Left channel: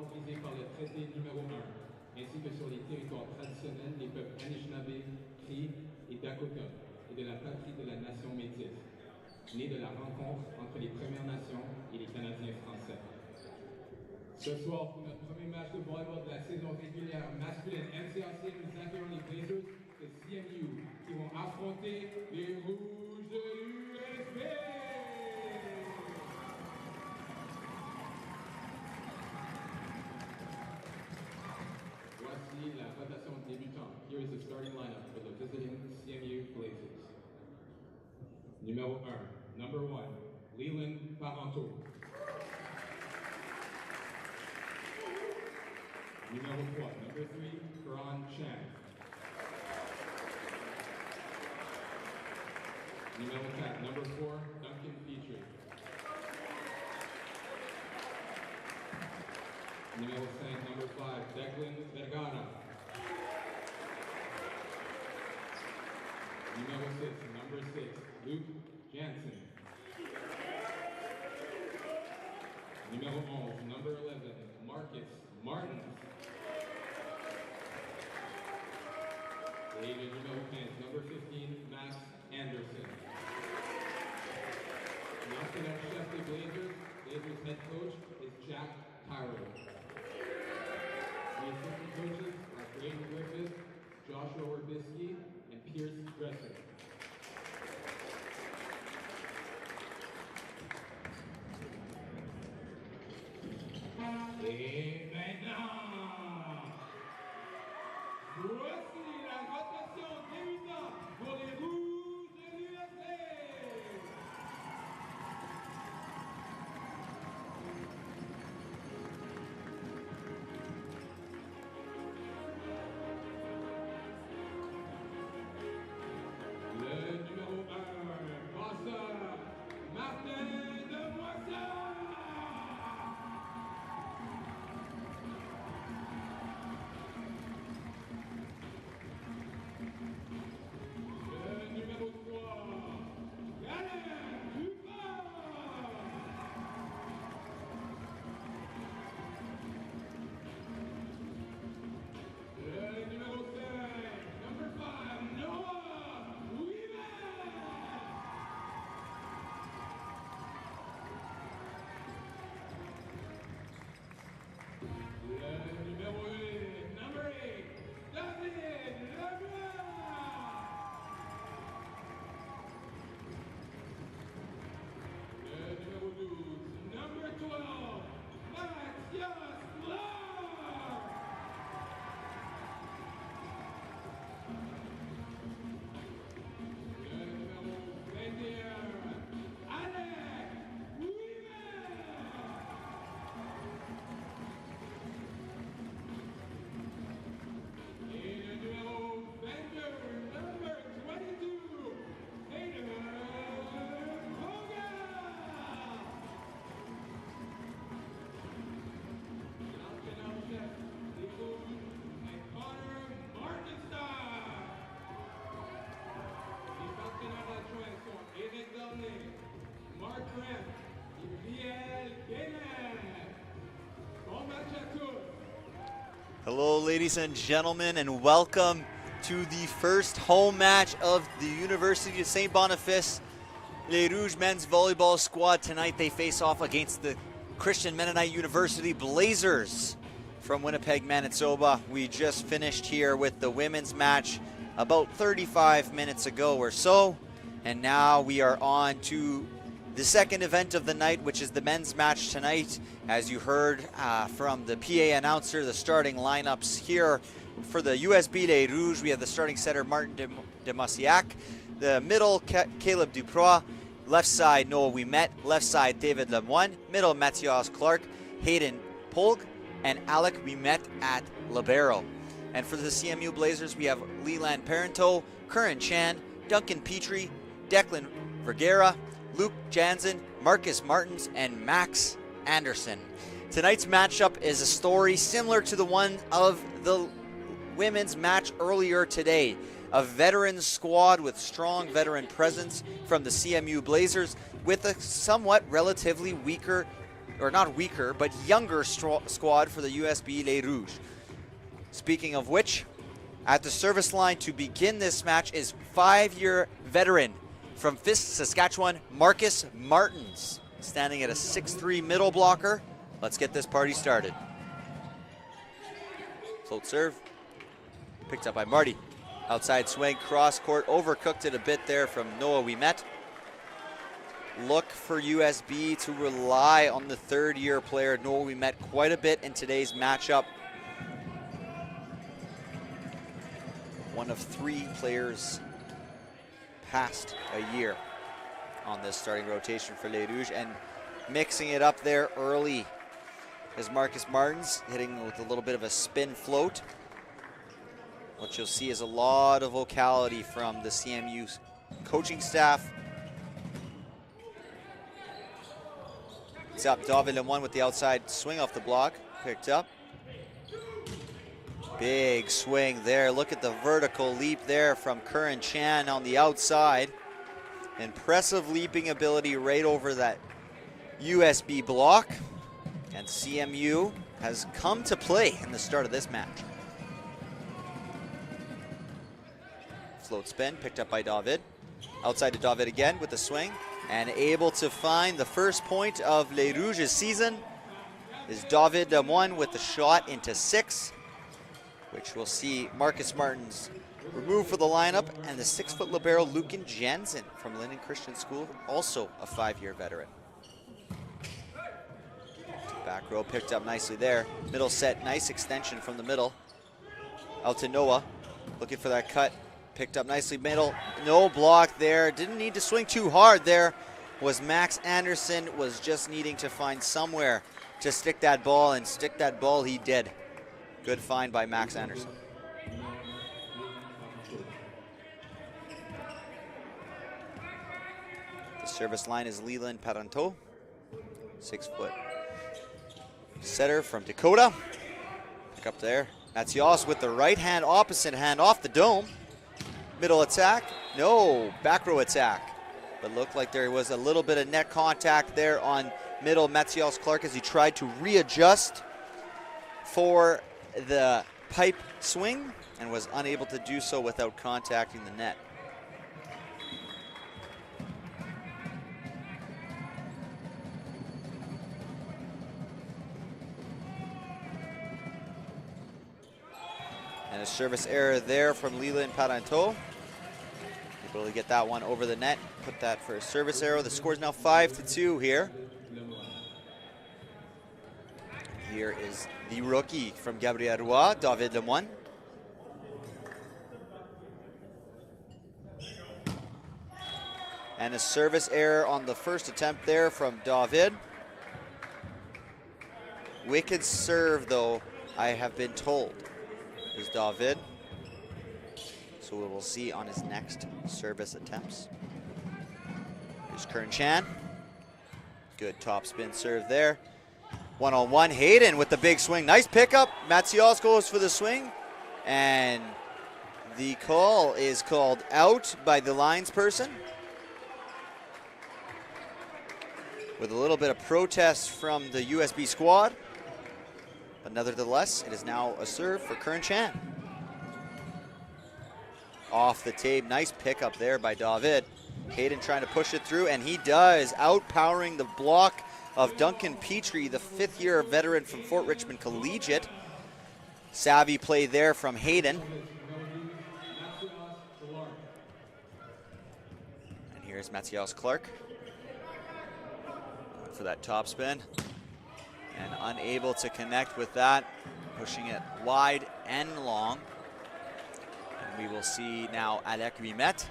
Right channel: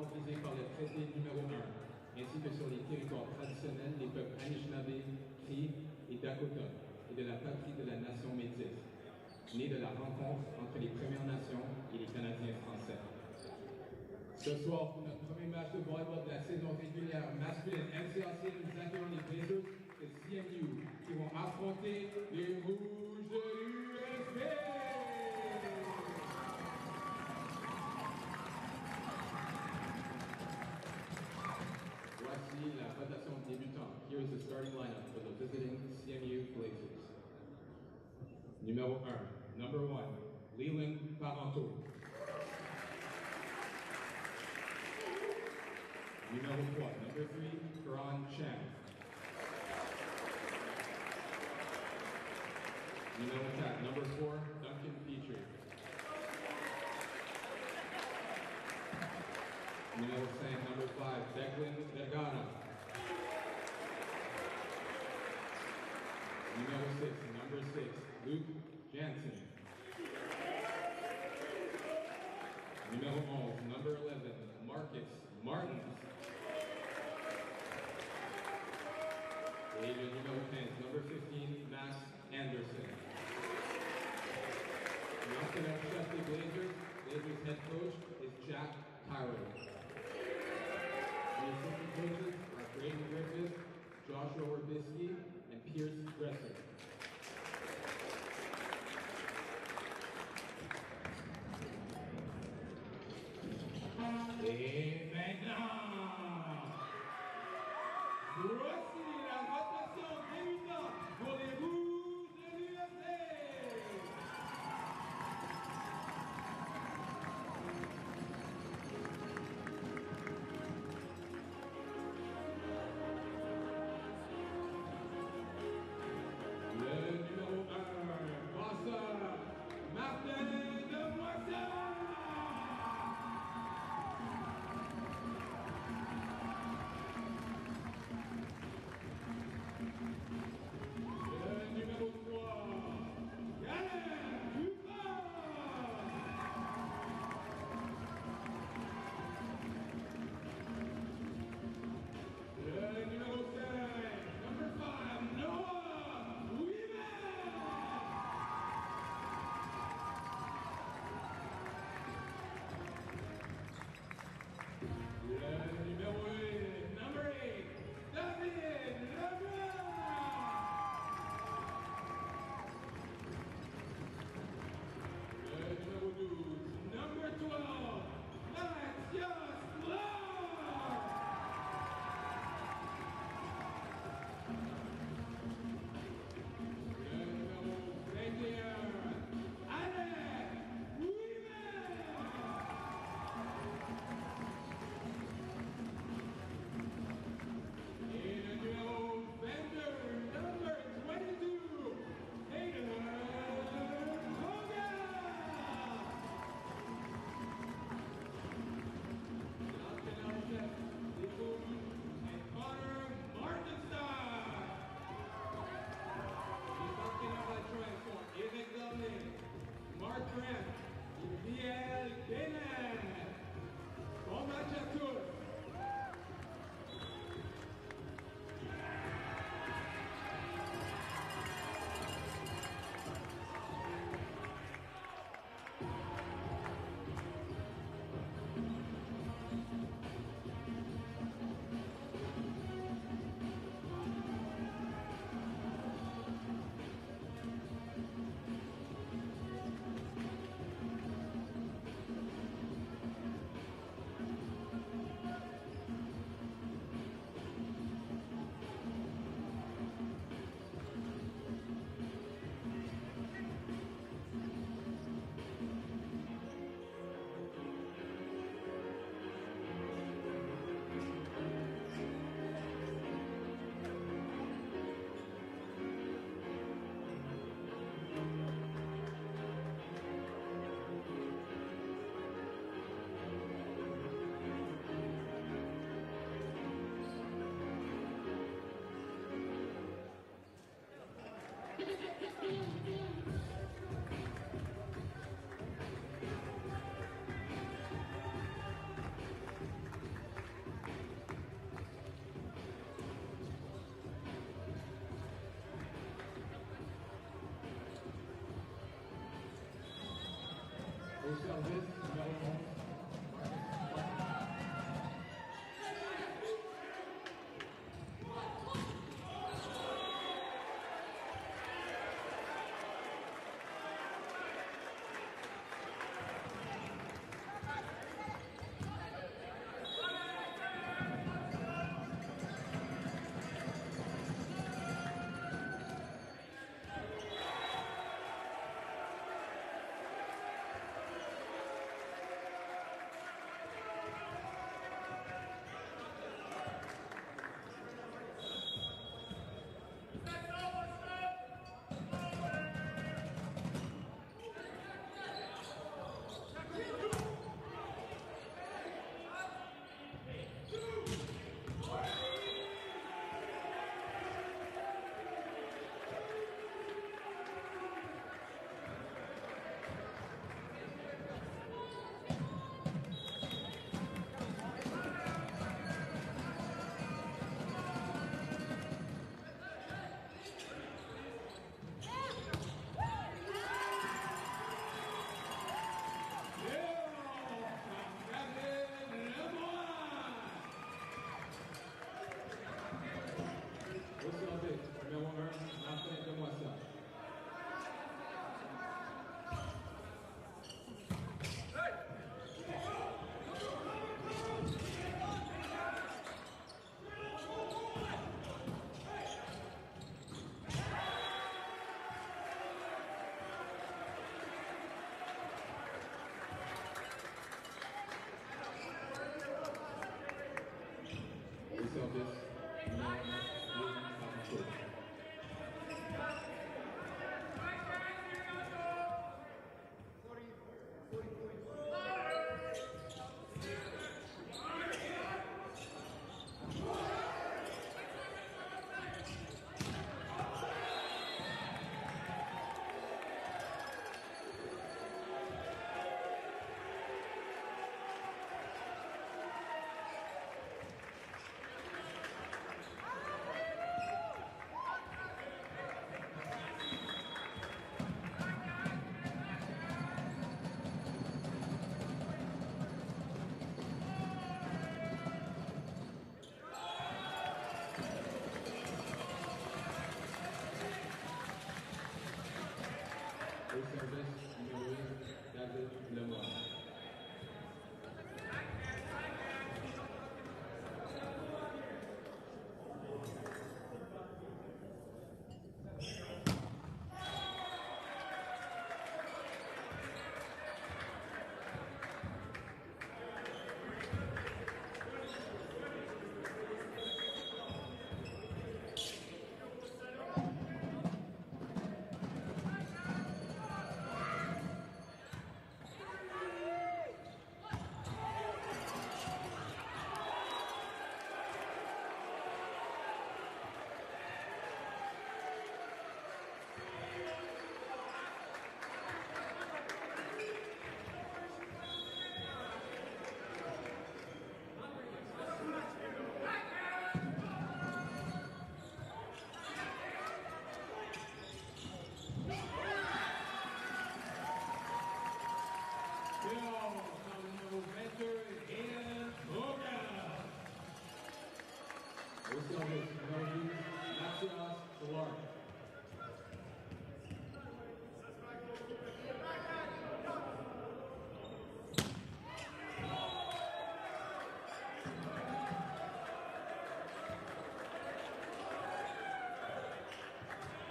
territoires visés par le traité numéro 1, ainsi que sur les territoires traditionnels des peuples Anishinaabe, Cree et Dakota, et de la patrie de la nation métisse, née de la rencontre entre les Premières Nations et les Canadiens français. Ce soir, pour notre premier match de volleyball de la saison régulière masculine NCAC, nous accueillons les Blazers de CMU qui vont affronter les Rouges de l'USB. Voici la rotation débutante. Here is the starting lineup for the visiting CMU Blazers. Numéro 1, number 1, Leland Parenteau. Numéro 3, number 3, Karan Chang. Numéro 4, number 4, Duncan Petrie. Numéro 5, number 5, Declan Vergara. Numéro 6, number 6, Luke Jansen. Numéro 11, number 11, Marcus Martins. Et le numéro 15, number 15, Max Anderson. L'entraîneur chef des Blazers head coach is Jack Tyrell. The assistant coaches are Braden Griffith, Joshua Orbisky, and Pierce Dresser. Et maintenant, voici la rotation débutante pour les Rouges de l'USB. Le numéro 1, passeur, Martin de Moisson. Hello, ladies and gentlemen, and welcome to the first home match of the University of Saint-Boniface. Les Rouges men's volleyball squad tonight, they face off against the Christian Mennonite University Blazers from Winnipeg, Manitoba. We just finished here with the women's match about 35 minutes ago or so, and now we are on to the second event of the night, which is the men's match tonight. As you heard from the PA announcer, the starting lineups here for the USB Les Rouges, we have the starting setter Martin de Massiac, the middle Caleb Duprois, left side Noah Ouimet, left side David Lemoine, middle Mathias Clark, Hayden Polk, and Alec Ouimet at libero. And for the CMU Blazers, we have Leland Parenteau, Curran Chan, Duncan Petrie, Declan Vergara, Luke Jansen, Marcus Martins, and Max Anderson. Tonight's matchup is a story similar to the one of the women's match earlier today. A veteran squad with strong veteran presence from the CMU Blazers with a somewhat relatively weaker or not weaker, but younger squad for the USB Les Rouges. Speaking of which, at the service line to begin this match is 5-year veteran from Fisk, Saskatchewan, Marcus Martins, standing at a 6'3" middle blocker. Let's get this party started. Float serve, picked up by Marty. Outside swing, cross court, overcooked it a bit there from Noah Ouimet. Look for USB to rely on the third-year player Noah Ouimet quite a bit in today's matchup. One of 3 players past a year on this starting rotation for Les Rouges, and mixing it up there early is Marcus Martins, hitting with a little bit of a spin float. What you'll see is a lot of vocality from the CMU coaching staff. It's up, David Lemoine with the outside swing off the block, picked up. Big swing there. Look at the vertical leap there from Curran Chan on the outside. Impressive leaping ability right over that USB block. And CMU has come to play in the start of this match. Float spin, picked up by David. Outside to David again with the swing. And able to find the first point of Les Rouges' season is David Lemoine with the shot into 6. Which we'll see Marcus Martins remove for the lineup, and the 6-foot libero Lucan Jensen from Linden Christian School, also a 5-year veteran. Back row picked up nicely there. Middle set, nice extension from the middle. Out to Noah, looking for that cut. Picked up nicely middle, no block there. Didn't need to swing too hard there. Was Max Anderson, was just needing to find somewhere to stick that ball, and stick that ball he did. Good find by Max Anderson. The service line is Leland Paranteau, 6-foot setter from Dakota. Pick up there. Mathias with the right hand, opposite hand off the dome. Middle attack, no, back row attack. But looked like there was a little bit of net contact there on middle Mathias Clark as he tried to readjust for the pipe swing and was unable to do so without contacting the net. And a service error there from Leland Paranteau. Able to get that one over the net, put that for a service arrow. The score is now 5-2 here. Here is the rookie from Gabriel Roy, David Lemoine. And a service error on the first attempt there from David. Wicked serve though, I have been told. Here's David. So we will see on his next service attempts. There's Curran Chan. Good top spin serve there. One-on-one, Hayden with the big swing. Nice pickup. Mathias goes for the swing. And the call is called out by the lines person. With a little bit of protest from the USB squad. But nevertheless, it is now a serve for Curran Chan. Off the tape, nice pickup there by David. Hayden trying to push it through, and he does, outpowering the block of Duncan Petrie, the 5th-year veteran from Fort Richmond Collegiate. Savvy play there from Hayden. And here's Mathias Clark for that top spin. And unable to connect with that, pushing it wide and long. And we will see now Alec Ouimet.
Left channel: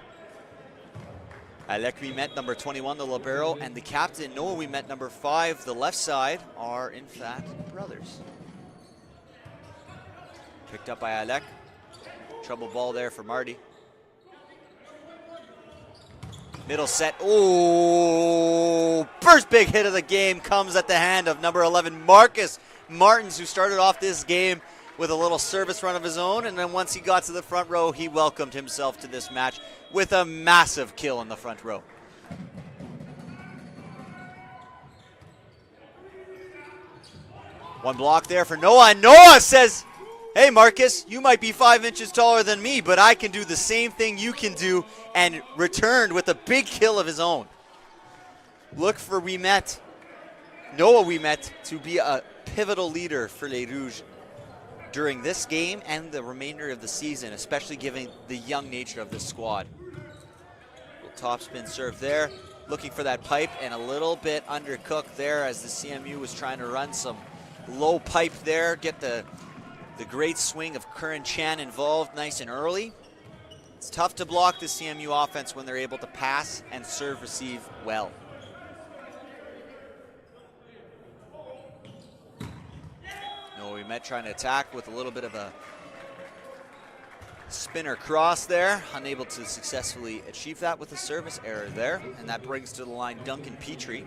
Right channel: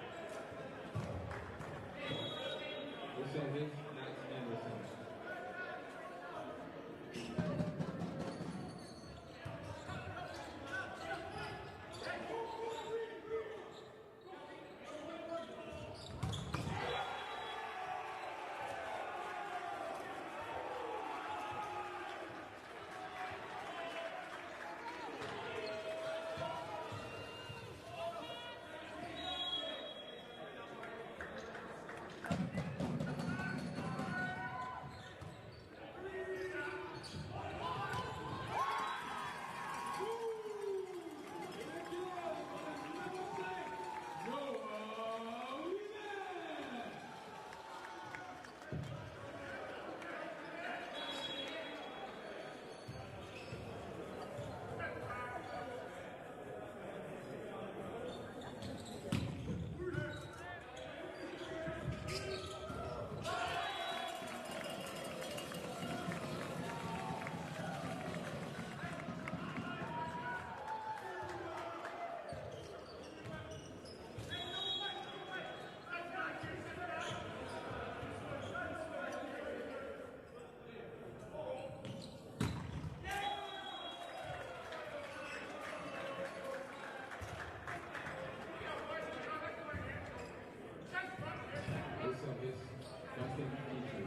Alec Ouimet, number 21, the libero, and the captain, Noah Ouimet, number 5, the left side, are in fact brothers. Picked up by Alec. Trouble ball there for Marty. Middle set, oh! First big hit of the game comes at the hand of number 11, Marcus Martins, who started off this game with a little service run of his own, and then once he got to the front row, he welcomed himself to this match with a massive kill in the front row. One block there for Noah, and Noah says, hey Marcus, you might be 5 inches taller than me, but I can do the same thing you can do, and returned with a big kill of his own. Look for Noah Wimet to be a pivotal leader for Les Rouges during this game and the remainder of the season, especially given the young nature of the squad. Top spin serve there, looking for that pipe, and a little bit undercooked there as the CMU was trying to run some low pipe there, get the great swing of Curran Chan involved nice and early. It's tough to block the CMU offense when they're able to pass and serve receive well. Met trying to attack with a little bit of a spinner cross there, unable to successfully achieve that with a service error there, and that brings to the line Duncan Petrie.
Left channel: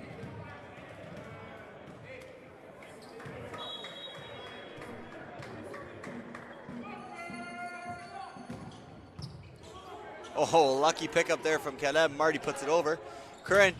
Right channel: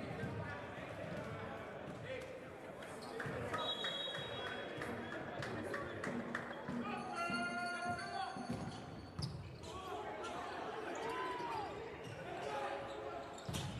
Oh, lucky pickup there from Caleb. Marty puts it over. Curran,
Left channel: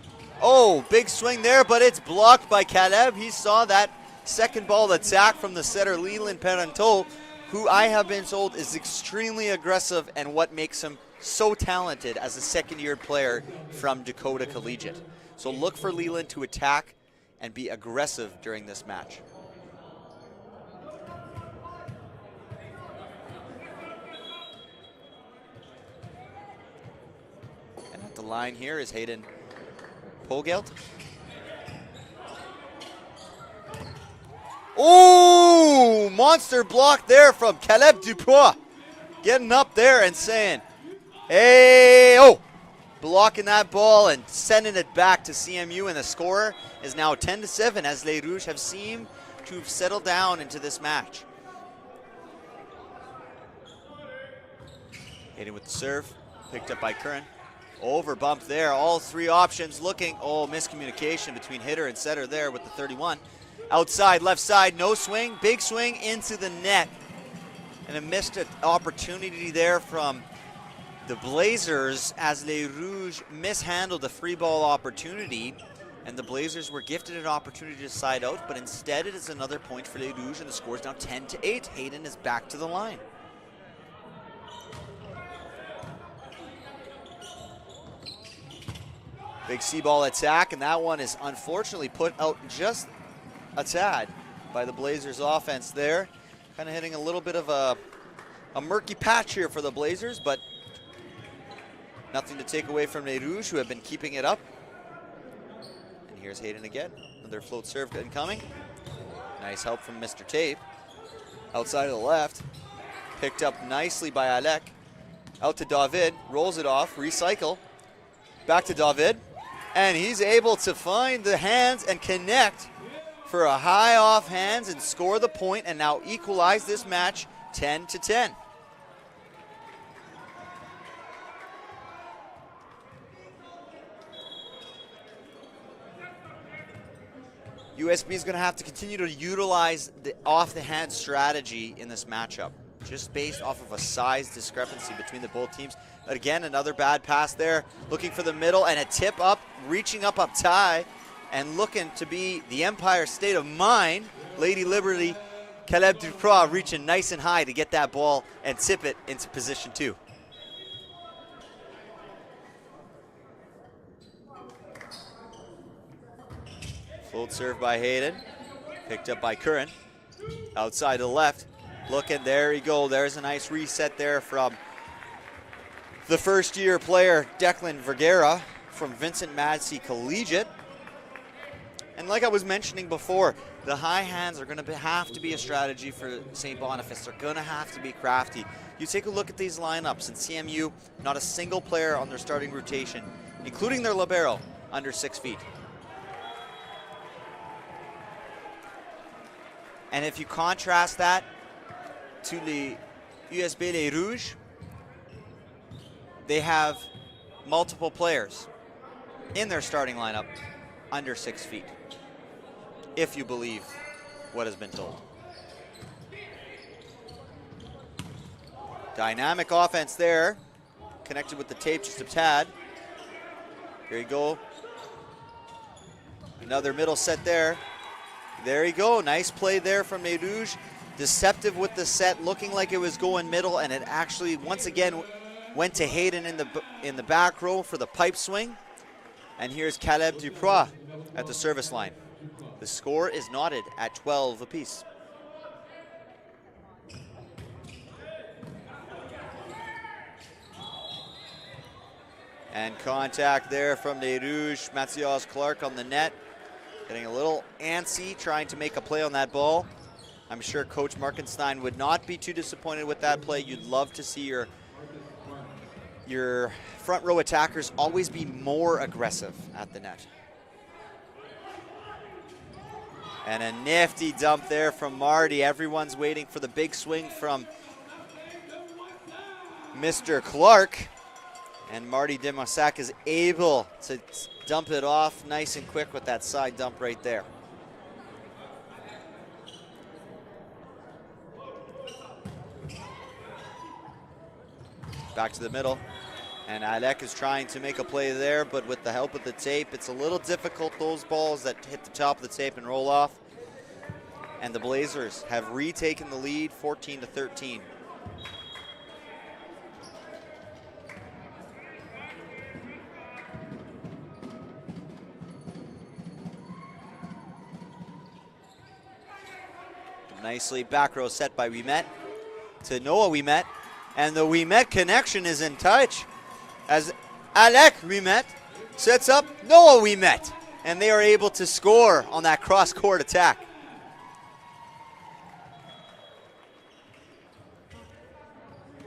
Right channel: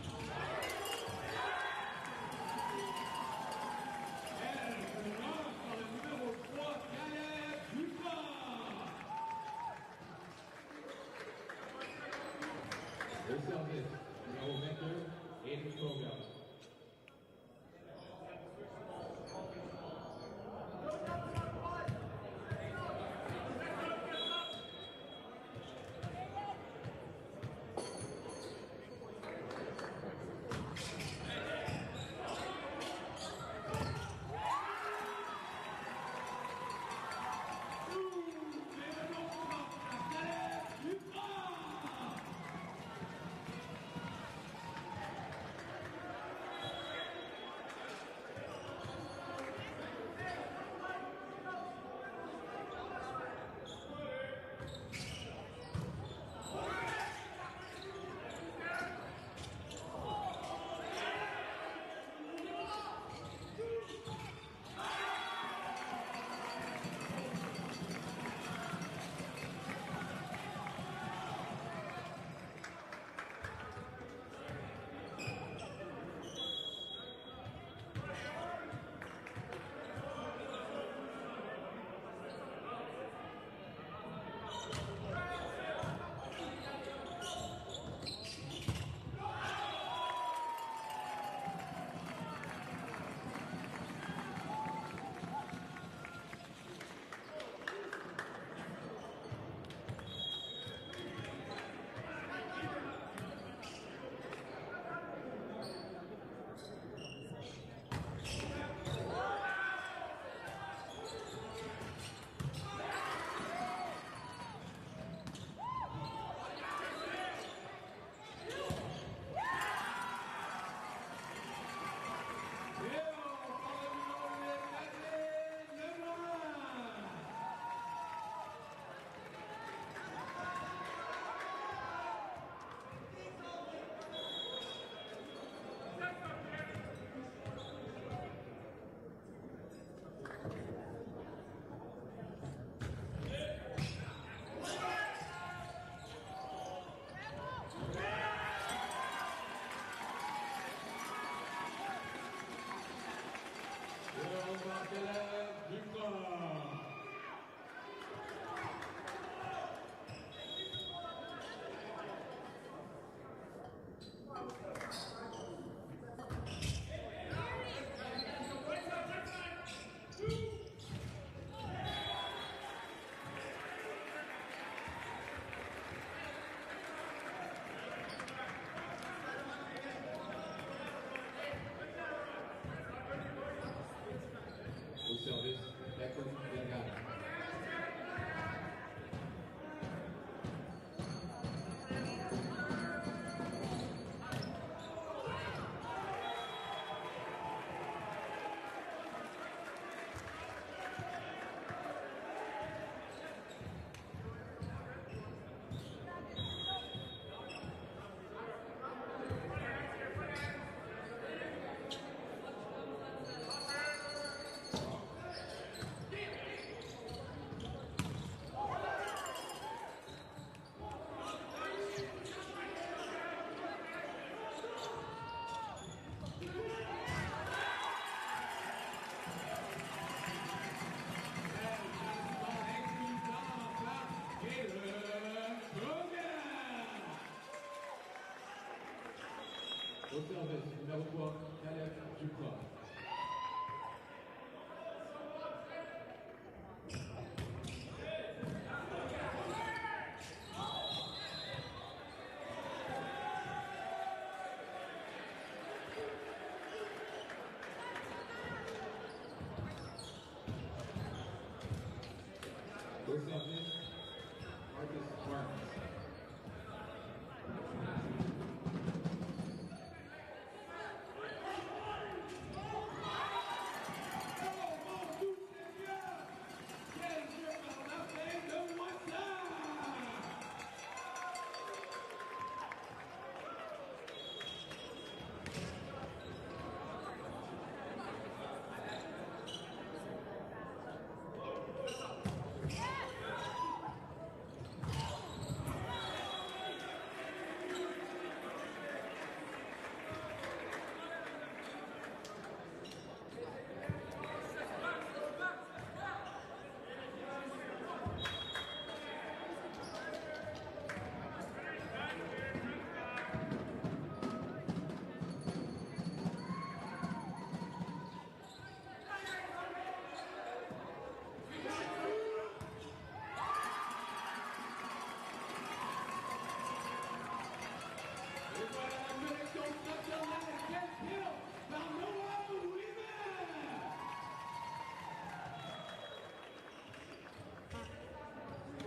oh, big swing there, but it's blocked by Caleb. He saw that second ball attack from the setter Leland Parenteau, who I have been told is extremely aggressive and what makes him so talented as a second-year player from Dakota Collegiate. So look for Leland to attack and be aggressive during this match. And at the line here is Hayden Pogelt. Oh, monster block there from Caleb Dupois. Getting up there and saying, hey, oh, blocking that ball and sending it back to CMU, and the score is now 10-7 as Les Rouges have seemed to have settled down into this match. Hitting with the serve, picked up by Curran. Over bump there, all three options looking, oh, miscommunication between hitter and setter there with the 31. Outside, left side, no swing, big swing into the net. And a missed opportunity there from the Blazers as Les Rouges mishandled the free ball opportunity. And the Blazers were gifted an opportunity to side out, but instead it is another point for Les Rouges, and the score is now 10-8. Hayden is back to the line. Big C-ball attack, and that one is unfortunately put out just a tad by the Blazers offense there. Kind of hitting a little bit of a murky patch here for the Blazers, but nothing to take away from Les Rouges, who have been keeping it up. And here's Hayden again. Another float serve incoming. Nice help from Mr. Tape. Outside of the left. Picked up nicely by Alec. Out to David. Rolls it off. Recycle. Back to David. And he's able to find the hands and connect for a high off hands and score the point, and now equalize this match 10-10. USB is going to have to continue to utilize the off-the-hand strategy in this matchup, just based off of a size discrepancy between the both teams. But again, another bad pass there, looking for the middle, and a tip up, reaching up tie, and looking to be the Empire State of Mind. Lady Liberty, Caleb Dupois reaching nice and high to get that ball and tip it into position 2. Float serve by Hayden, picked up by Curran. Outside to the left, looking, there you go. There's a nice reset there from the first-year player, Declan Vergara, from Vincent Madsey Collegiate. And like I was mentioning before, the high hands are going to have to be a strategy for St. Boniface. They're going to have to be crafty. You take a look at these lineups at CMU, not a single player on their starting rotation, including their libero, under 6 feet. And if you contrast that to the USB Les Rouges, they have multiple players in their starting lineup under 6 feet, if you believe what has been told. Dynamic offense there, connected with the tape just a tad. Here you go. Another middle set there. There you go. Nice play there from Les Rouges. Deceptive with the set, looking like it was going middle, and it actually once again went to Hayden in the back row for the pipe swing. And here's Caleb Duprois at the service line. The score is knotted at 12 apiece. And contact there from Les Rouges. Matthias Clark on the net. Getting a little antsy, trying to make a play on that ball. I'm sure Coach Markenstein would not be too disappointed with that play. You'd love to see your front row attackers always be more aggressive at the net. And a nifty dump there from Marty. Everyone's waiting for the big swing from Mr. Clark. And Marty Demosac is able to dump it off nice and quick with that side dump right there. Back to the middle. And Alec is trying to make a play there, but with the help of the tape, it's a little difficult, those balls that hit the top of the tape and roll off. And the Blazers have retaken the lead, 14-13. Nicely back row set by Wimet to Noah Wimet. And the Wimet connection is in touch as Alec Wimet sets up Noah Wimet. And they are able to score on that cross-court attack.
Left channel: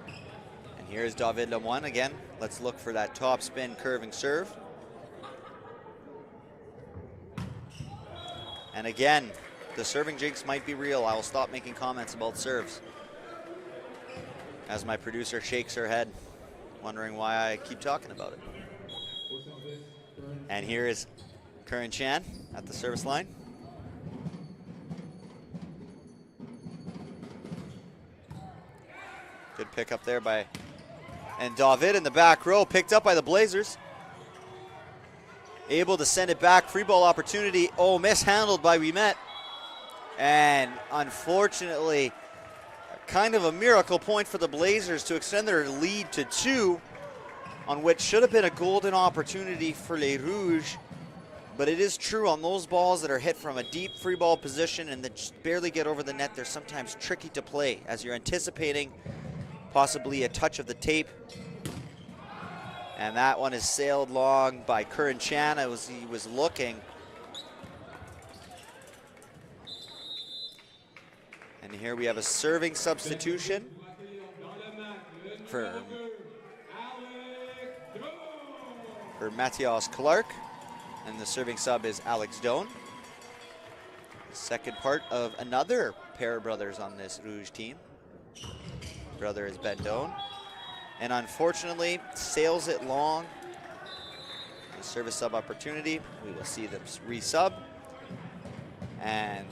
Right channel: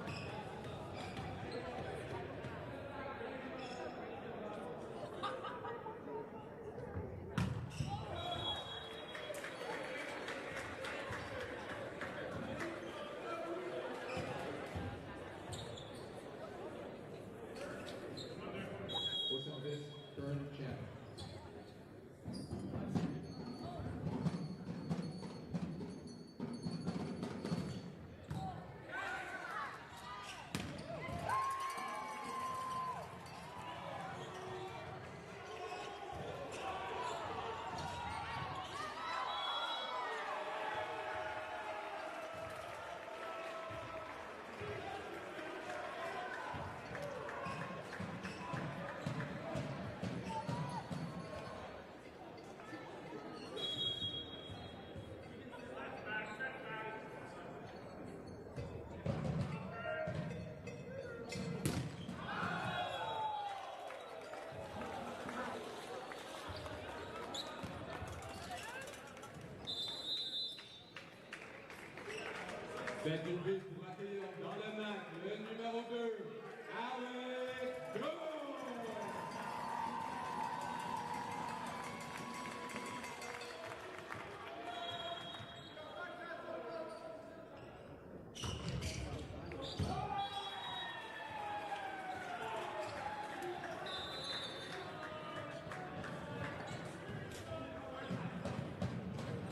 And here's David Lemoine again. Let's look for that top spin curving serve. And again, the serving jinx might be real. I will stop making comments about serves, as my producer shakes her head, wondering why I keep talking about it. And here is Curran Chan at the service line. Good pick up there by, and David in the back row, picked up by the Blazers. Able to send it back, free ball opportunity. Oh, mishandled by Wimet. And unfortunately, kind of a miracle point for the Blazers to extend their lead to 2 on what should have been a golden opportunity for Les Rouges. But it is true, on those balls that are hit from a deep free ball position and that just barely get over the net, they're sometimes tricky to play as you're anticipating possibly a touch of the tape. And that one is sailed long by Curran Chan as he was looking. Here we have a serving substitution for Matthias Clark, and the serving sub is Alex Doan. Second part of another pair of brothers on this Rouge team. Brother is Ben Doan, and unfortunately sails it long. Service sub opportunity. We will see them resub and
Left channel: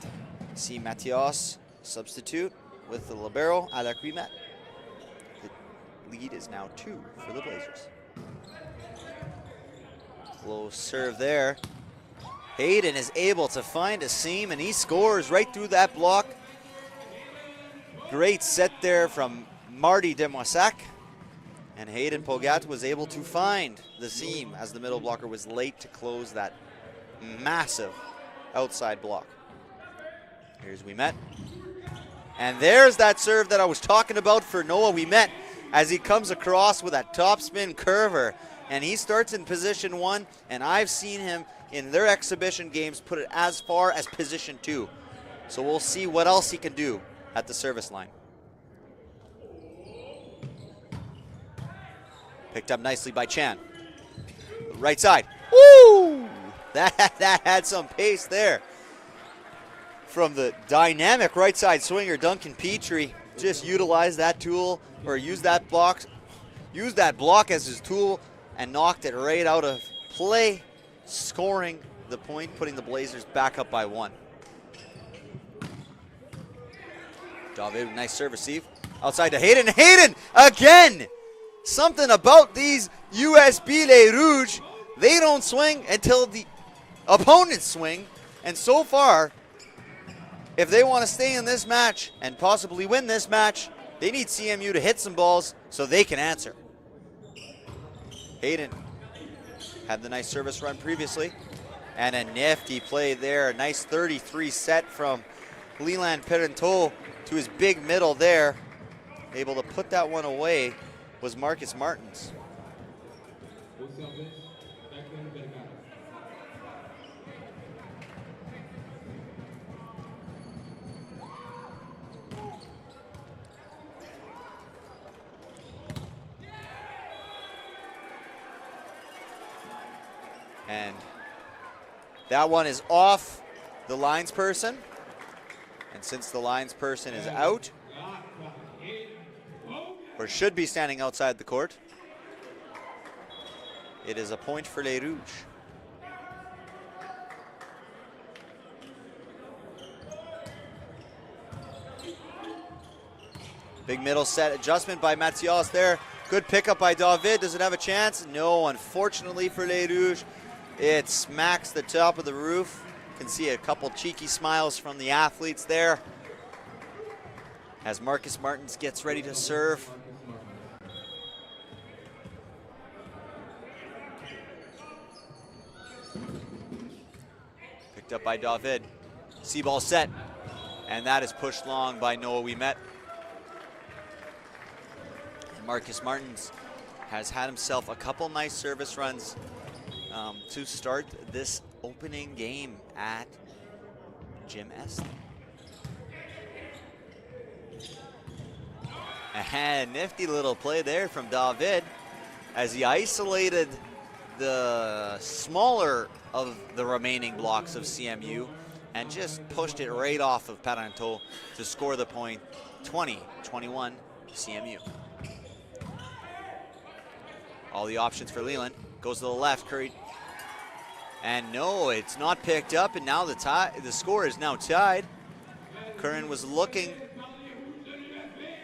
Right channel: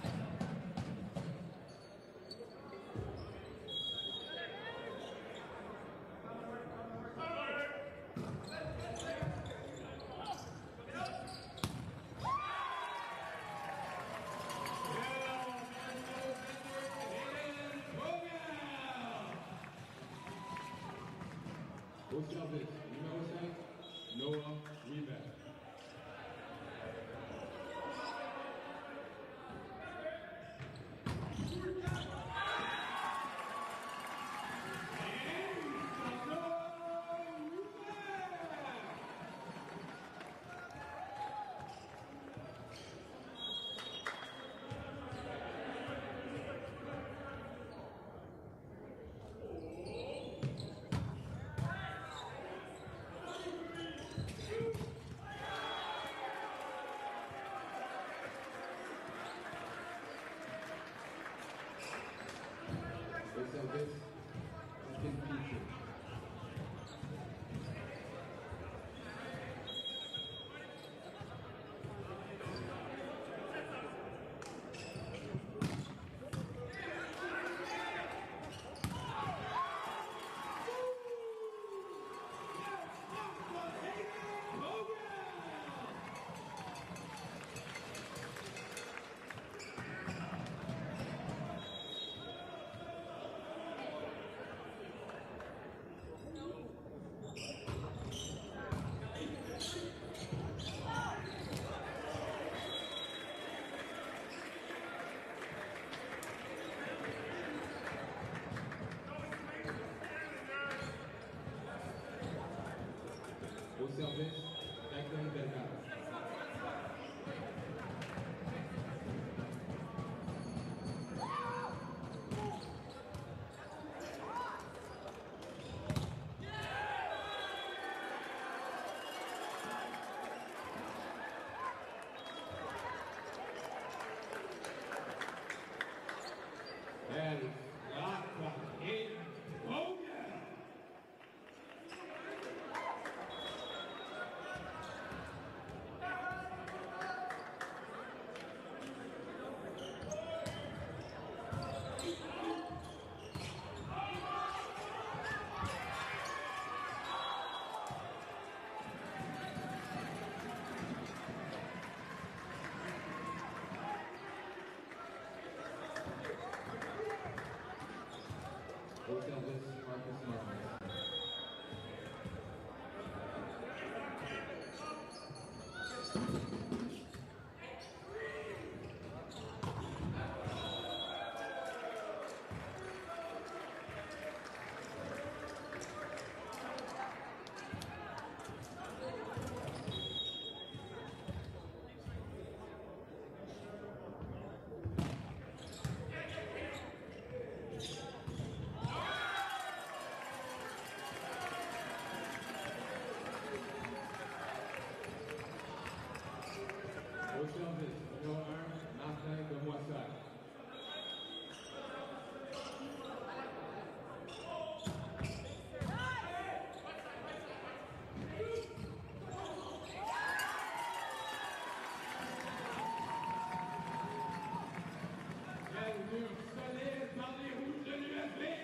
see Matthias substitute with the libero, Alec Wimet. The lead is now 2 for the Blazers. Low serve there. Hayden is able to find a seam, and he scores right through that block. Great set there from Marty Demosac. And Hayden Pogat was able to find the seam as the middle blocker was late to close that massive outside block. Here's Wimet. And there's that serve that I was talking about for Noah Wimet as he comes across with that top spin curver. And he starts in position 1, and I've seen him in their exhibition games put it as far as position 2. So we'll see what else he can do at the service line. Picked up nicely by Chan. Right side. Woo! That had some pace there. From the dynamic right side swinger, Duncan Petrie just utilized that tool, or used that block as his tool and knocked it right out of play, scoring the point, putting the Blazers back up by 1. David, nice serve receive. Outside to Hayden. Hayden again! Something about these USB Les Rouges, they don't swing until the opponents swing, and so far, if they want to stay in this match and possibly win this match, they need CMU to hit some balls so they can answer. Hayden had the nice service run previously, and a nifty play there. A nice 33 set from Leland Perentot to his big middle there. Able to put that one away was Marcus Martins. And that one is off the lines person. And since the lines person is out, or should be standing outside the court, it is a point for Les Rouges. Big middle set adjustment by Mathias there. Good pickup by David. Does it have a chance? No, unfortunately for Les Rouges. It smacks the top of the roof. You can see a couple cheeky smiles from the athletes there as Marcus Martins gets ready to serve. Picked up by David. C-ball set, and that is pushed long by Noah Ouimet. Marcus Martins has had himself a couple nice service runs to start this opening game at Gym Est. And nifty little play there from David as he isolated the smaller of the remaining blocks of CMU and just pushed it right off of Perentot to score the point. 20-21 CMU. All the options for Leland. Goes to the left, Curry. And no, it's not picked up, and now the score is now tied. Curran was looking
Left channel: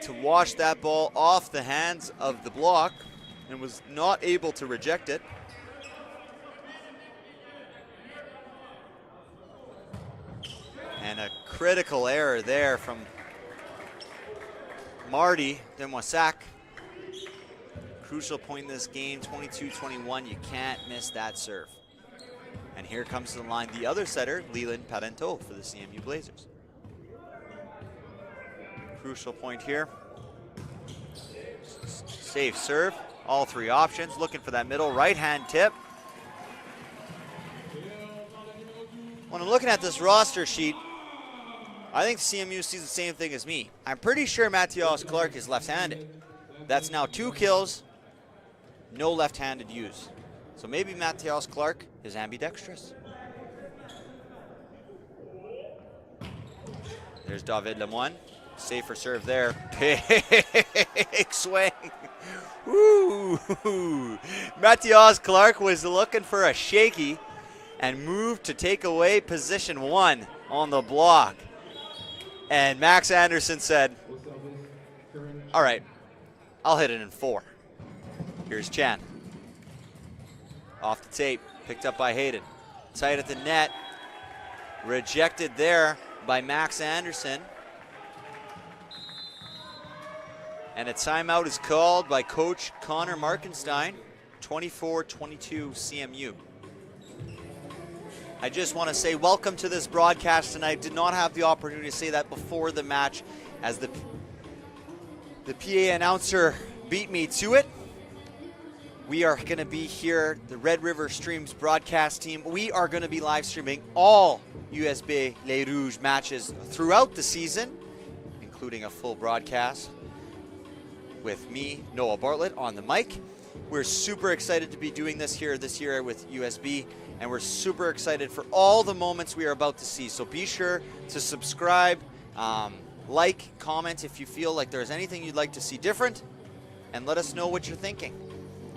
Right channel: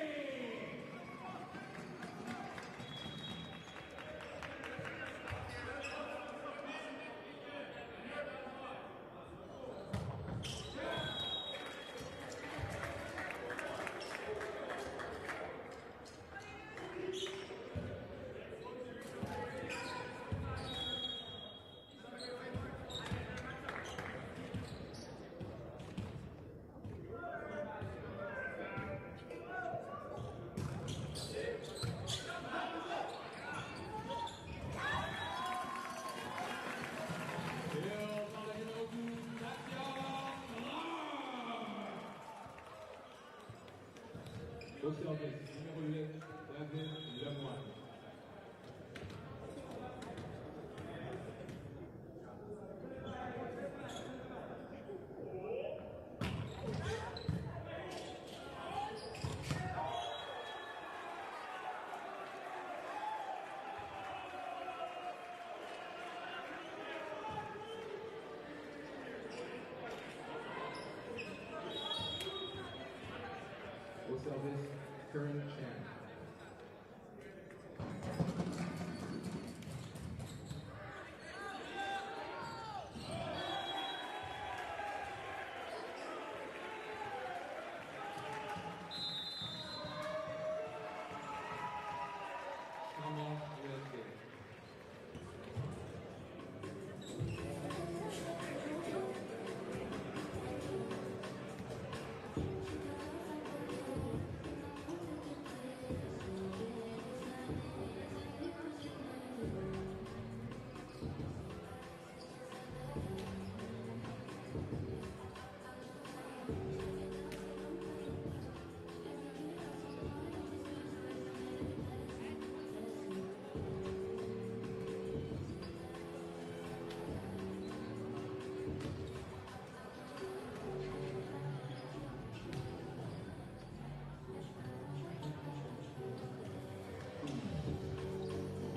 to wash that ball off the hands of the block and was not able to reject it. And a critical error there from Marty Demoissac. Crucial point in this game, 22-21. You can't miss that serve. And here comes to the line the other setter, Leland Perentot for the CMU Blazers. Crucial point here. Safe serve, all three options. Looking for that middle right-hand tip. When I'm looking at this roster sheet, I think CMU sees the same thing as me. I'm pretty sure Mathias Clark is left-handed. That's now 2 kills, no left-handed use. So maybe Mathias Clark is ambidextrous. There's David Lemoine. Safer serve there. Big swing. Woo! Mathias Clark was looking for a shaky and moved to take away position 1 on the block. And Max Anderson said, all right, I'll hit it in 4. Here's Chan. Off the tape, picked up by Hayden. Tight at the net, rejected there by Max Anderson. And a timeout is called by Coach Connor Markenstein, 24-22 CMU. I just want to say welcome to this broadcast tonight. Did not have the opportunity to say that before the match as the PA announcer beat me to it. We are going to be here, the Red River Streams broadcast team. We are going to be live streaming all USB Les Rouges matches throughout the season, including a full broadcast with me, Noah Bartlett, on the mic. We're super excited to be doing this here this year with USB, and we're super excited for all the moments we are about to see. So be sure to subscribe, like, comment if you feel like there's anything you'd like to see different, and let us know what you're thinking.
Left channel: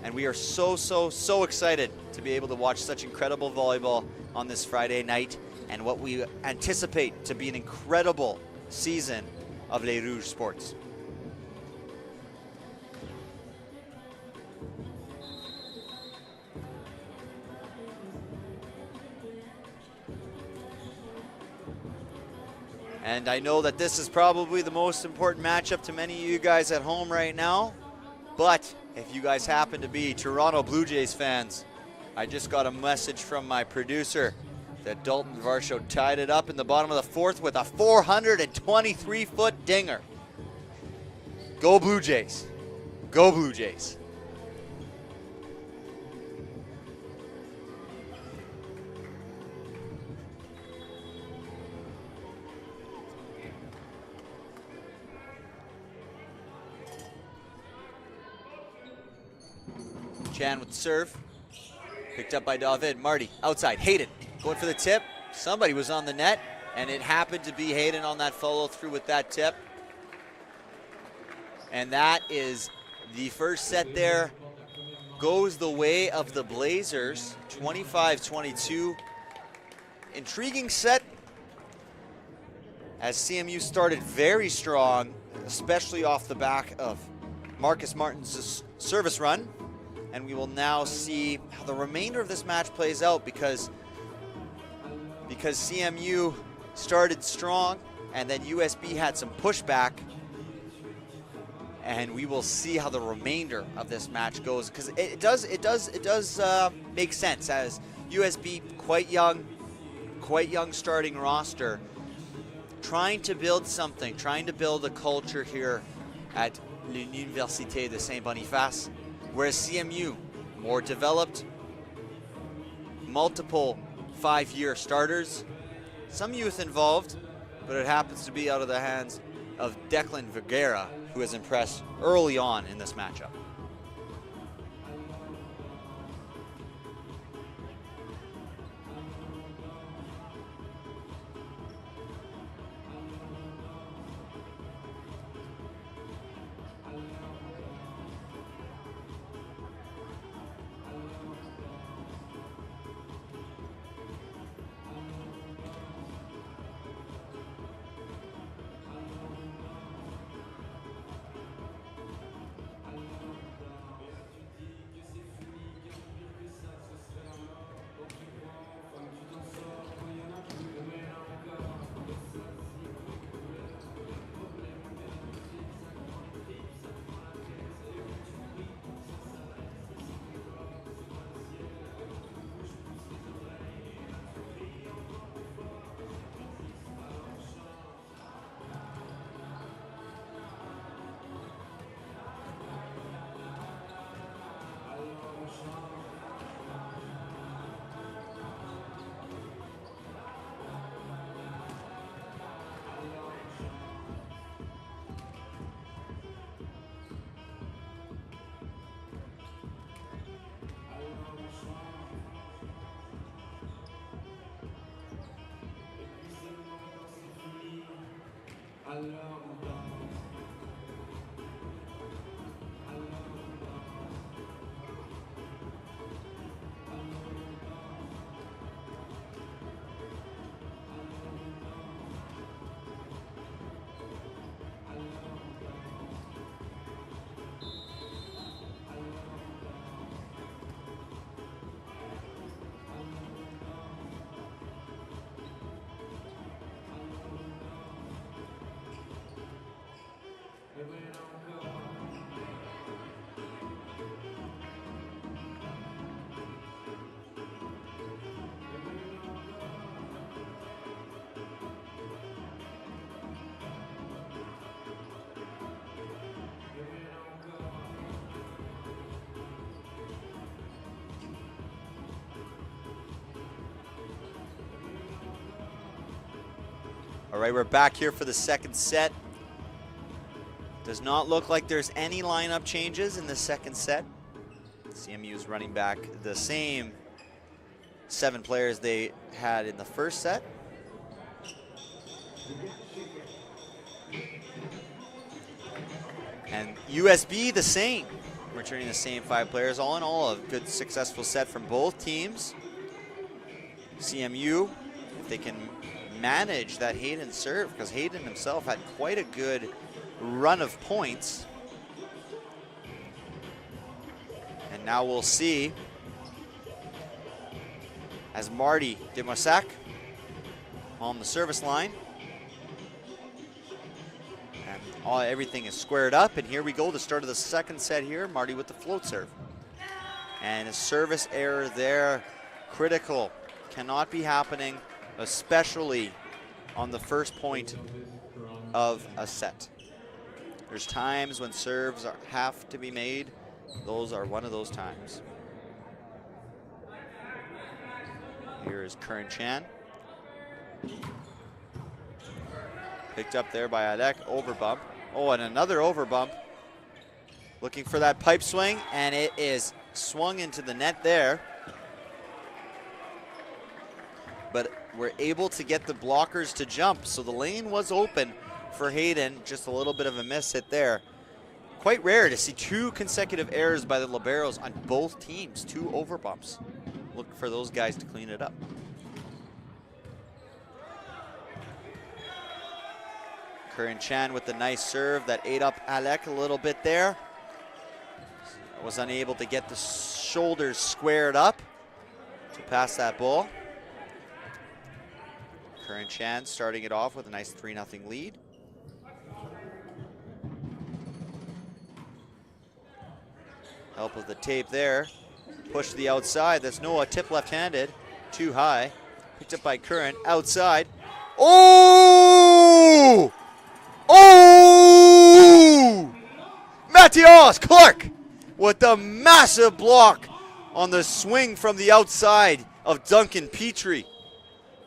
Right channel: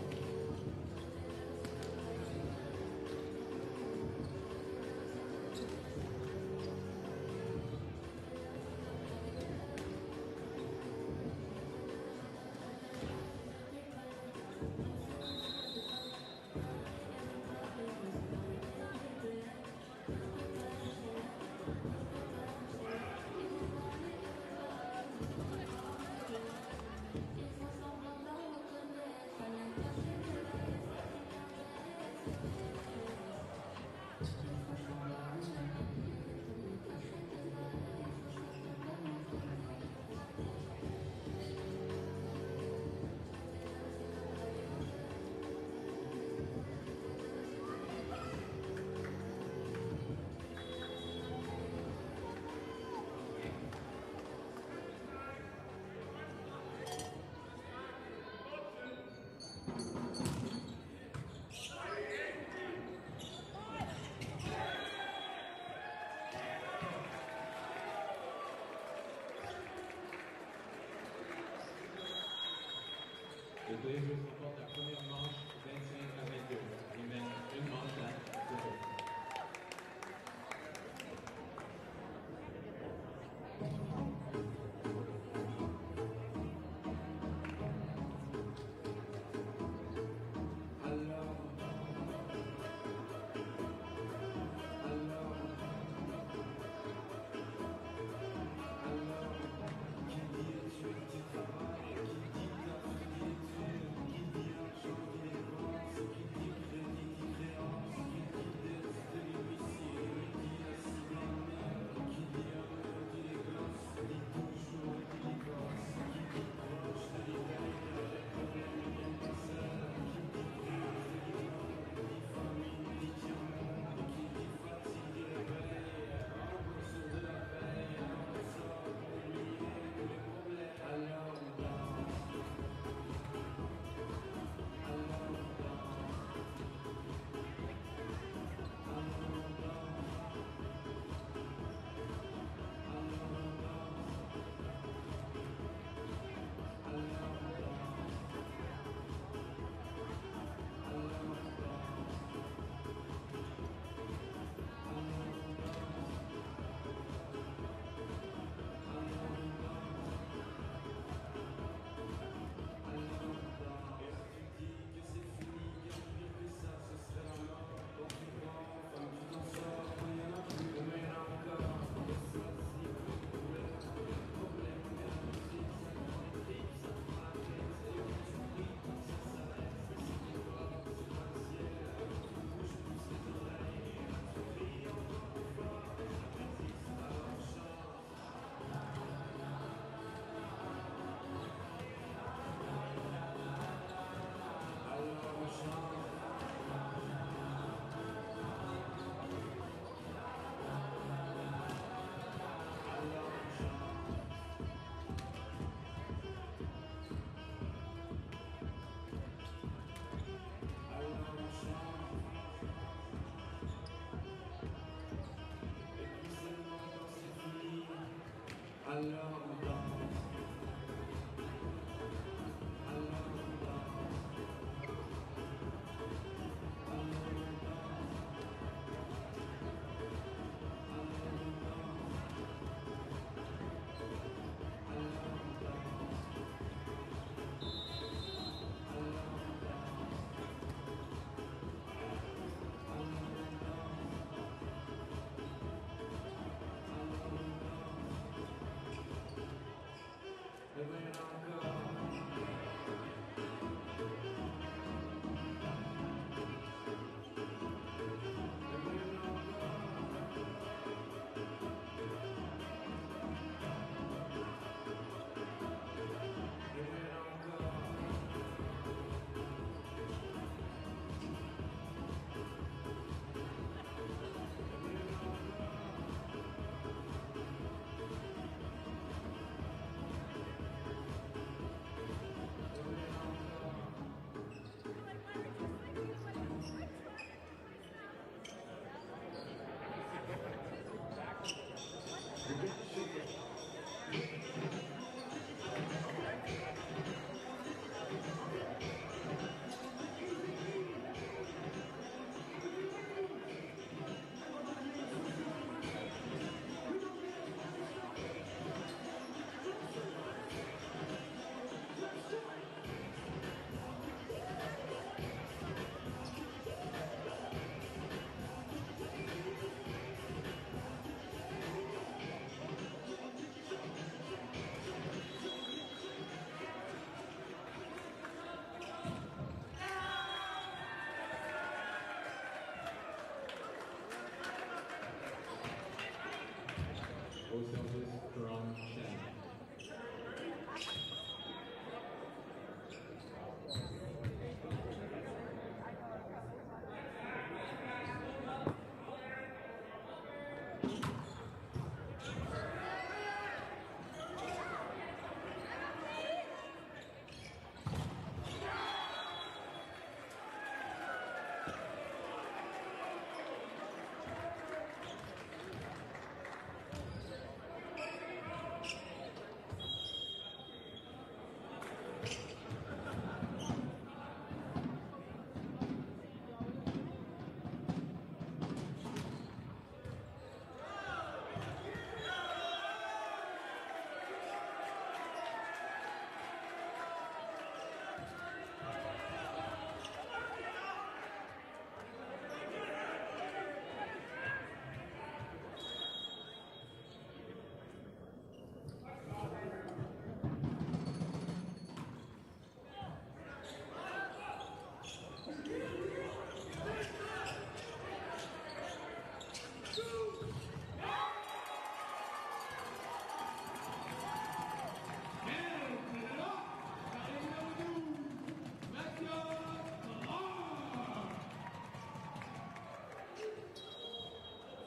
And we are so excited to be able to watch such incredible volleyball on this Friday night and what we anticipate to be an incredible season of Les Rouges sports. And I know that this is probably the most important matchup to many of you guys at home right now. But if you guys happen to be Toronto Blue Jays fans, I just got a message from my producer that Dalton Varsho tied it up in the bottom of the fourth with a 423-foot dinger. Go Blue Jays. Go Blue Jays. Chan with the serve. Picked up by David. Marty outside. Hayden going for the tip. Somebody was on the net, and it happened to be Hayden on that follow through with that tip. And that is the first set there. Goes the way of the Blazers. 25-22. Intriguing set as CMU started very strong, especially off the back of Marcus Martin's service run. And we will now see how the remainder of this match plays out because CMU started strong and then USB had some pushback. And we will see how the remainder of this match goes because it does make sense as USB quite young starting roster, trying to build something, trying to build a culture here at Université de Saint-Boniface. Whereas CMU, more developed, multiple 5-year starters, some youth involved, but it happens to be out of the hands of Declan Vergara, who has impressed early on in this matchup. All right, we're back here for the second set. Does not look like there's any lineup changes in the second set. CMU is running back the same 7 players they had in the first set. And USB the same, returning the same 5 players. All in all, a good successful set from both teams. CMU, if they can manage that Hayden serve, because Hayden himself had quite a good run of points. And now we'll see as Marty Demosak on the service line. everything is squared up, and here we go, the start of the second set here. Marty with the float serve. And a service error there, critical. Cannot be happening, especially on the first point of a set. There's times when serves have to be made. Those are one of those times. Here is Curran Chan. Picked up there by Alec, overbump. Oh, and another overbump. Looking for that pipe swing, and it is swung into the net there. But we're able to get the blockers to jump, so the lane was open for Hayden. Just a little bit of a miss hit there. Quite rare to see 2 consecutive errors by the liberos on both teams, 2 overbumps. Looking for those guys to clean it up. Curran Chan with the nice serve that ate up Alec a little bit there. Was unable to get the shoulders squared up to pass that ball. Curran Chan starting it off with a nice 3-0 lead. Help with the tape there. Push to the outside. That's Noah, tip left-handed. Too high. Picked up by Curran. Outside. Oh! Oh! Matthias Clark with the massive block on the swing from the outside of Duncan Petrie.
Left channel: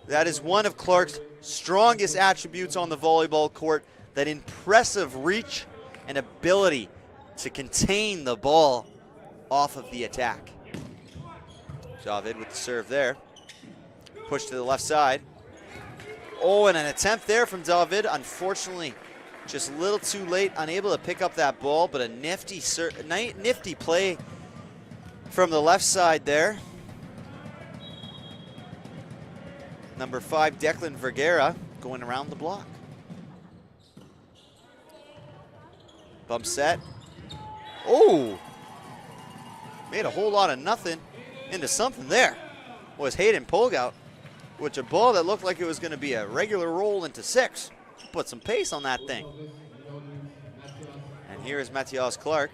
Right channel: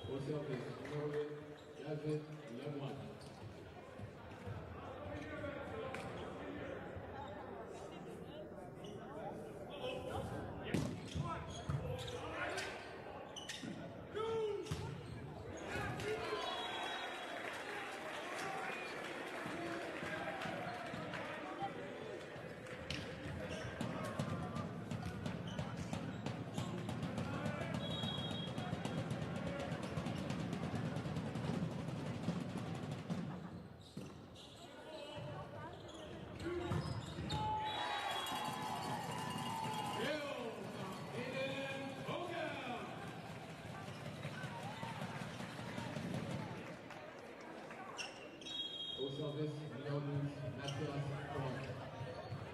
That is one of Clark's strongest attributes on the volleyball court, that impressive reach and ability to contain the ball off of the attack. David with the serve there. Push to the left side. Oh, and an attempt there from David. Unfortunately, just a little too late, unable to pick up that ball, but a nifty play from the left side there. Number 5, Declan Vergara, going around the block. Bump set. Oh! Made a whole lot of nothing into something there. Was Hayden Polgout, with a ball that looked like it was going to be a regular roll into 6. Put some pace on that thing. And here is Matthias Clark,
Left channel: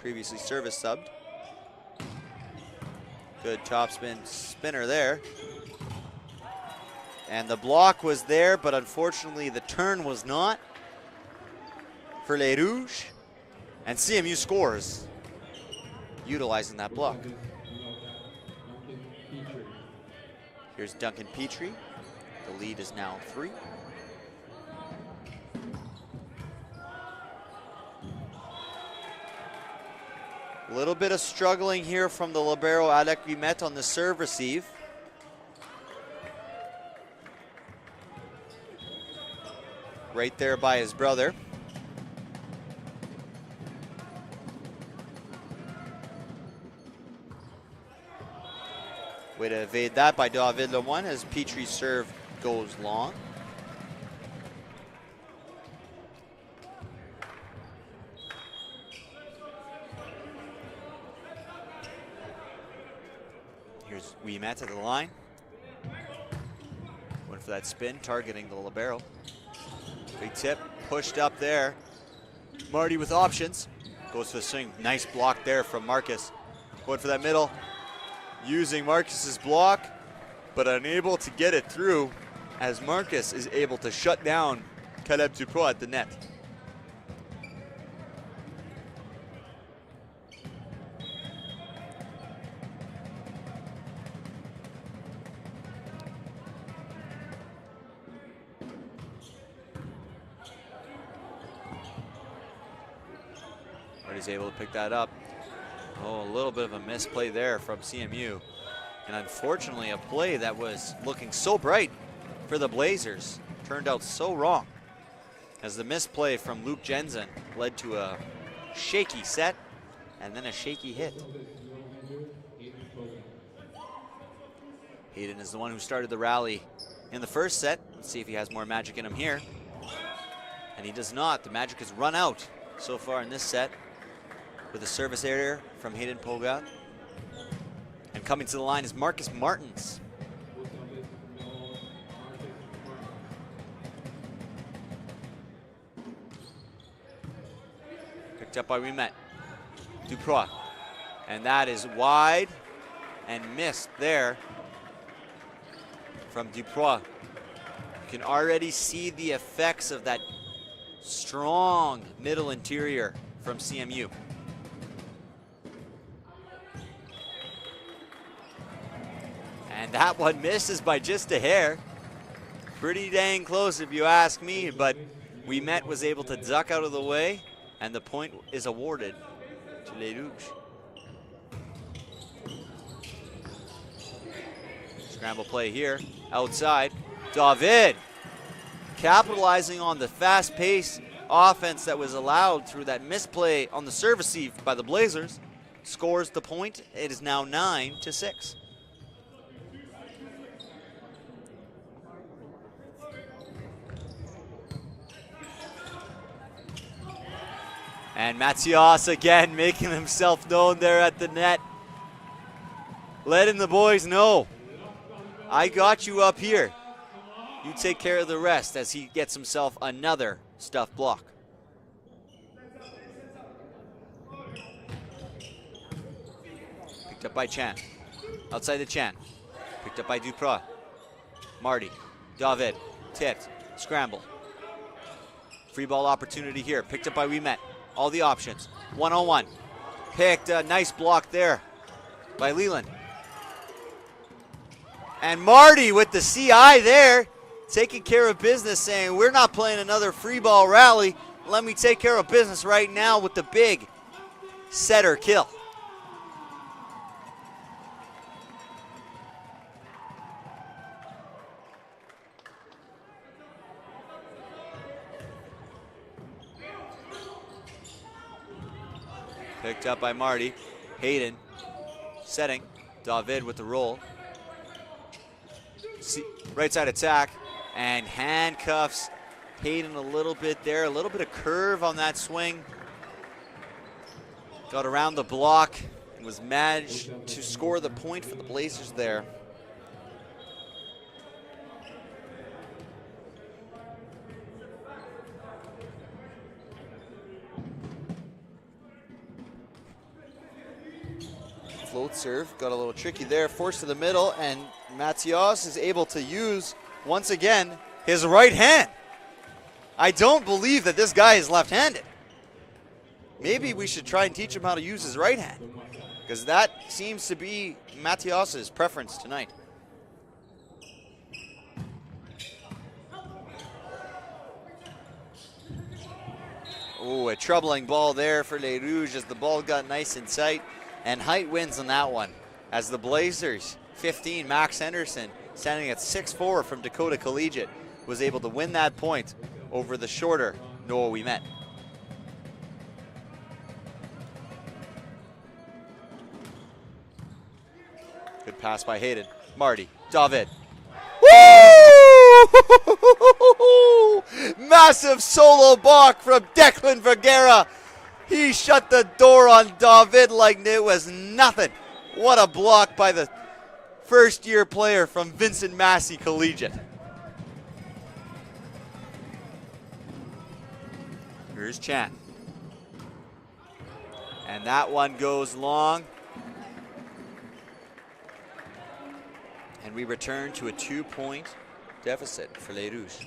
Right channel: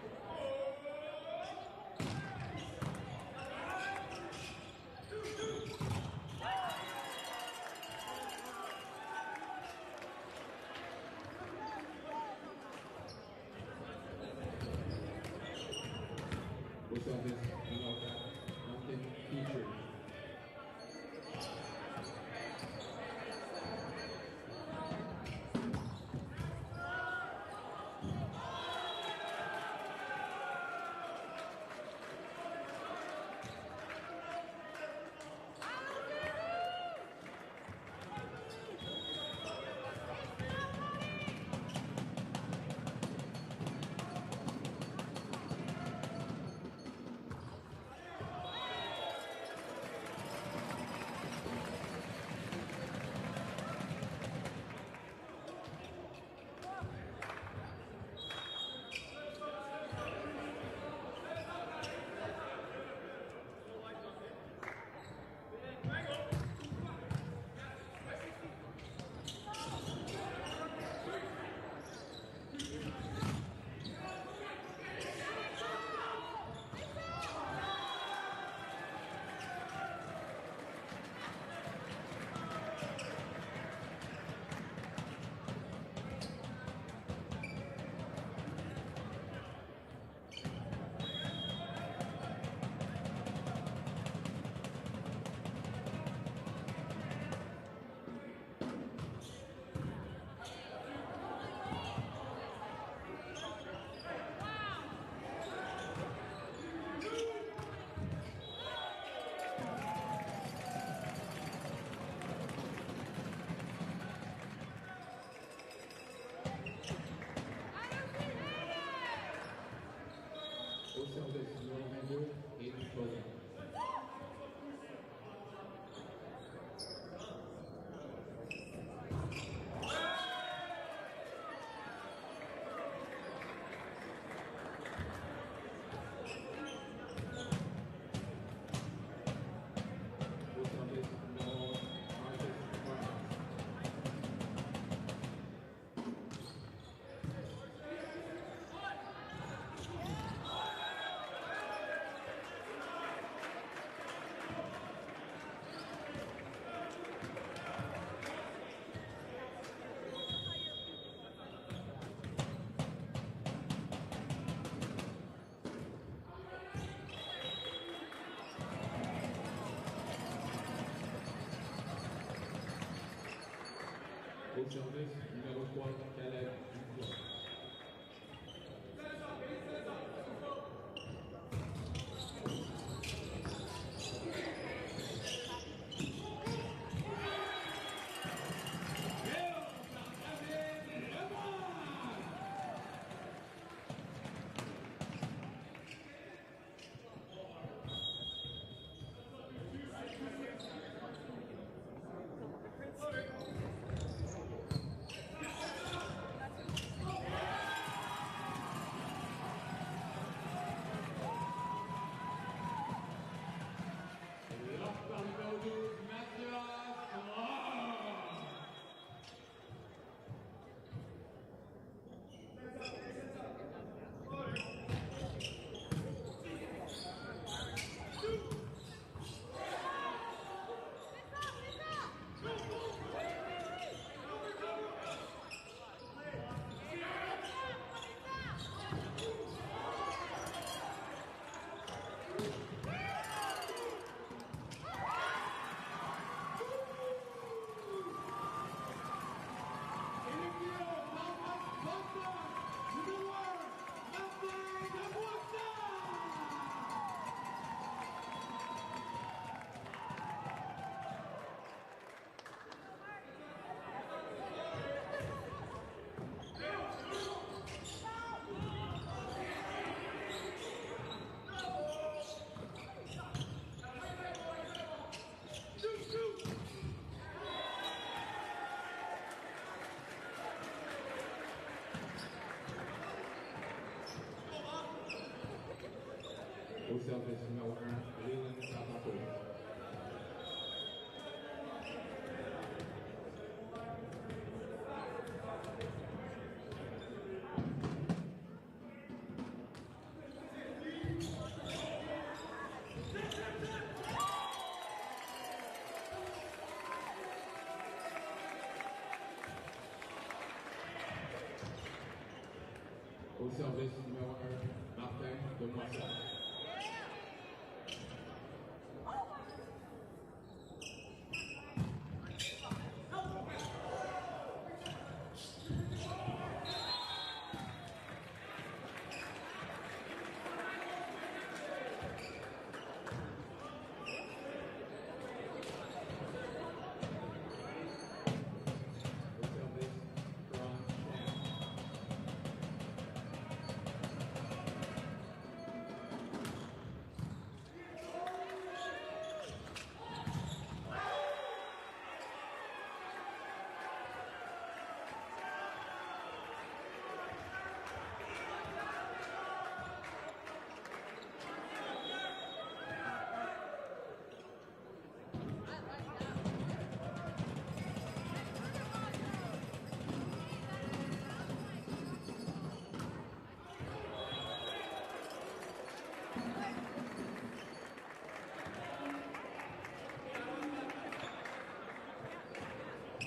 previously service subbed. Good topspin spinner there. And the block was there, but unfortunately the turn was not for Les Rouges. And CMU scores, utilizing that block. Here's Duncan Petrie. The lead is now 3. A little bit of struggling here from the libero Alec Guimet on the serve receive. Right there by his brother. Way to evade that by David Lemoine as Petrie's serve goes long. Here's Guimet at the line. Went for that spin, targeting the libero. Big tip, pushed up there. Marty with options. Goes for the swing. Nice block there from Marcus. Went for that middle. Using Marcus's block, but unable to get it through as Marcus is able to shut down Caleb Duprat at the net. He's able to pick that up. Oh, a little bit of a misplay there from CMU. And unfortunately, a play that was looking so bright for the Blazers turned out so wrong, as the misplay from Luke Jensen led to a shaky set and then a shaky hit. Hayden is the one who started the rally in the first set. Let's see if he has more magic in him here. And he does not. The magic has run out so far in this set, with a service error from Hayden Polgout. And coming to the line is Marcus Martins. Picked up by Winnipeg. Duprois. And that is wide and missed there from Duprois. You can already see the effects of that strong middle interior from CMU. And that one misses by just a hair. Pretty dang close if you ask me, but Winnipeg was able to duck out of the way, and the point is awarded to Les Rouges. Scramble play here, outside. David capitalizing on the fast-paced offense that was allowed through that misplay on the serve receive by the Blazers. Scores the point. It is now 9-6. And Mathias again making himself known there at the net. Letting the boys know, I got you up here. You take care of the rest, as he gets himself another stuffed block. Picked up by Chan. Outside the Chan. Picked up by Duprois. Marty. David. Tipped. Scramble. Free ball opportunity here. Picked up by Winnipeg. All the options. One-on-one. Picked a nice block there by Leland. And Marty with the CI there, taking care of business, saying we're not playing another free ball rally. Let me take care of business right now with the big setter kill. Picked up by Marty. Hayden setting. David with the roll. Right side attack, and handcuffs Hayden a little bit there, a little bit of curve on that swing. Got around the block, was managed to score the point for the Blazers there. Float serve, got a little tricky there, forced to the middle, and Mathias is able to use, once again, his right hand. I don't believe that this guy is left-handed. Maybe we should try and teach him how to use his right hand, because that seems to be Mathias's preference tonight. Oh, a troubling ball there for Les Rouges as the ball got nice and tight, and height wins on that one, as the Blazers 15, Max Henderson, standing at 6'4" from Dakota Collegiate, was able to win that point over the shorter Noah Winnipeg. Good pass by Hayden. Marty. David. Woo! Massive solo block from Declan Vergara. He shut the door on David like it was nothing. What a block by the first-year player from Vincent Massey Collegiate. Here's Chan. And that one goes long. And we return to a 2-point deficit for Les Rouges.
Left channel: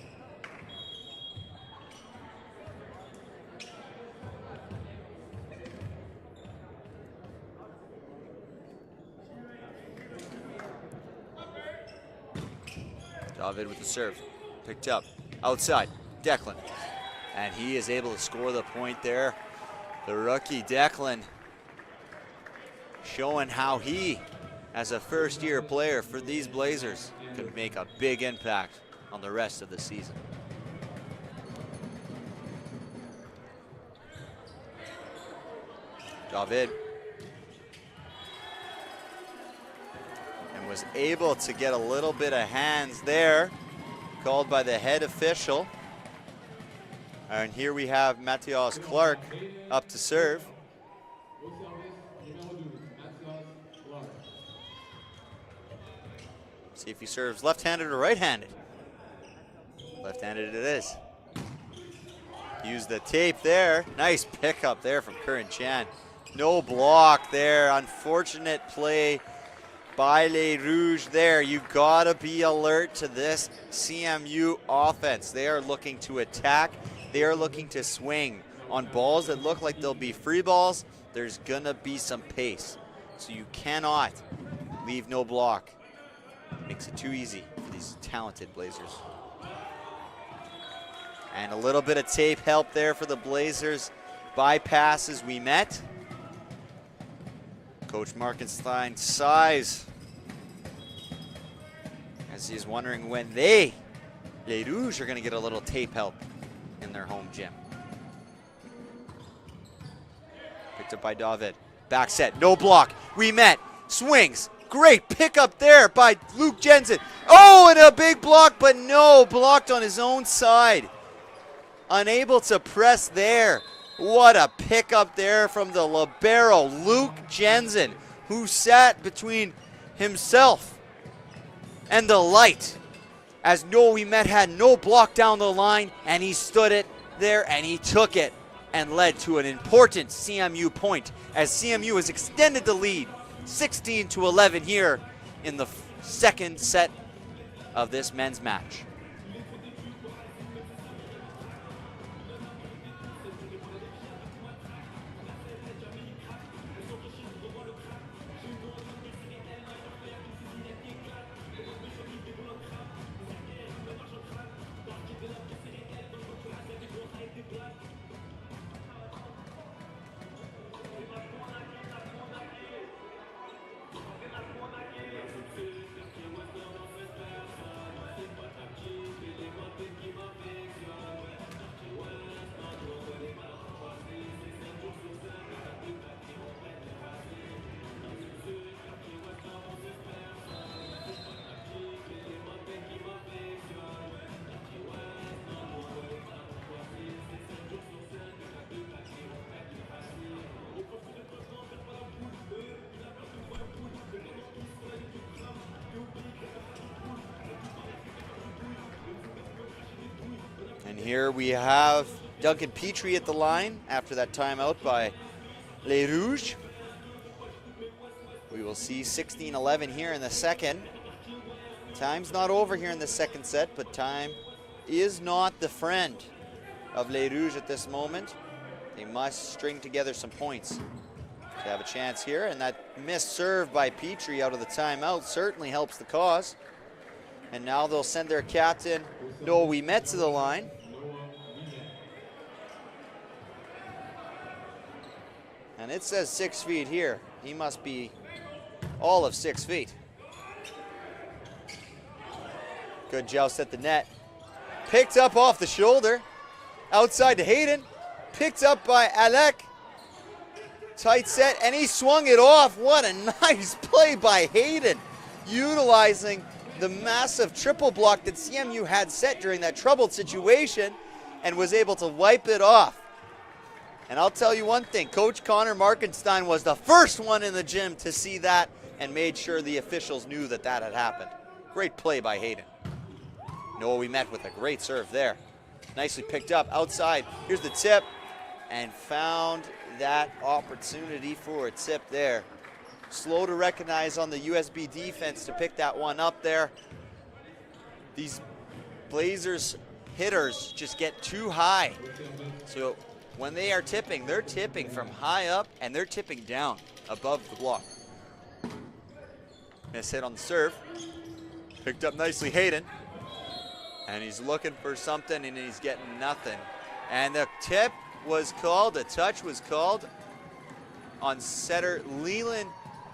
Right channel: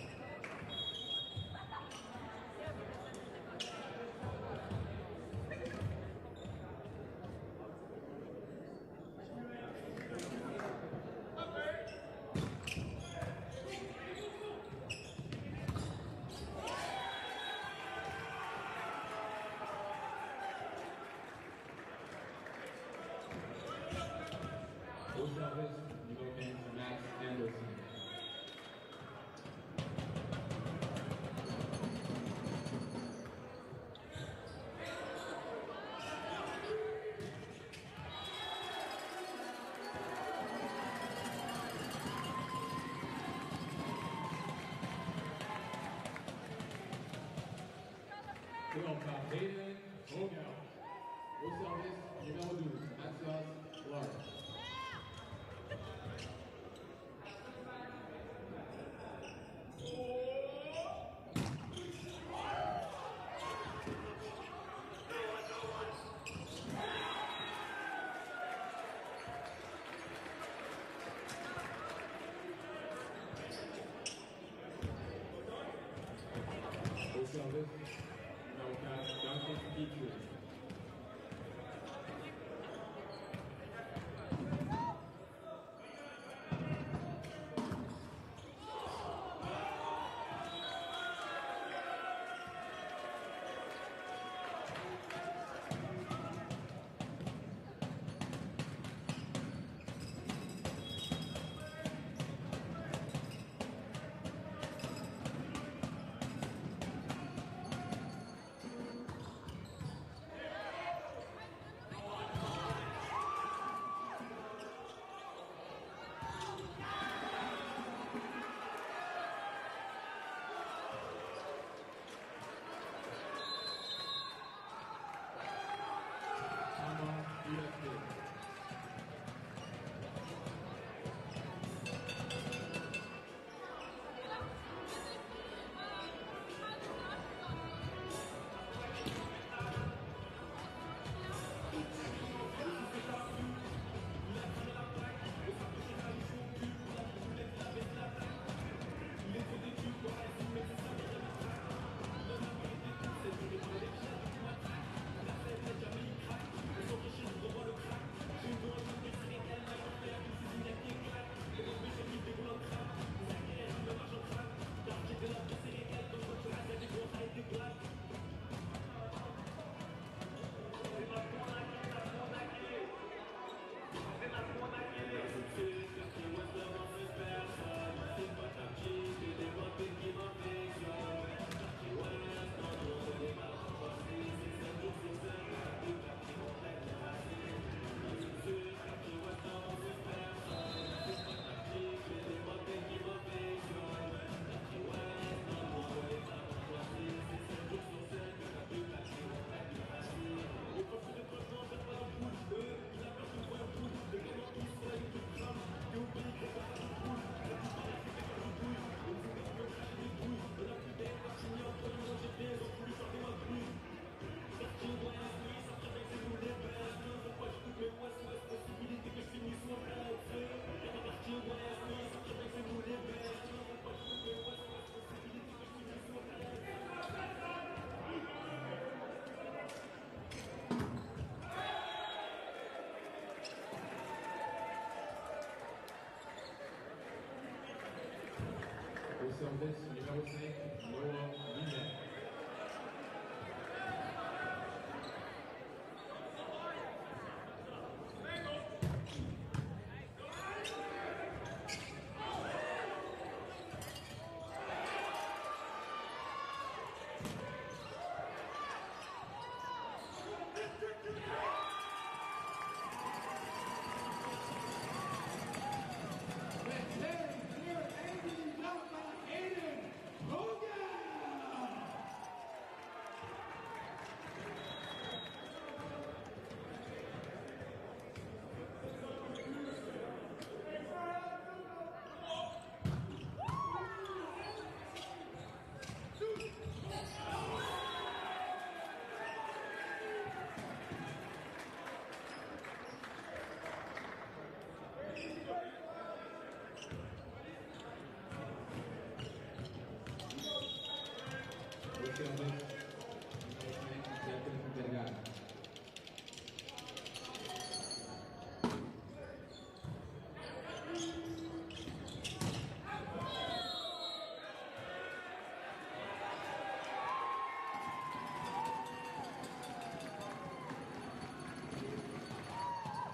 David with the serve, picked up, outside, Declan. And he is able to score the point there. The rookie Declan showing how he, as a first-year player for these Blazers, could make a big impact on the rest of the season. David was able to get a little bit of hands there, called by the head official. And here we have Mathias Clark up to serve. See if he serves left-handed or right-handed. Left-handed it is. Use the tape there. Nice pickup there from Curran Chan. No block there. Unfortunate play by Les Rouges there. You've got to be alert to this CMU offense. They are looking to attack. They are looking to swing. On balls that look like they'll be free balls, there's going to be some pace. So you cannot leave no block. Makes it too easy for these talented Blazers. And a little bit of tape help there for the Blazers. Bypasses we met. Coach Markenstein sighs as he's wondering when Les Rouges are going to get a little tape help in their home gym. Picked up by David. Back set, no block. We met. Swings. Great pickup there by Luke Jensen. Oh, and a big block, but no, blocked on his own side. Unable to press there. What a pickup there from the libero, Luke Jensen, who sat between himself and the light. As Noah Ouimet had no block down the line, and he stood it there and he took it and led to an important CMU point as CMU has extended the lead 16-11 here in the second set of this men's match. Here we have Duncan Petrie at the line after that timeout by Les Rouges. We will see 16-11 here in the second. Time's not over here in the second set, but time is not the friend of Les Rouges at this moment. They must string together some points to have a chance here, and that missed serve by Petrie out of the timeout certainly helps the cause. And now they'll send their captain, Noah Ouimet, to the line. And it says 6 feet here. He must be all of 6 feet. Good joust at the net. Picked up off the shoulder. Outside to Hayden. Picked up by Alec. Tight set, and he swung it off. What a nice play by Hayden. Utilizing the massive triple block that CMU had set during that troubled situation and was able to wipe it off. And I'll tell you one thing, Coach Connor Markenstein was the first one in the gym to see that and made sure the officials knew that that had happened. Great play by Hayden. Noah Ouimet with a great serve there. Nicely picked up outside. Here's the tip, and found that opportunity for a tip there. Slow to recognize on the USB defense to pick that one up there. These Blazers hitters just get too high. So when they are tipping, they're tipping from high up and they're tipping down above the block. Miss hit on the serve. Picked up nicely Hayden. And he's looking for something and he's getting nothing. And the tip was called, the touch was called on setter Leland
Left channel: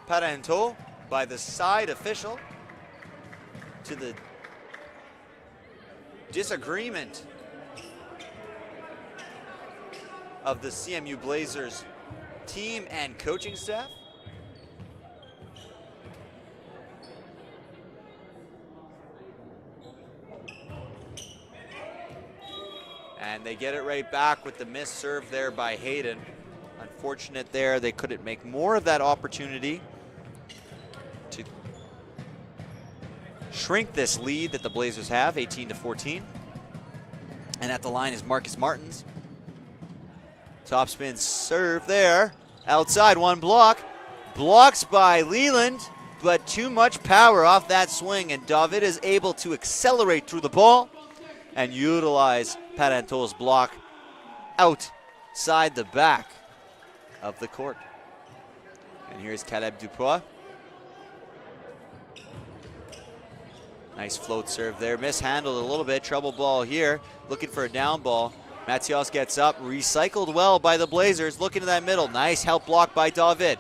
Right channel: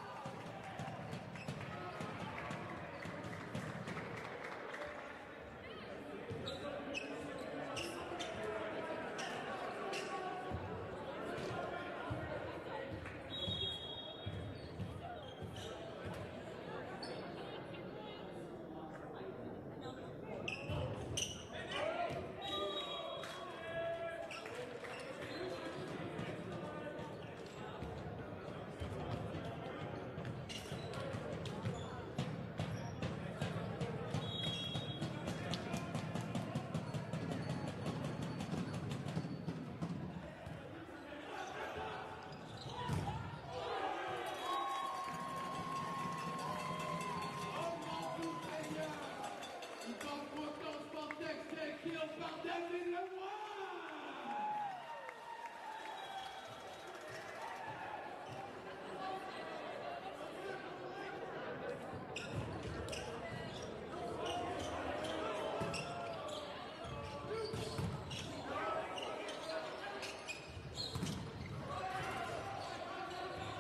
Parenteau by the side official, to the disagreement of the CMU Blazers team and coaching staff. And they get it right back with the missed serve there by Hayden. Unfortunate there, they couldn't make more of that opportunity to shrink this lead that the Blazers have, 18-14. And at the line is Marcus Martins. Top spin serve there. Outside, one block. Blocks by Leland, but too much power off that swing, and David is able to accelerate through the ball and utilize Parenteau's block outside the back of the court. And here's Caleb Dupois. Nice float serve there. Mishandled a little bit. Trouble ball here. Looking for a down ball. Mathias gets up. Recycled well by the Blazers. Looking to that middle. Nice help block by David.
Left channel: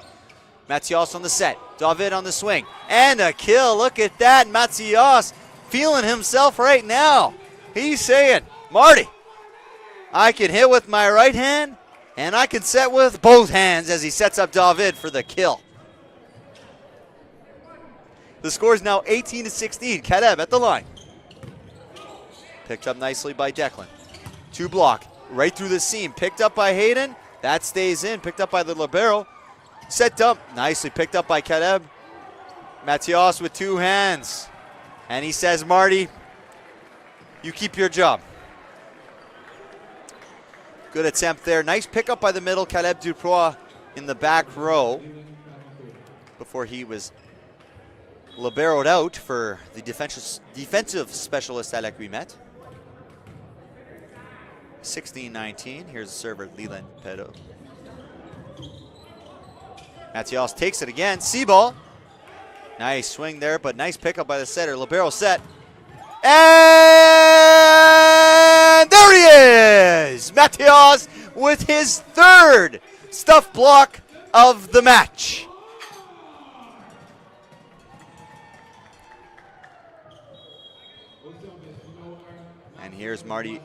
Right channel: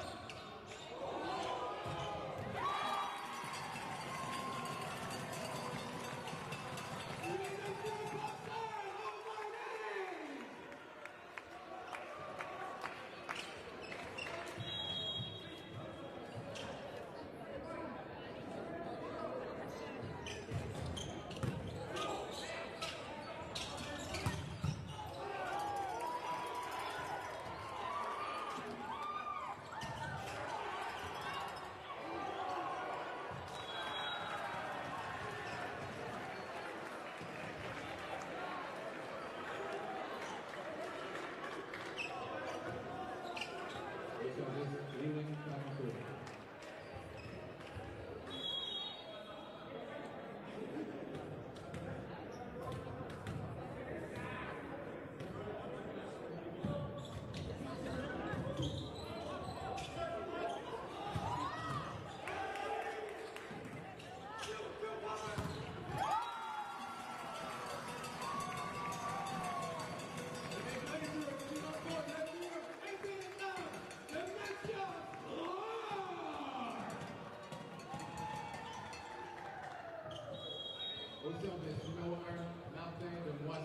Mathias on the set. David on the swing. And a kill. Look at that. Mathias feeling himself right now. He's saying, Marty, I can hit with my right hand and I can set with both hands, as he sets up David for the kill. The score is now 18-16. Caleb at the line. Picked up nicely by Declan. Two block, right through the seam. Picked up by Hayden. That stays in. Picked up by the libero. Set up, nicely picked up by Caleb. Mathias with two hands. And he says, Marty, you keep your job. Good attempt there. Nice pickup by the middle. Caleb Dupois in the back row before he was liberoed out for the defensive specialist Alec Rimet. 16-19. Here's the server, Leland Pedo. Mathias takes it again. C-ball. Nice swing there, but nice pickup by the setter. Libero set. And there he is! Mathias with his third stuff block of the match. And here's Marty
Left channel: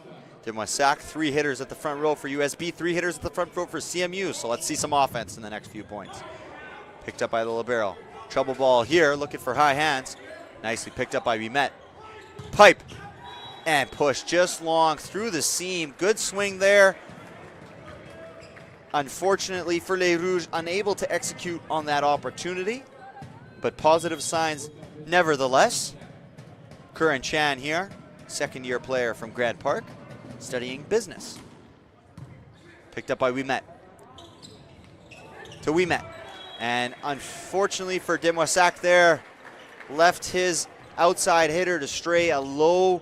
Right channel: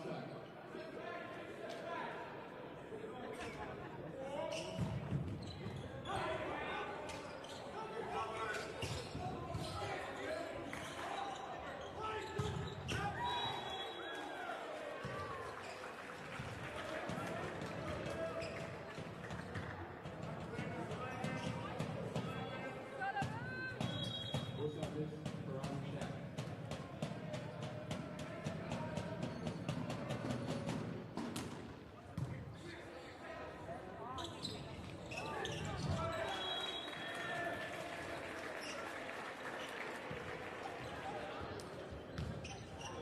Demoissac, three hitters at the front row for USB, three hitters at the front row for CMU. So let's see some offense in the next few points. Picked up by the libero. Trouble ball here, looking for high hands. Nicely picked up by Rimet. Pipe and push just long through the seam. Good swing there. Unfortunately for Les Rouges, unable to execute on that opportunity, but positive signs nevertheless. Curran Chan here, second-year player from Grant Park, studying business. Picked up by Wimet. To Wimet. And unfortunately for Demoissac there, left his outside hitter to stray a low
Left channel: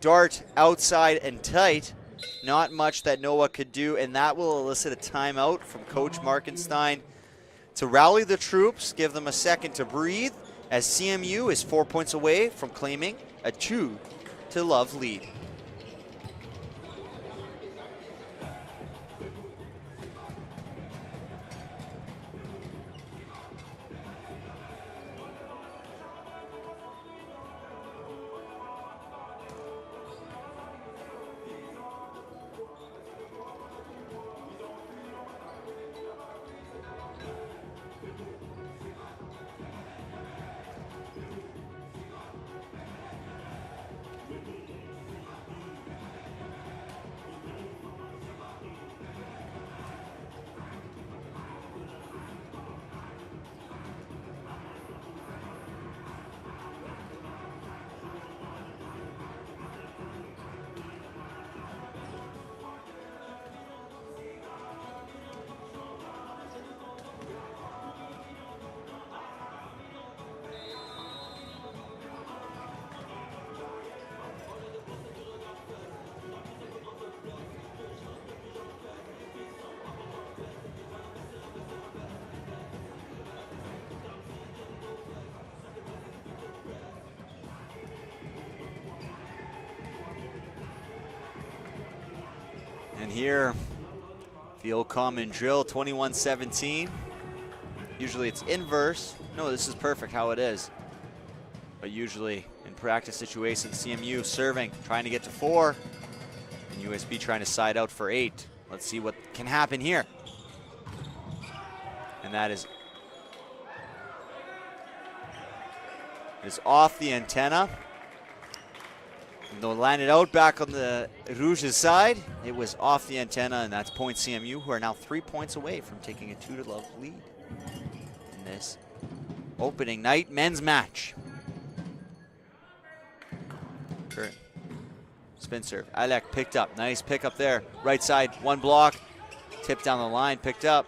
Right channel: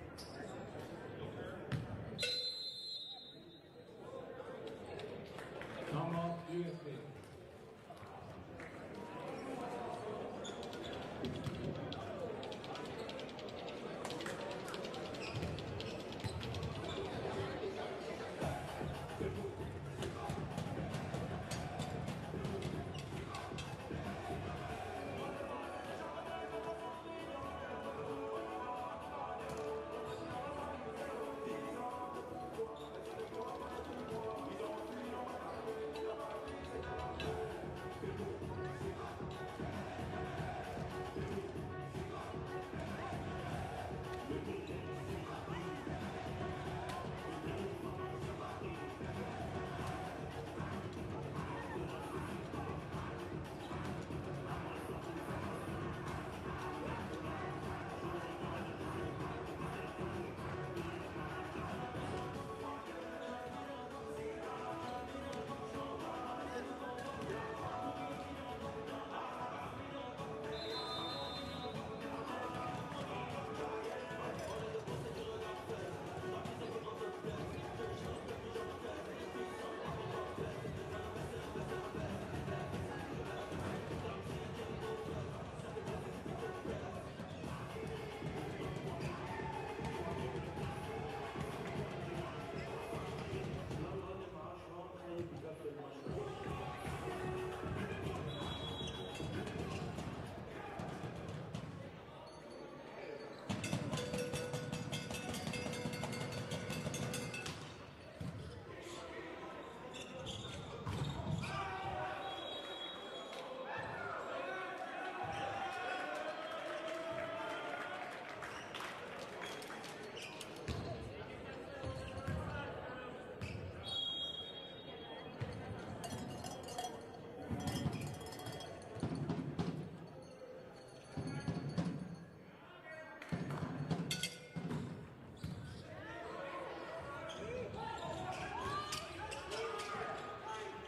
dart outside and tight. Not much that Noah could do, and that will elicit a timeout from Coach Markenstein to rally the troops, give them a second to breathe, as CMU is 4 points away from claiming a 2-0 lead. Here, field common drill, 21-17. Usually it's inverse. No, this is perfect how it is. But usually in practice situations, CMU serving, trying to get to 4. And USB trying to side out for 8. Let's see what can happen here. And that is off the antenna. They'll line it out back on the Rouges side. It was off the antenna, and that's point CMU, who are now 3 points away from taking a 2-0 lead in this opening night men's match. Spin serve. Alec picked up. Nice pickup there. Right side, one block. Tipped down the line, picked up.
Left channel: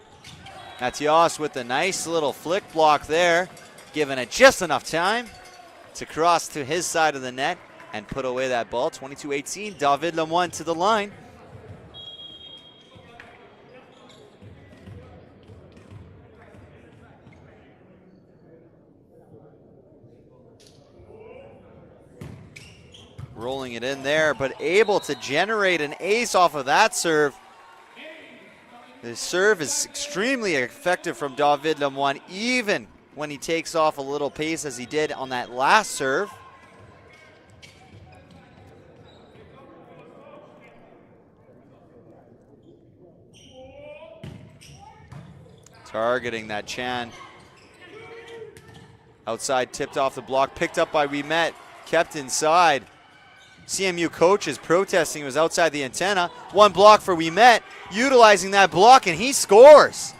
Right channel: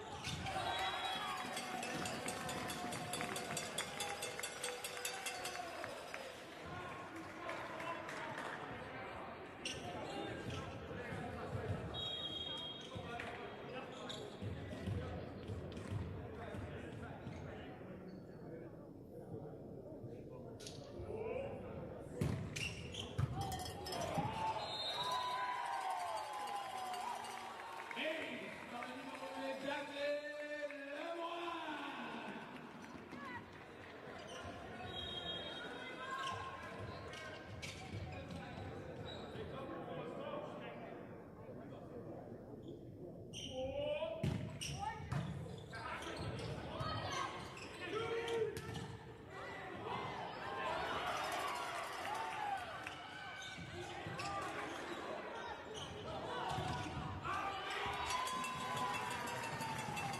Matias with a nice little flick block there, giving it just enough time to cross to his side of the net and put away that ball. 22-18, David Lemoine to the line. Rolling it in there, but able to generate an ace off of that serve. The serve is extremely effective from David Lemoine, even when he takes off a little pace as he did on that last serve. Targeting that Chan. Outside, tipped off the block, picked up by Winnipeg, kept inside. CMU coach is protesting, it was outside the antenna. One block for Winnipeg, utilizing that block, and he scores.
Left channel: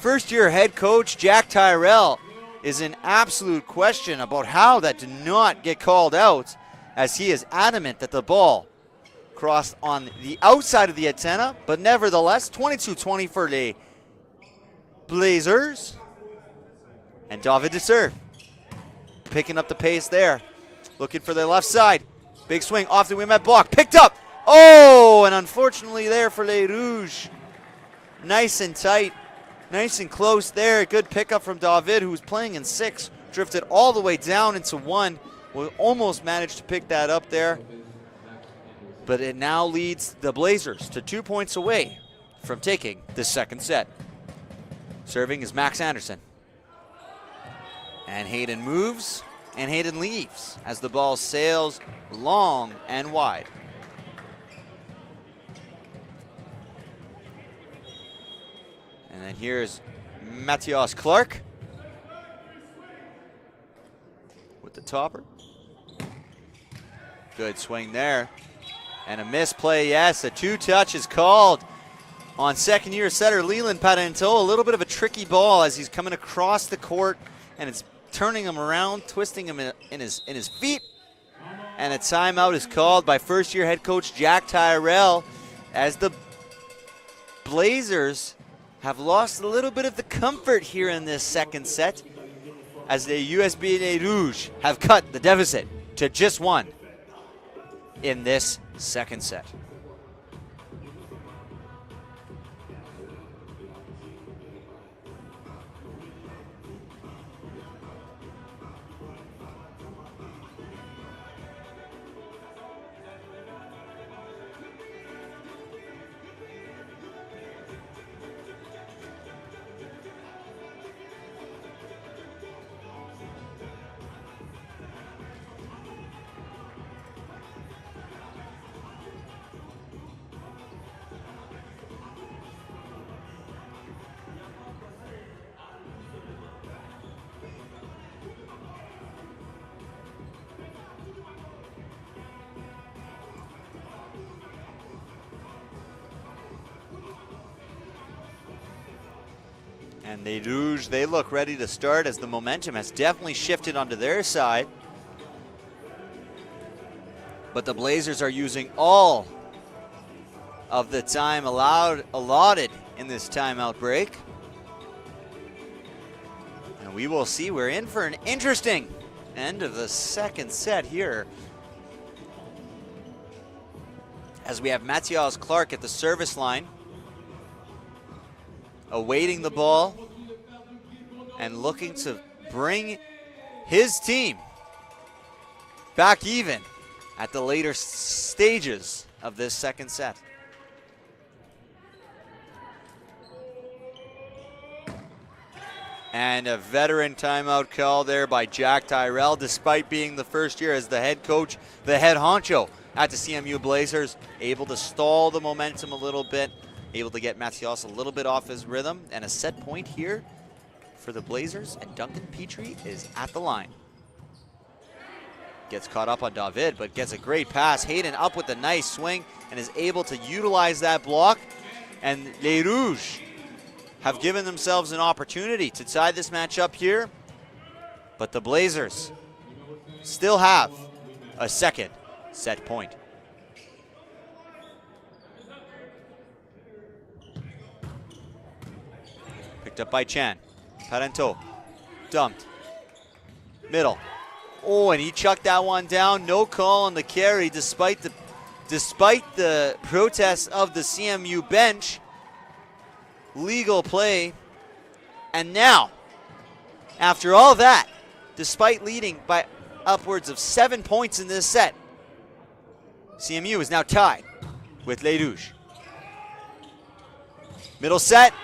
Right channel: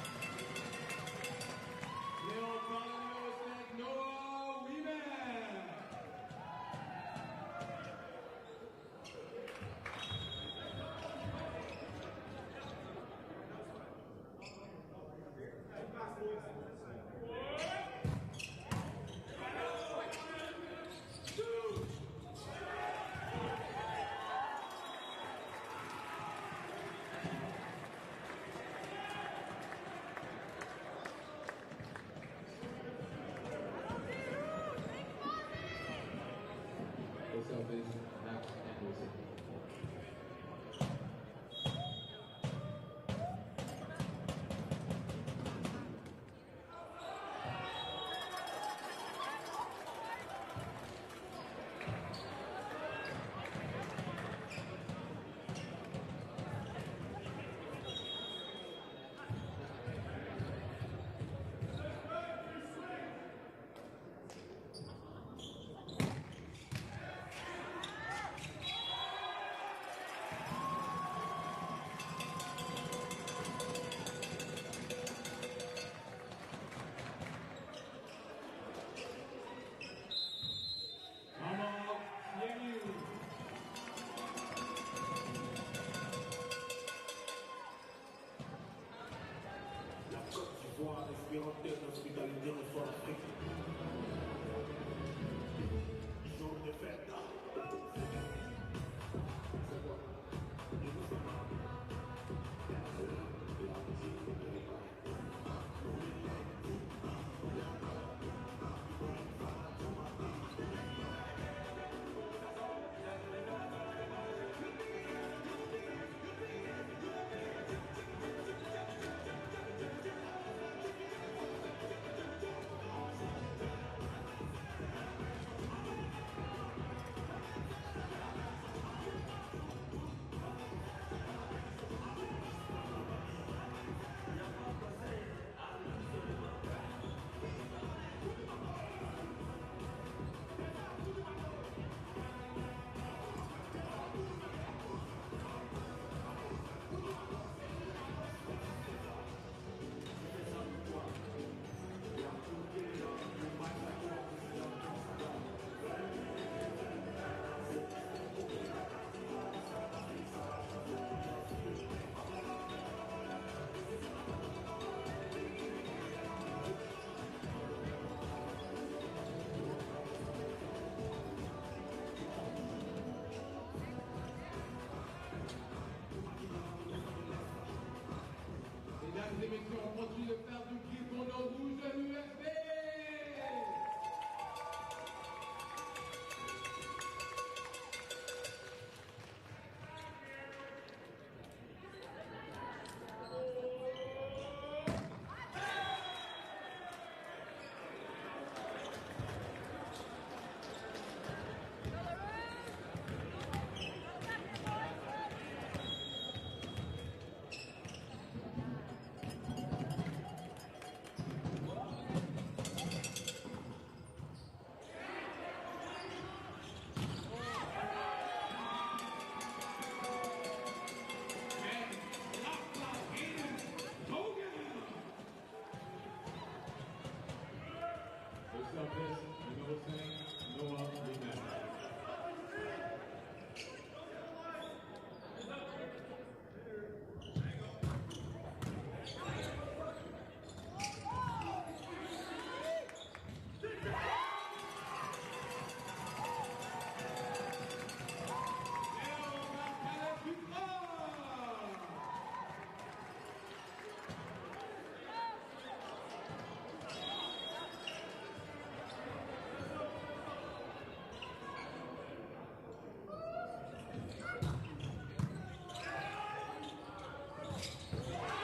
First-year head coach Jack Tyrell is in absolute question about how that did not get called out, as he is adamant that the ball crossed on the outside of the antenna, but nevertheless, 22-20 for the Blazers. And David to serve, picking up the pace there. Looking for the left side. Big swing off the Winnipeg block. Picked up. Oh, and unfortunately there for Les Rouges. Nice and tight. Nice and close there. Good pickup from David, who was playing in 6. Drifted all the way down into 1. We almost managed to pick that up there. But it now leads the Blazers to 2 points away from taking the second set. Serving is Max Anderson. And Hayden moves. And Hayden leaves as the ball sails long and wide. And then here's Matias Clark with the topper. Good swing there. And a misplay, yes, a 2-touch is called on second-year setter Leland Parenteau. A little bit of a tricky ball as he's coming across the court, and it's turning him around, twisting him in his feet. And a timeout is called by first-year head coach Jack Tyrell, as the Blazers have lost a little bit of the comfort here in this second set, as the USB Les Rouges have cut the deficit to just 1 in this second set. Les Rouges, they look ready to start, as the momentum has definitely shifted onto their side. But the Blazers are using all of the time allotted in this timeout break. And we will see, we're in for an interesting end of the second set here, as we have Matias Clark at the service line, awaiting the ball and looking to bring his team back even at the later stages of this second set. And a veteran timeout call there by Jack Tyrell, despite being the first year as the head coach, the head honcho at the CMU Blazers, able to stall the momentum a little bit, able to get Matias a little bit off his rhythm. And a set point here for the Blazers, and Duncan Petrie is at the line. Gets caught up on David, but gets a great pass. Hayden up with a nice swing and is able to utilize that block. And Les Rouges have given themselves an opportunity to tie this match up here, but the Blazers still have a second set point. Picked up by Chan. Parenteau. Dumped. Middle. Oh, and he chucked that one down. No call on the carry despite the protests of the CMU bench. Legal play. And now, after all that, despite leading by upwards of 7 points in this set, CMU is now tied with Les Rouges. Middle set,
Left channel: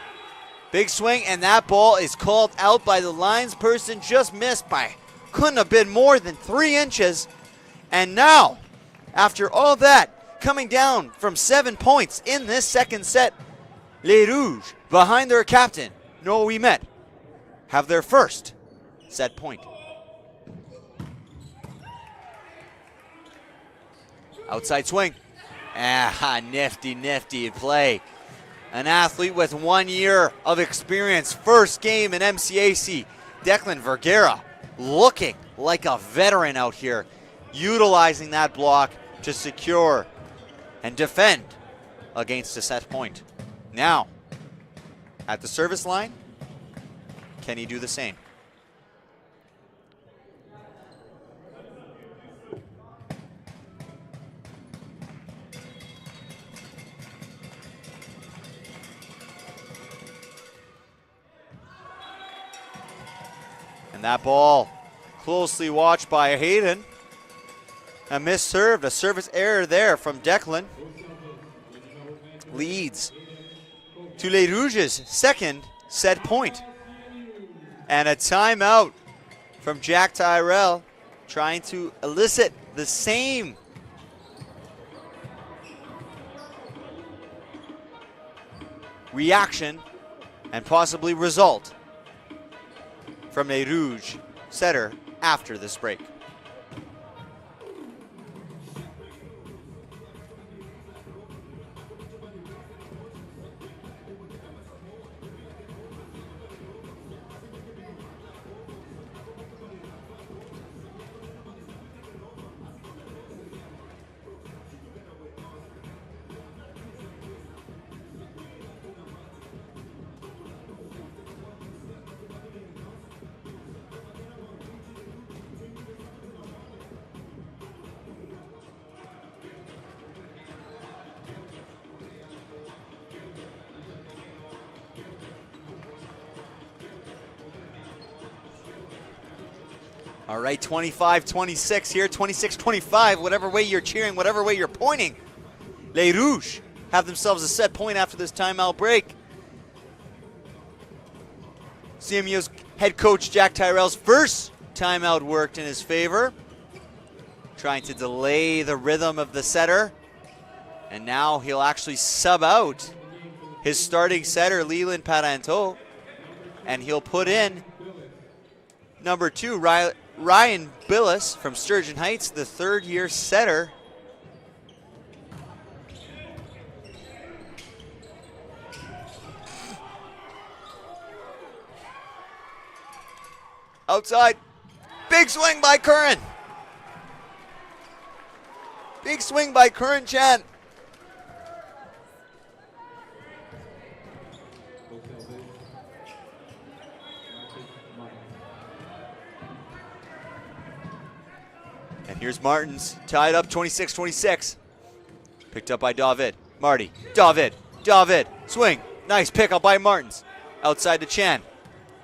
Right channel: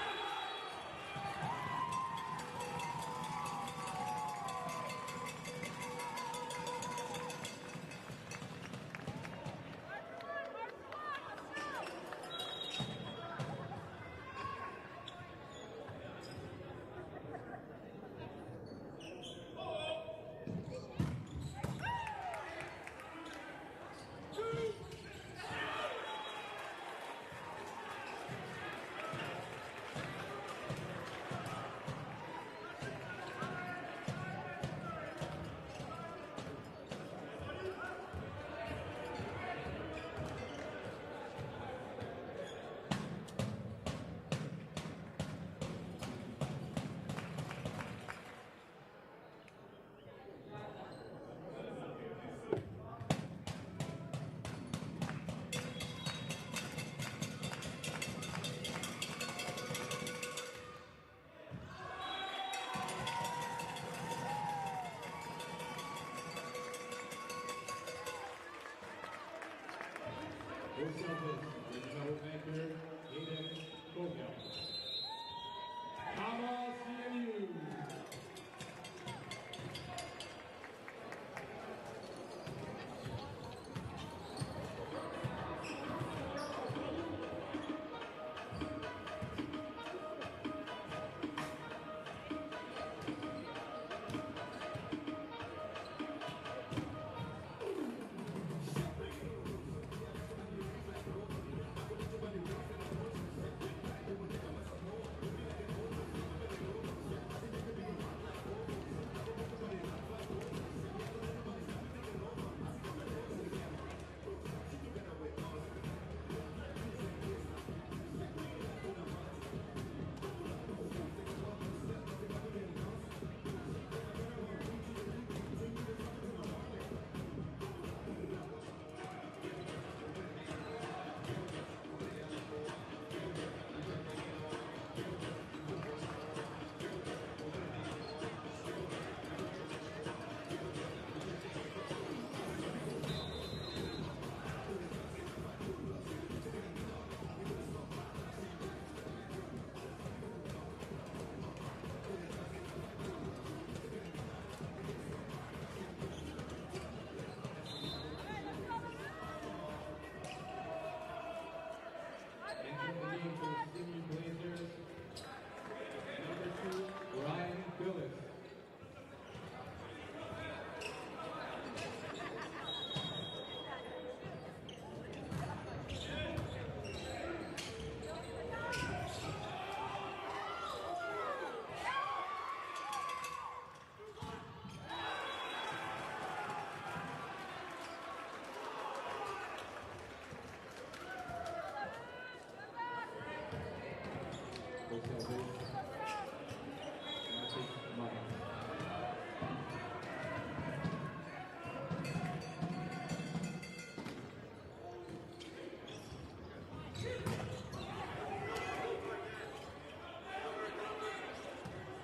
big swing, and that ball is called out by the linesperson. Just missed by, couldn't have been more than 3 inches. And now, after all that, coming down from 7 points in this second set, Les Rouges, behind their captain, Noah Ouimet, have their first set point. Outside swing. Ah, nifty play. An athlete with 1 year of experience, first game in MCAC. Declan Vergara looking like a veteran out here, utilizing that block to secure and defend against a set point. Now, at the service line, can he do the same? And that ball closely watched by Hayden. A misserved, a service error there from Declan. Leads to Les Rouges' second set point. And a timeout from Jack Tyrell, trying to elicit the same reaction and possibly result from a Rouge setter after this break. All right, 25-26 here, 26-25, whatever way you're cheering, whatever way you're pointing. Les Rouges have themselves a set point after this timeout break. CMU's head coach Jack Tyrell's first timeout worked in his favor, trying to delay the rhythm of the setter. And now he'll actually sub out his starting setter, Leland Parenteau, and he'll put in number 2, Ryan Billis from Sturgeon Heights, the third-year setter. Outside, big swing by Curran. Big swing by Curran Chan. Here's Martins, tied up 26-26. Picked up by David. Marty, David, swing. Nice pickup by Martins. Outside to Chan.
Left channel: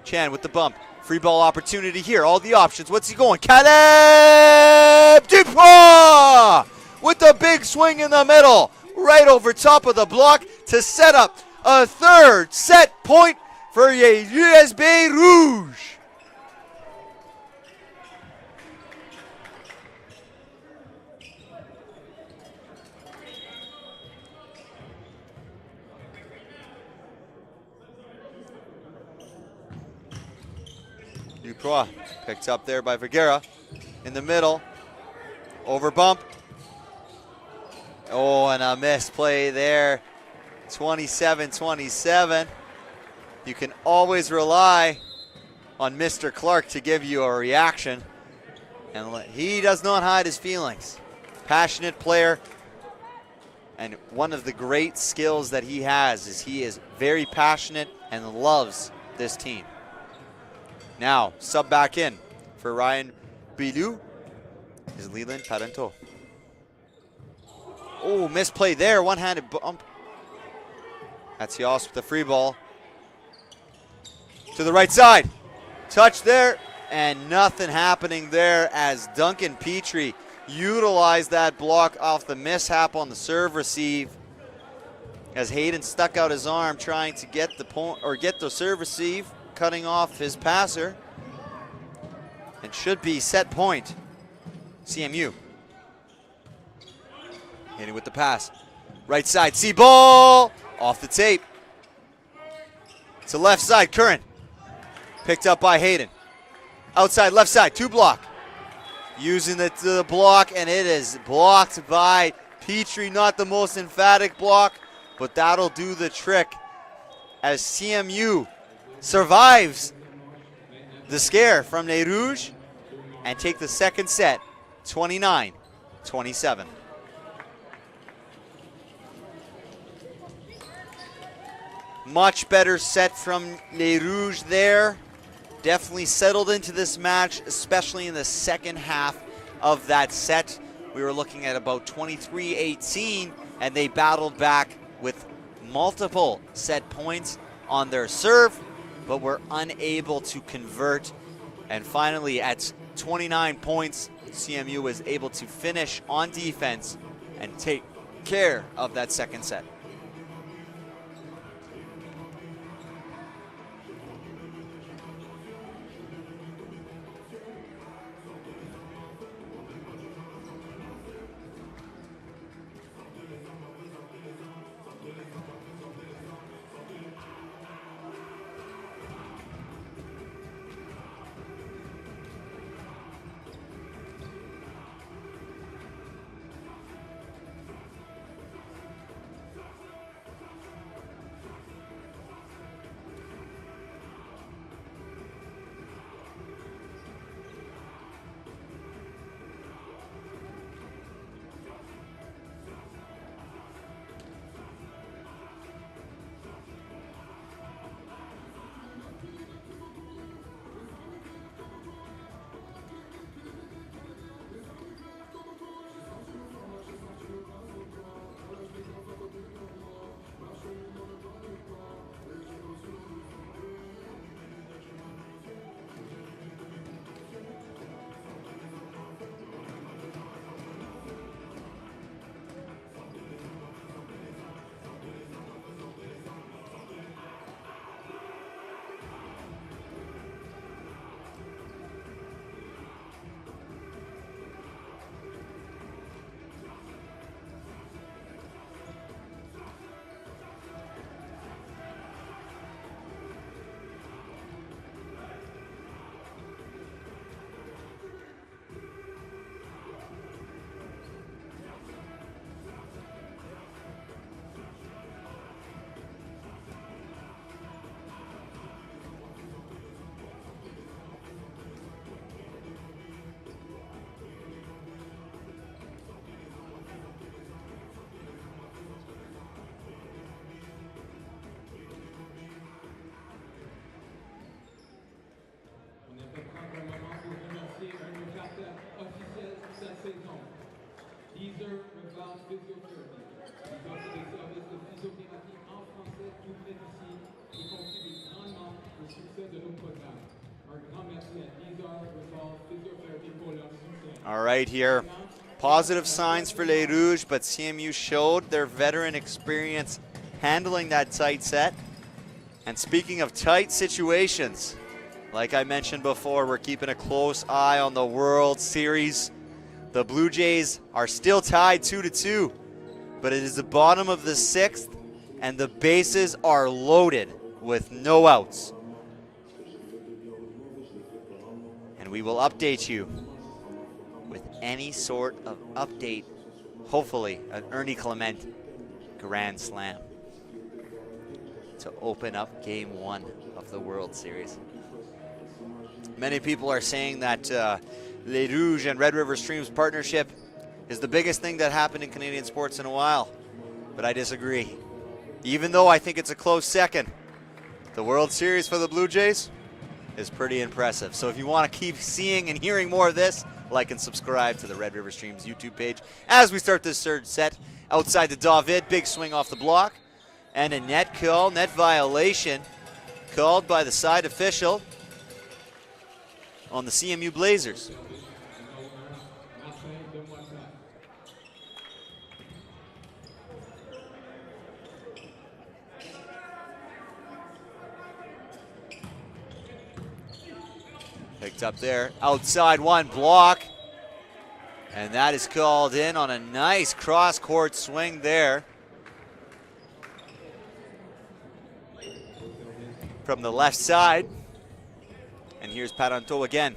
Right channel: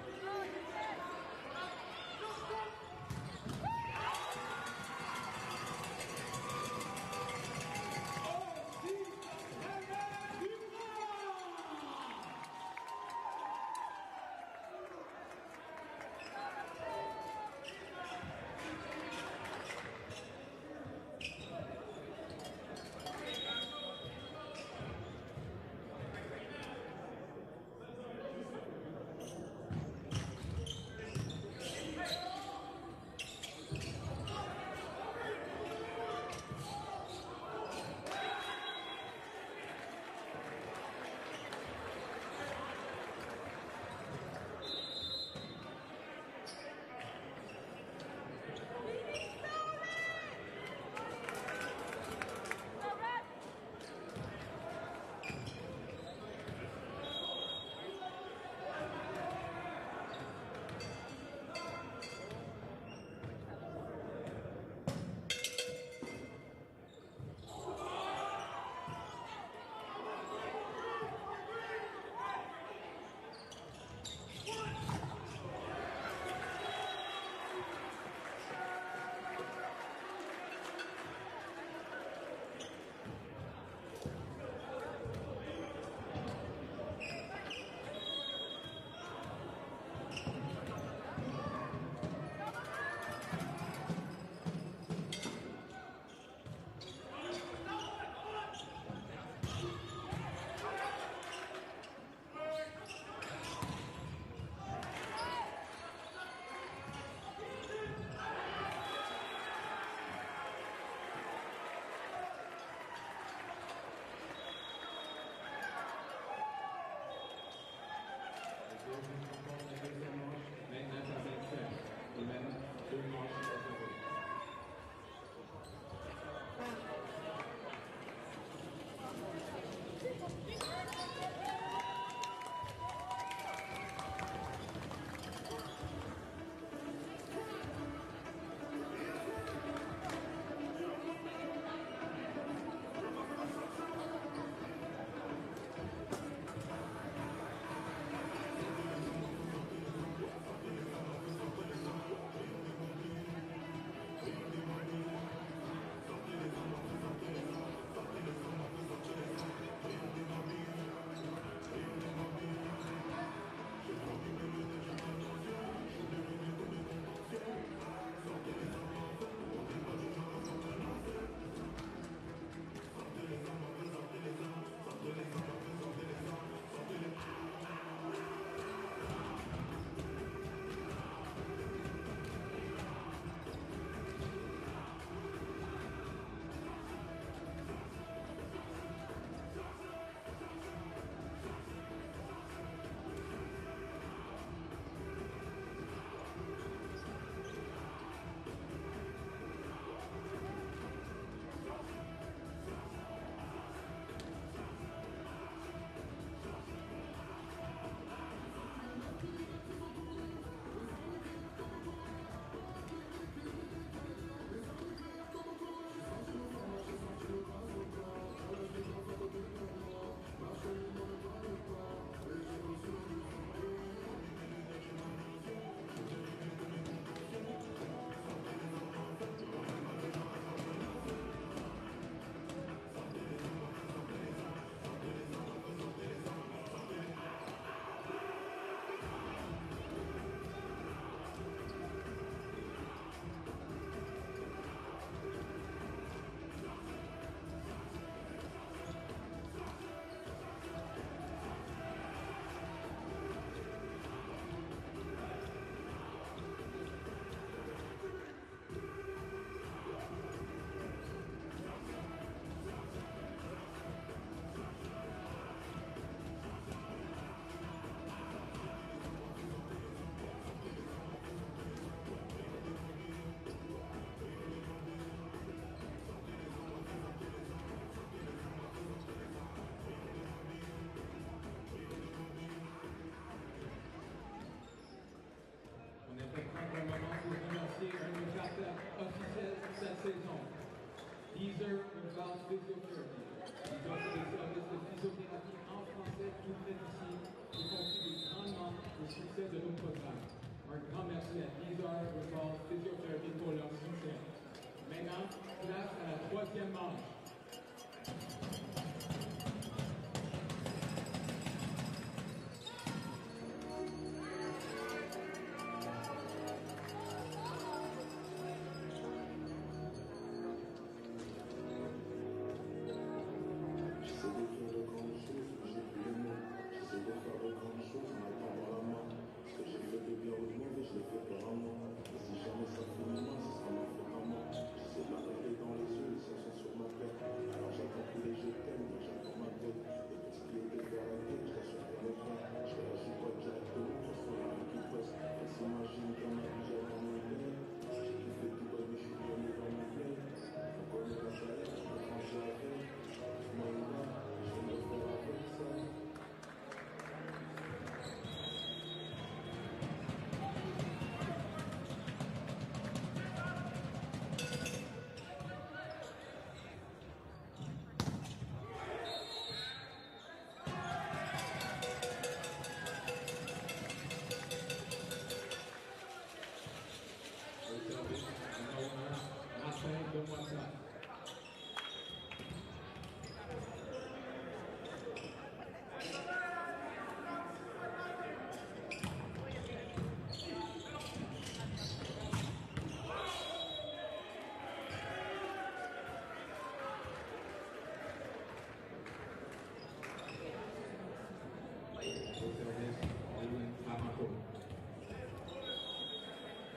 Chan with the bump. Free ball opportunity here, all the options. What's he going? Caleb Dupois with the big swing in the middle. Right over top of the block to set up a third set point for USB Rouge. Picked up there by Vergara in the middle. Over bump. Oh, and a missed play there. 27-27. You can always rely on Mr. Clark to give you a reaction. And he does not hide his feelings. Passionate player. And one of the great skills that he has is he is very passionate and loves this team. Now, sub back in for Ryan Bilou is Leland Parenteau. Oh, misplay there, one-handed bump. That's Yos with the free ball. To the right side, touch there, and nothing happening there as Duncan Petrie utilized that block off the mishap on the serve receive as Hayden stuck out his arm trying to get the point or get the serve receive, cutting off his passer. It should be set point, CMU. Hitting with the pass. Right side, see ball off the tape. To left side, Curran. Picked up by Hayden. Outside, left side, 2 block. Using the block, and it is blocked by Petrie. Not the most emphatic block, but that'll do the trick as CMU survives the scare from Les Rouges and take the second set, 29-27. Much better set from Les Rouges there. Definitely settled into this match, especially in the second half of that set. We were looking at about 23-18, and they battled back with multiple set points on their serve, but were unable to convert. And finally, at 29 points, CMU was able to finish on defense and take care of that second set. All right here, positive signs for Les Rouges, but CMU showed their veteran experience handling that tight set. And speaking of tight situations, like I mentioned before, we're keeping a close eye on the World Series. The Blue Jays are still tied 2-2, but it is the bottom of the 6th, and the bases are loaded with no outs. And we will update you with any sort of update, hopefully an Ernie Clement grand slam to open up Game 1 of the World Series. Many people are saying that Les Rouges and Red River Streams partnership is the biggest thing that happened in Canadian sports in a while, but I disagree. Even though I think it's a close second, The World Series for the Blue Jays is pretty impressive. So if you want to keep seeing and hearing more of this, like and subscribe to the Red River Streams YouTube page. As we start this third set, outside to David, big swing off the block, and a net call, net violation, called by the side official on the CMU Blazers. Picked up there, outside one, block, and that is called in on a nice cross-court swing there from the left side. And here's Paranto again.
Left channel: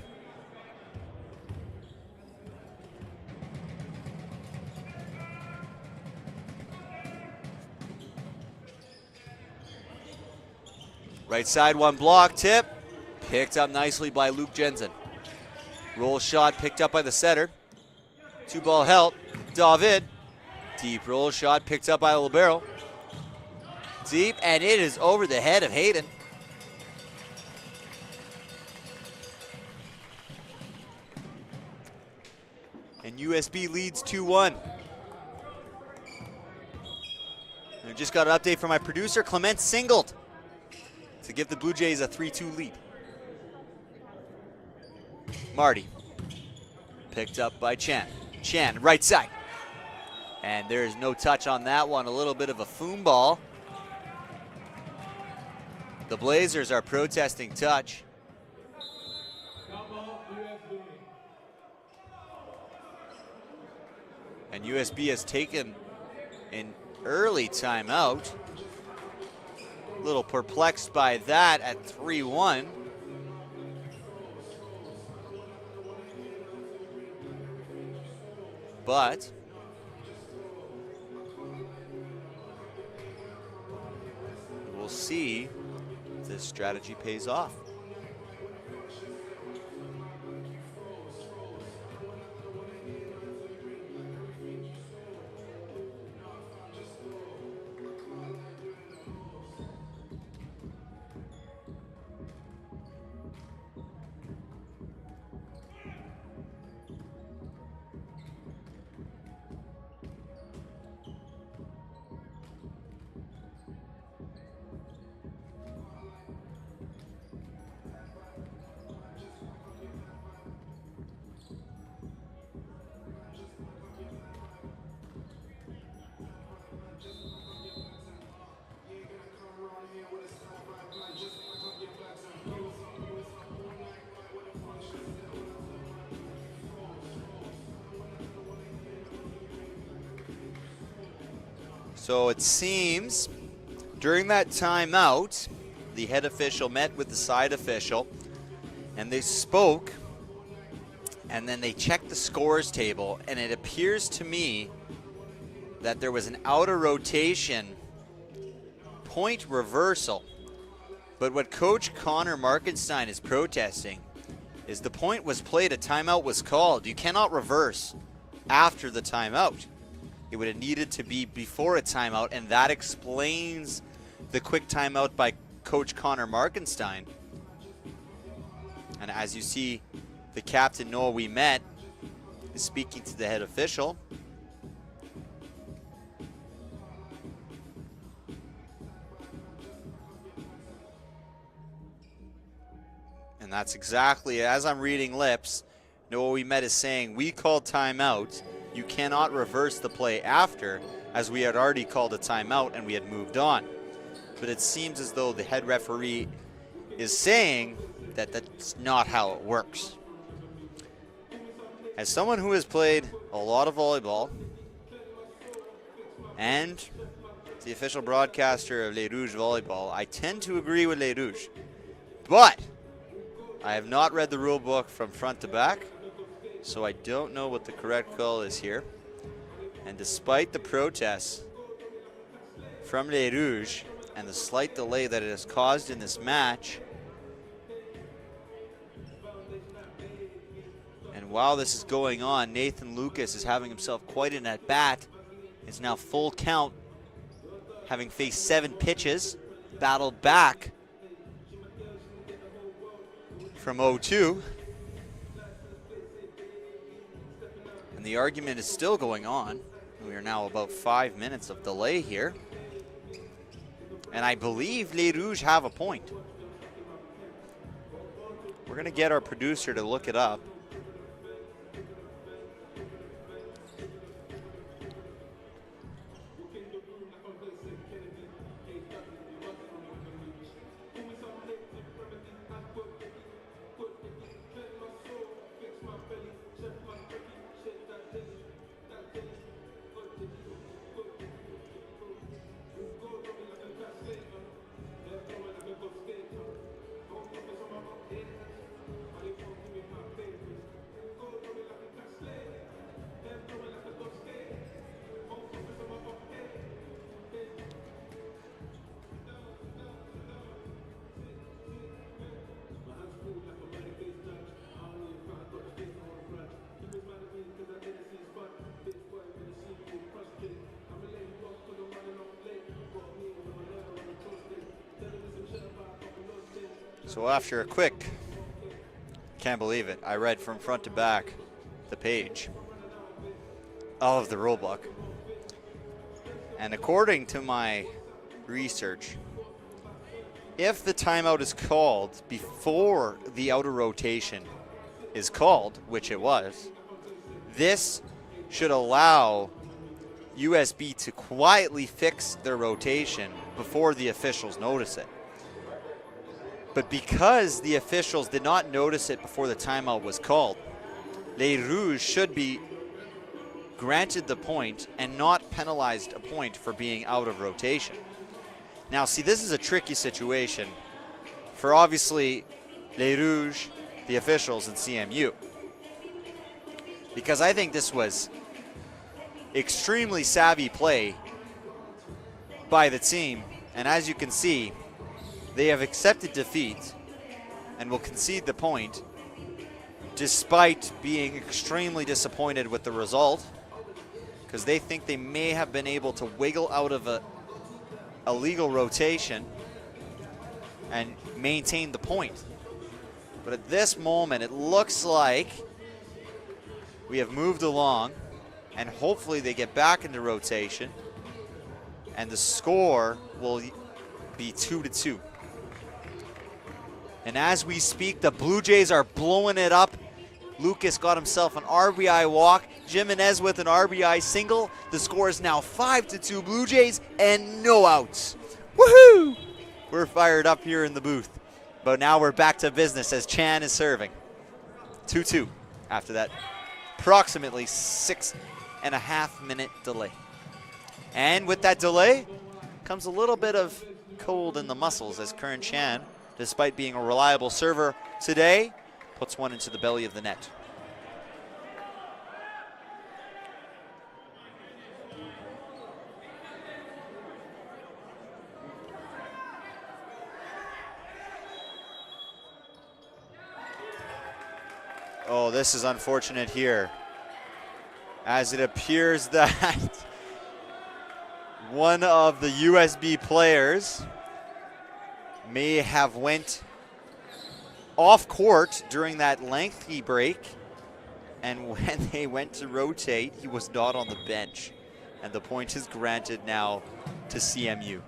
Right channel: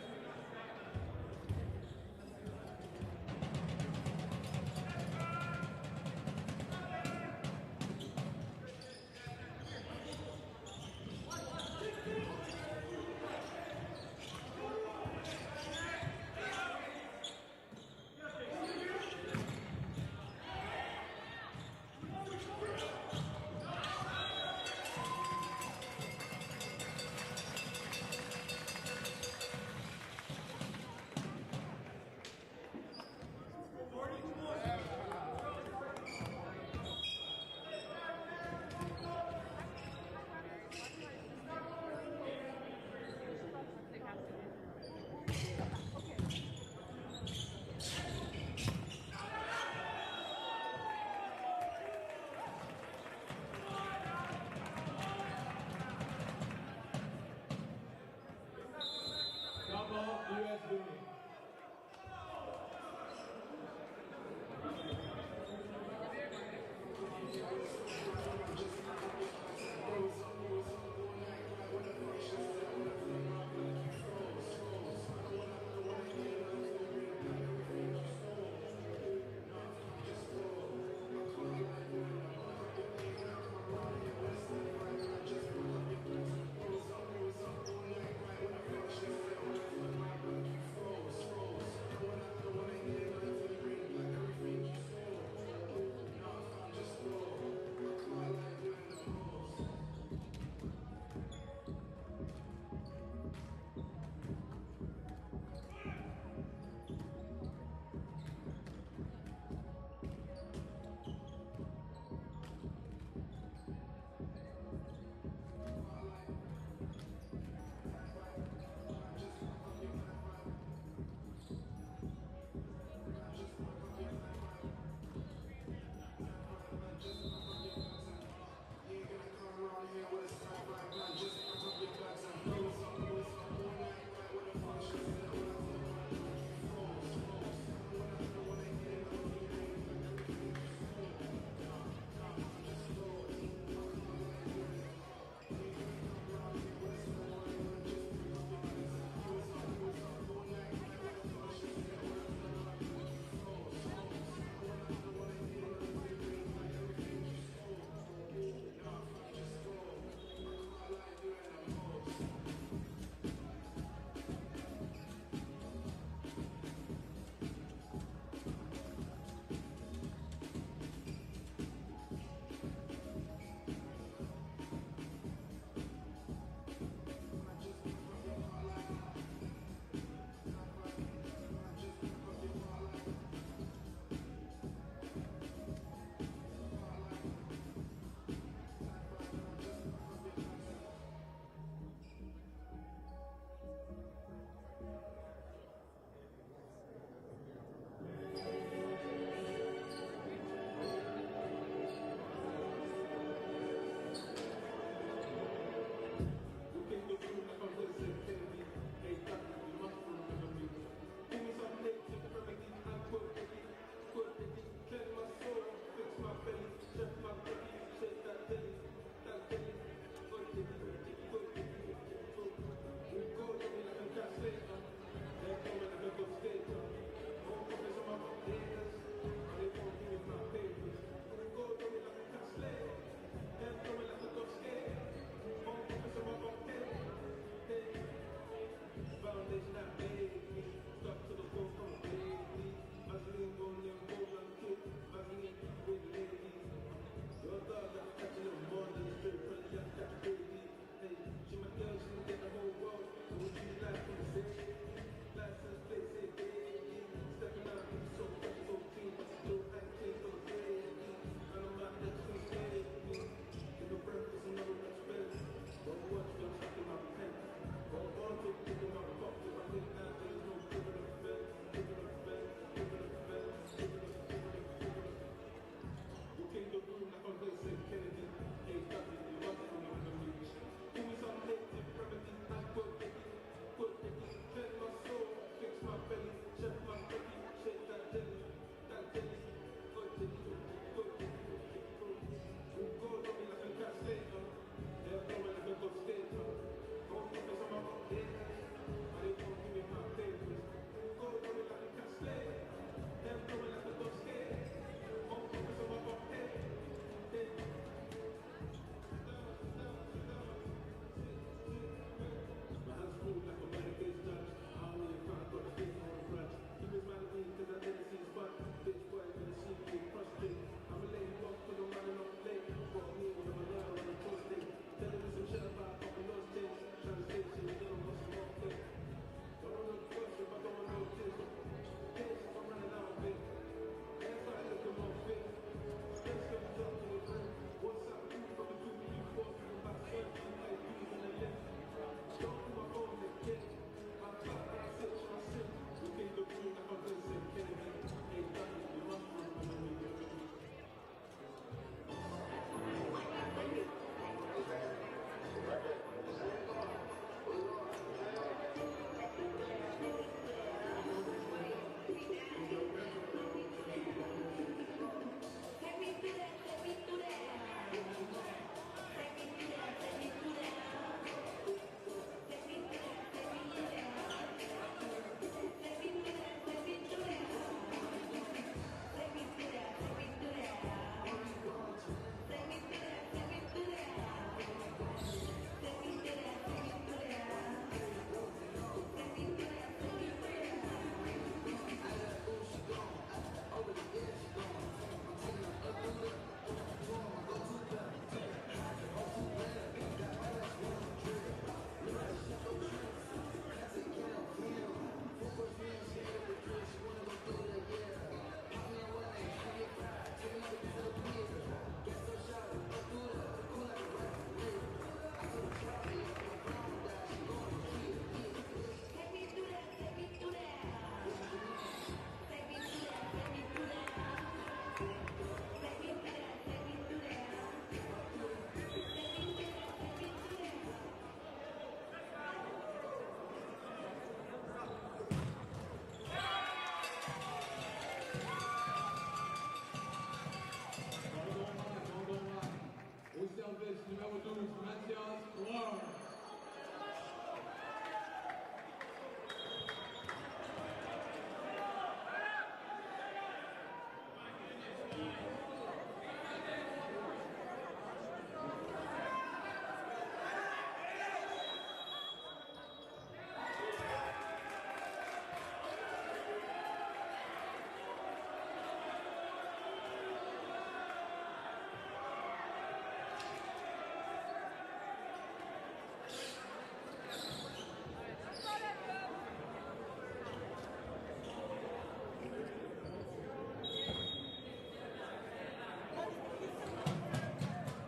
Right side, one block, tip. Picked up nicely by Luke Jensen. Roll shot picked up by the setter. Two ball help, David. Deep roll shot picked up by the libero. Deep, and it is over the head of Hayden. And USB leads 2-1. We just got an update from my producer, Clement singled to give the Blue Jays a 3-2 lead. Marty, picked up by Chan. Chan, right side. And there is no touch on that one, a little bit of a foom ball. The Blazers are protesting touch. And USB has taken an early timeout. A little perplexed by that at 3-1. But we'll see if this strategy pays off. So it seems during that timeout, the head official met with the side official and they spoke, and then they checked the scores table, and it appears to me that there was an outer rotation point reversal. But what Coach Connor Markenstein is protesting is the point was played, a timeout was called. You cannot reverse after the timeout. It would have needed to be before a timeout, and that explains the quick timeout by Coach Connor Markenstein. And as you see, the captain, Noah We Met, is speaking to the head official. And that's exactly, as I'm reading lips, Noah We Met is saying, we called timeout. You cannot reverse the play after, as we had already called a timeout and we had moved on. But it seems as though the head referee is saying that that's not how it works. As someone who has played a lot of volleyball and the official broadcaster of Les Rouges Volleyball, I tend to agree with Les Rouges. But I have not read the rule book from front to back, so I don't know what the correct call is here. And despite the protests from Les Rouges and the slight delay that it has caused in this match, and while this is going on, Nathan Lucas is having himself quite an at-bat. It's now full count, having faced 7 pitches, battled back from 0-2. And the argument is still going on. We are now about 5 minutes of delay here. And I believe Les Rouges have a point. We're gonna get our producer to look it up. So after a quick, can't believe it, I read from front to back the page of the rule book. And according to my research, if the timeout is called before the outer rotation is called, which it was, this should allow USB to quietly fix their rotation before the officials notice it. But because the officials did not notice it before the timeout was called, Les Rouges should be granted the point and not penalized a point for being out of rotation. Now, see, this is a tricky situation for obviously Les Rouges, the officials, and CMU. Because I think this was extremely savvy play by the team. And as you can see, they have accepted defeat and will concede the point despite being extremely disappointed with the result, because they think they may have been able to wiggle out of a legal rotation and maintain the point. But at this moment, it looks like we have moved along, and hopefully they get back into rotation, and the score will be 2-2. And as we speak, the Blue Jays are blowing it up. Lucas got himself an RBI walk. Gym Est with an RBI single. The score is now 5-2 Blue Jays and no outs. Woohoo! We're fired up here in the booth. But now we're back to business as Chan is serving. 2-2 after that approximately 6.5 minute delay. And with that delay comes a little bit of cold in the muscles as Curran Chan, despite being a reliable server today, puts one into the belly of the net. Oh, this is unfortunate here, as it appears that one of the USB players may have went off court during that lengthy break, and when they went to rotate, he was not on the bench, and the point is granted now to CMU.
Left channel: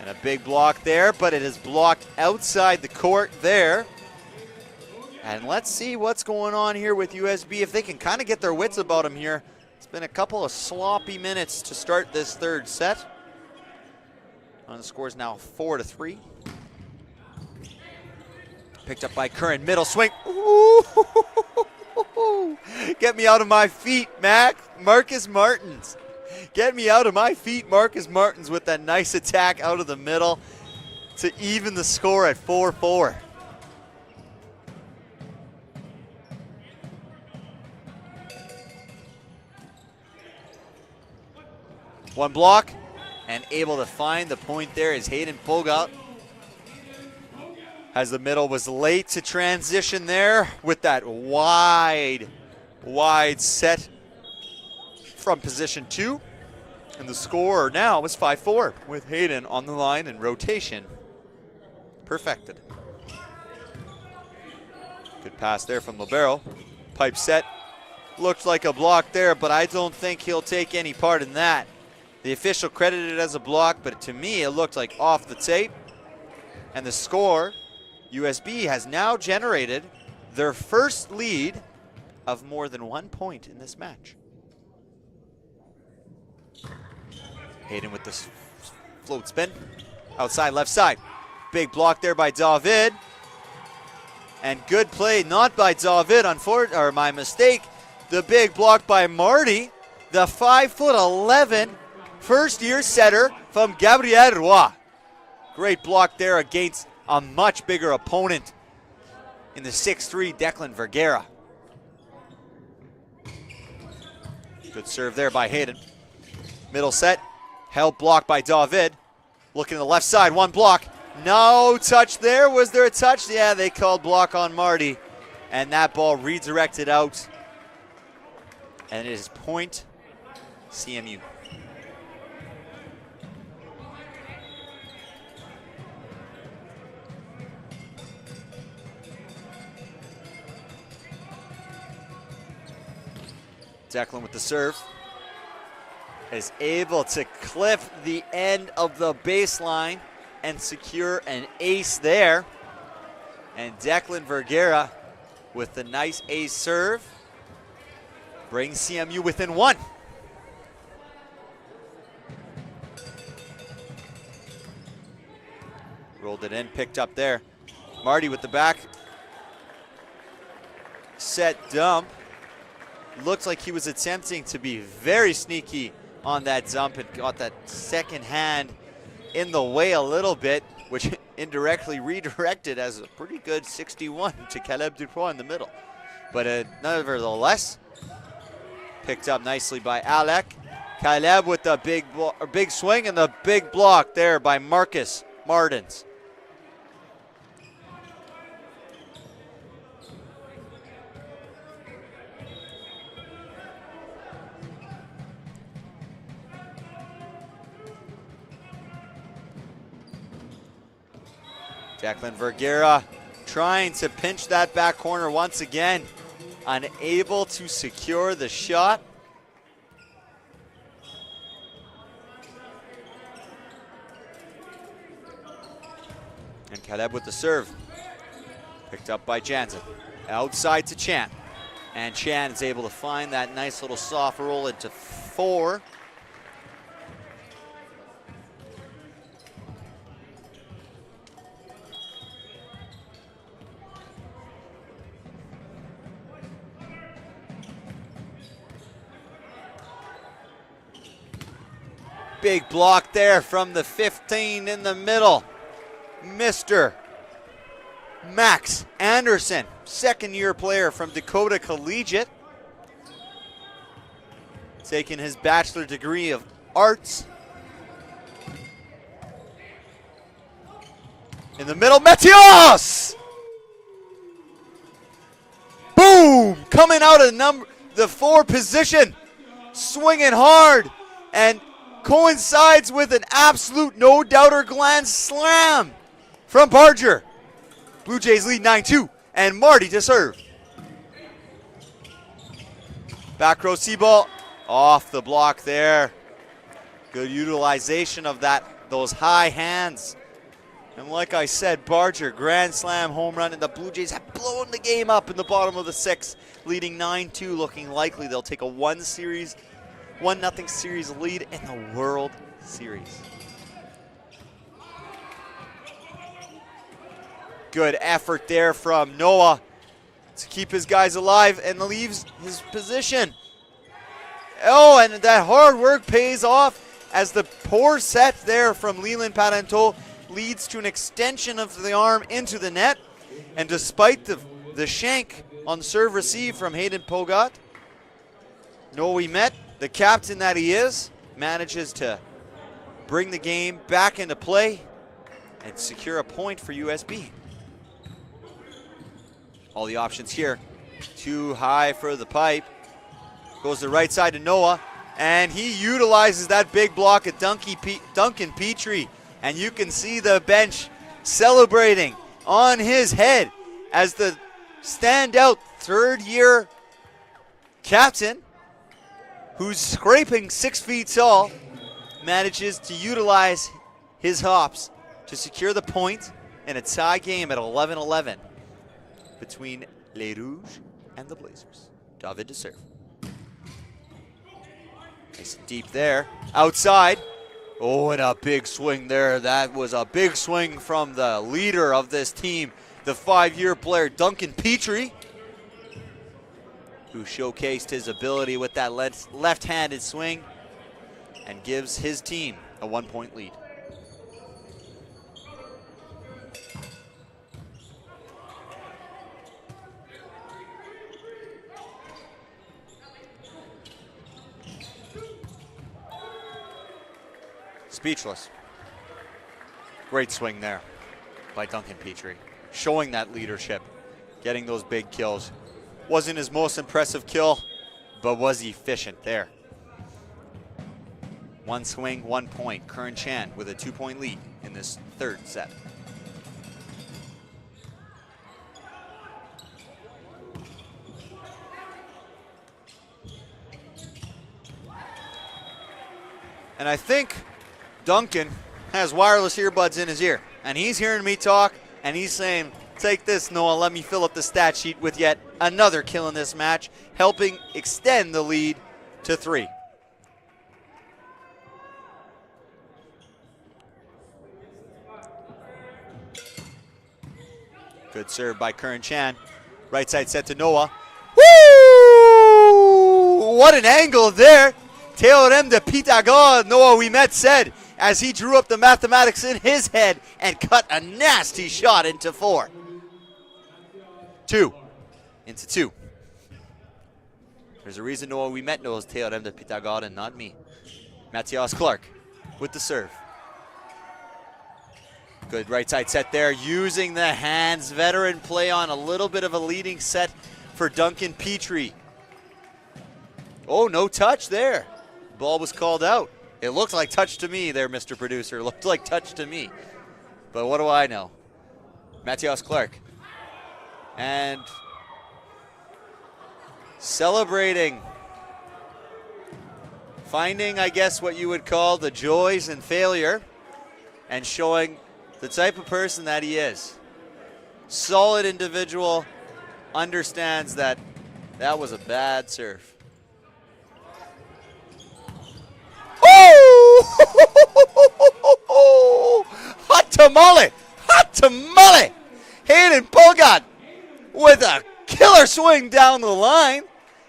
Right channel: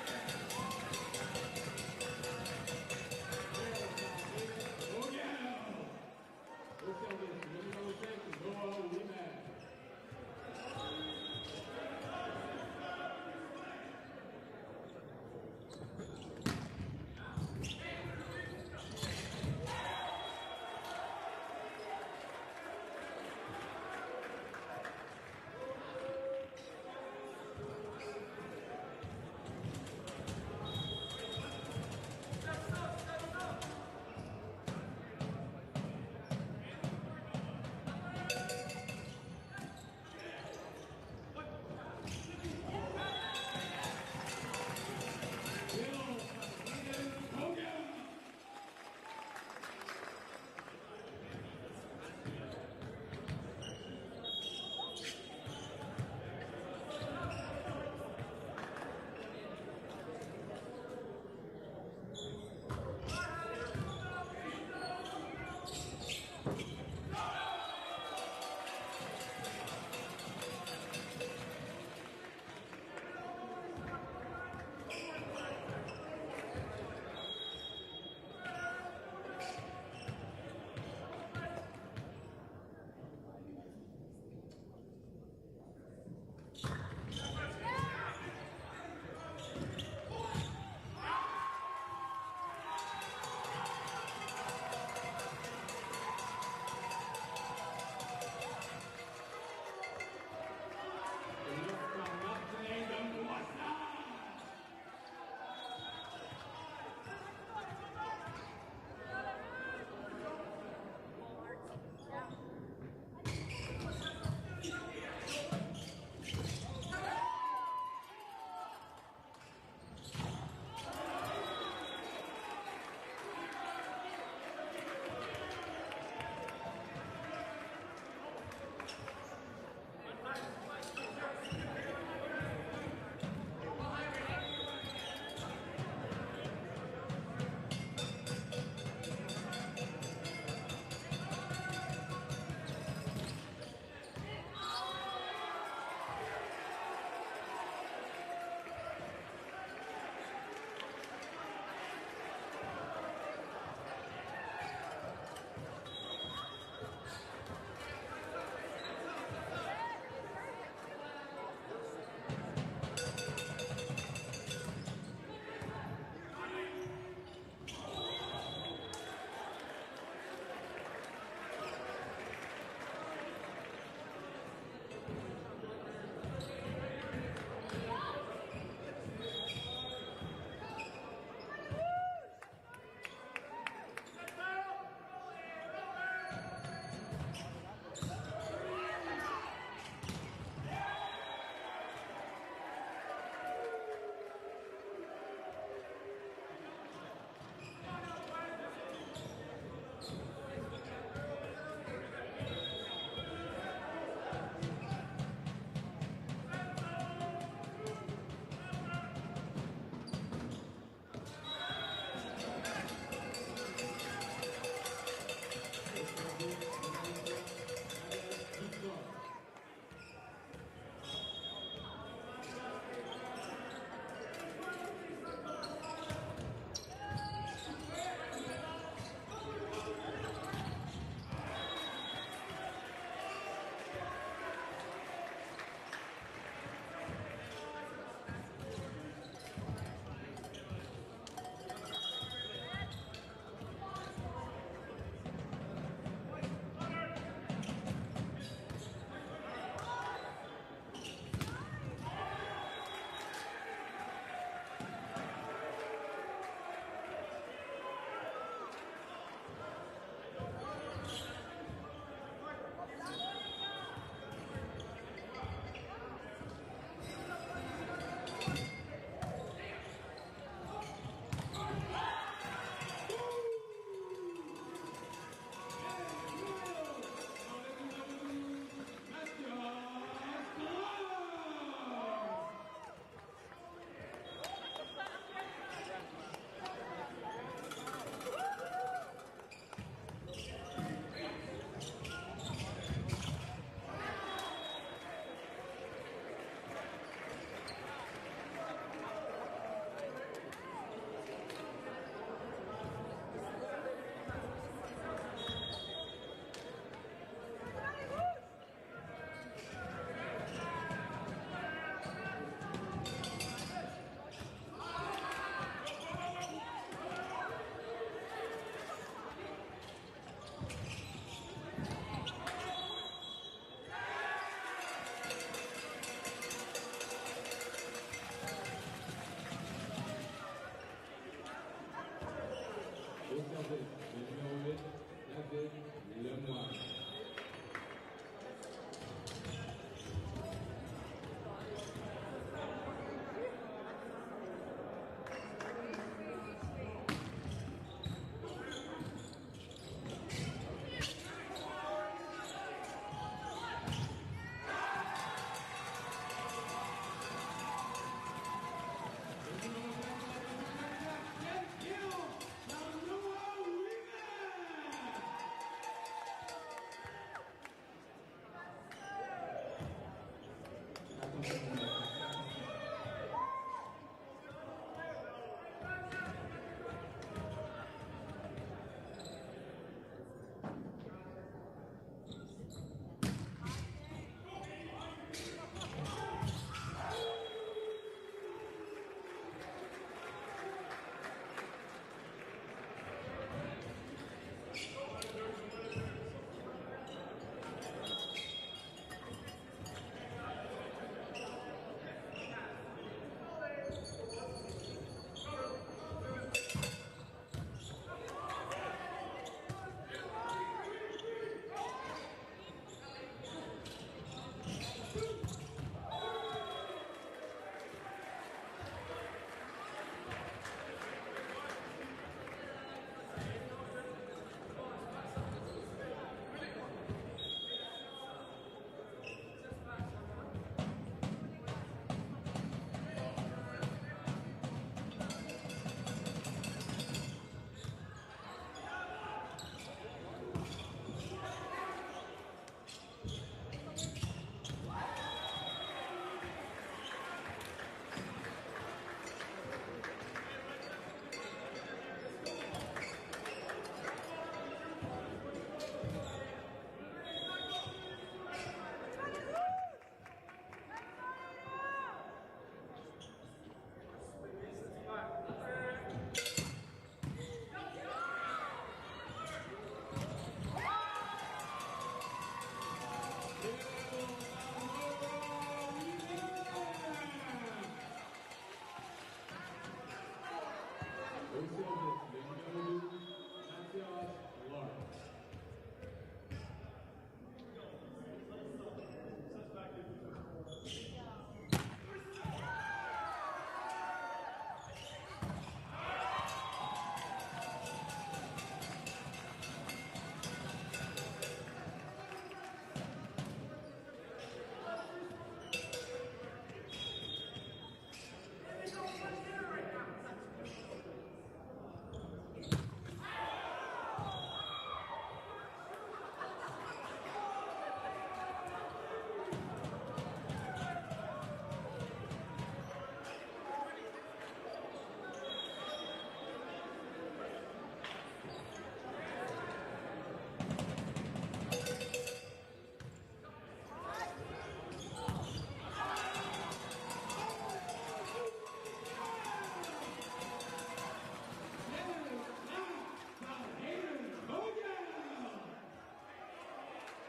And a big block there, but it is blocked outside the court there. And let's see what's going on here with USB, if they can kind of get their wits about them here. It's been a couple of sloppy minutes to start this third set. And the score is now 4-3. Picked up by Curran, middle swing. Ooh, get me out of my feet, Marcus Martins. Get me out of my feet, Marcus Martins, with that nice attack out of the middle to even the score at 4-4. One block, and able to find the point there is Hayden Fogout. As the middle was late to transition there with that wide set from position 2. And the score now is 5-4 with Hayden on the line and rotation perfected. Good pass there from Libero. Pipe set. Looked like a block there, but I don't think he'll take any part in that. The official credited it as a block, but to me it looked like off the tape. And the score, USB has now generated their first lead of more than 1 point in this match. Hayden with this float spin. Outside left side. Big block there by David. And good play, not by David, or my mistake. The big block by Marty. The 5'11" first-year setter from Gabriel Roy. Great block there against a much bigger opponent in the 6'3" Declan Vergara. Good serve there by Hayden. Middle set, held block by David. Looking to the left side, one block. No touch there. Was there a touch? Yeah, they called block on Marty. And that ball redirected out. And it is point CMU. Declan with the serve. Is able to clip the end of the baseline and secure an ace there. And Declan Vergara with the nice ace serve brings CMU within one. Rolled it in, picked up there. Marty with the back. Set dump. Looked like he was attempting to be very sneaky on that dump and got that second hand in the way a little bit, which indirectly redirected as a pretty good 61 to Caleb Dupois in the middle. But nevertheless, picked up nicely by Alec. Caleb with the big swing and the big block there by Marcus Martins. Declan Vergara trying to pinch that back corner once again, unable to secure the shot. And Caleb with the serve. Picked up by Jansen. Outside to Chan. And Chan is able to find that nice little soft roll into 4. Big block there from the 15 in the middle. Mr. Max Anderson, second-year player from Dakota Collegiate. Taking his bachelor degree of arts. In the middle, Matias! Boom! Coming out of the 4 position, swinging hard, and coincides with an absolute no-doubter glance slam from Barger. Blue Jays lead 9-2, and Marty to serve. Back row C-ball, off the block there. Good utilization of those high hands. And like I said, Barger, grand slam home run, and the Blue Jays have blown the game up in the bottom of the 6th, leading 9-2, looking likely they'll take a 1-0 series lead in the World Series. Good effort there from Noah to keep his guys alive and leaves his position. Oh, and that hard work pays off as the poor set there from Leland Parenteau leads to an extension of the arm into the net. And despite the shank on serve receive from Hayden Pogat, Noe Met, the captain that he is, manages to bring the game back into play and secure a point for USB. All the options here. Too high for the pipe. Goes the right side to Noah. And he utilizes that big block of Duncan Petrie. And you can see the bench celebrating on his head as the standout third-year captain, who's scraping 6 feet tall, manages to utilize his hops to secure the point in a tie game at 11-11 between Les Rouges and the Blazers. David to serve. Nice deep there, outside. Oh, and a big swing there. That was a big swing from the leader of this team, the 5-year player, Duncan Petrie, who showcased his ability with that left-handed swing and gives his team a 1-point lead. Speechless. Great swing there by Duncan Petrie, showing that leadership, getting those big kills. Wasn't his most impressive kill, but was efficient there. 1 swing, 1 point. Curran Chan with a 2-point lead in this third set. And I think Duncan has wireless earbuds in his ear, and he's hearing me talk, and he's saying, take this, Noah, let me fill up the stat sheet with yet another kill in this match, helping extend the lead to 3. Good serve by Curran Chan. Right side set to Noah. Woo! What an angle there. Théorème de Pythagore, Noah Ouimet said, as he drew up the mathematics in his head and cut a nasty shot into 4. 2 into 2. There's a reason Noah Ouimet knows Théorème de Pythagore and not me. Matthias Clark with the serve. Good right side set there, using the hands. Veteran play on, a little bit of a leading set for Duncan Petrie. Oh, no touch there. Ball was called out. It looked like touch to me there, Mr. Producer. It looked like touch to me. But what do I know? Matthias Clark. And celebrating. Finding, I guess, what you would call the joys in failure, and showing the type of person that he is. Solid individual, understands that that was a bad serve. Oh! Hot tamale! Hot tamale! Hayden Pulgad with a killer swing down the line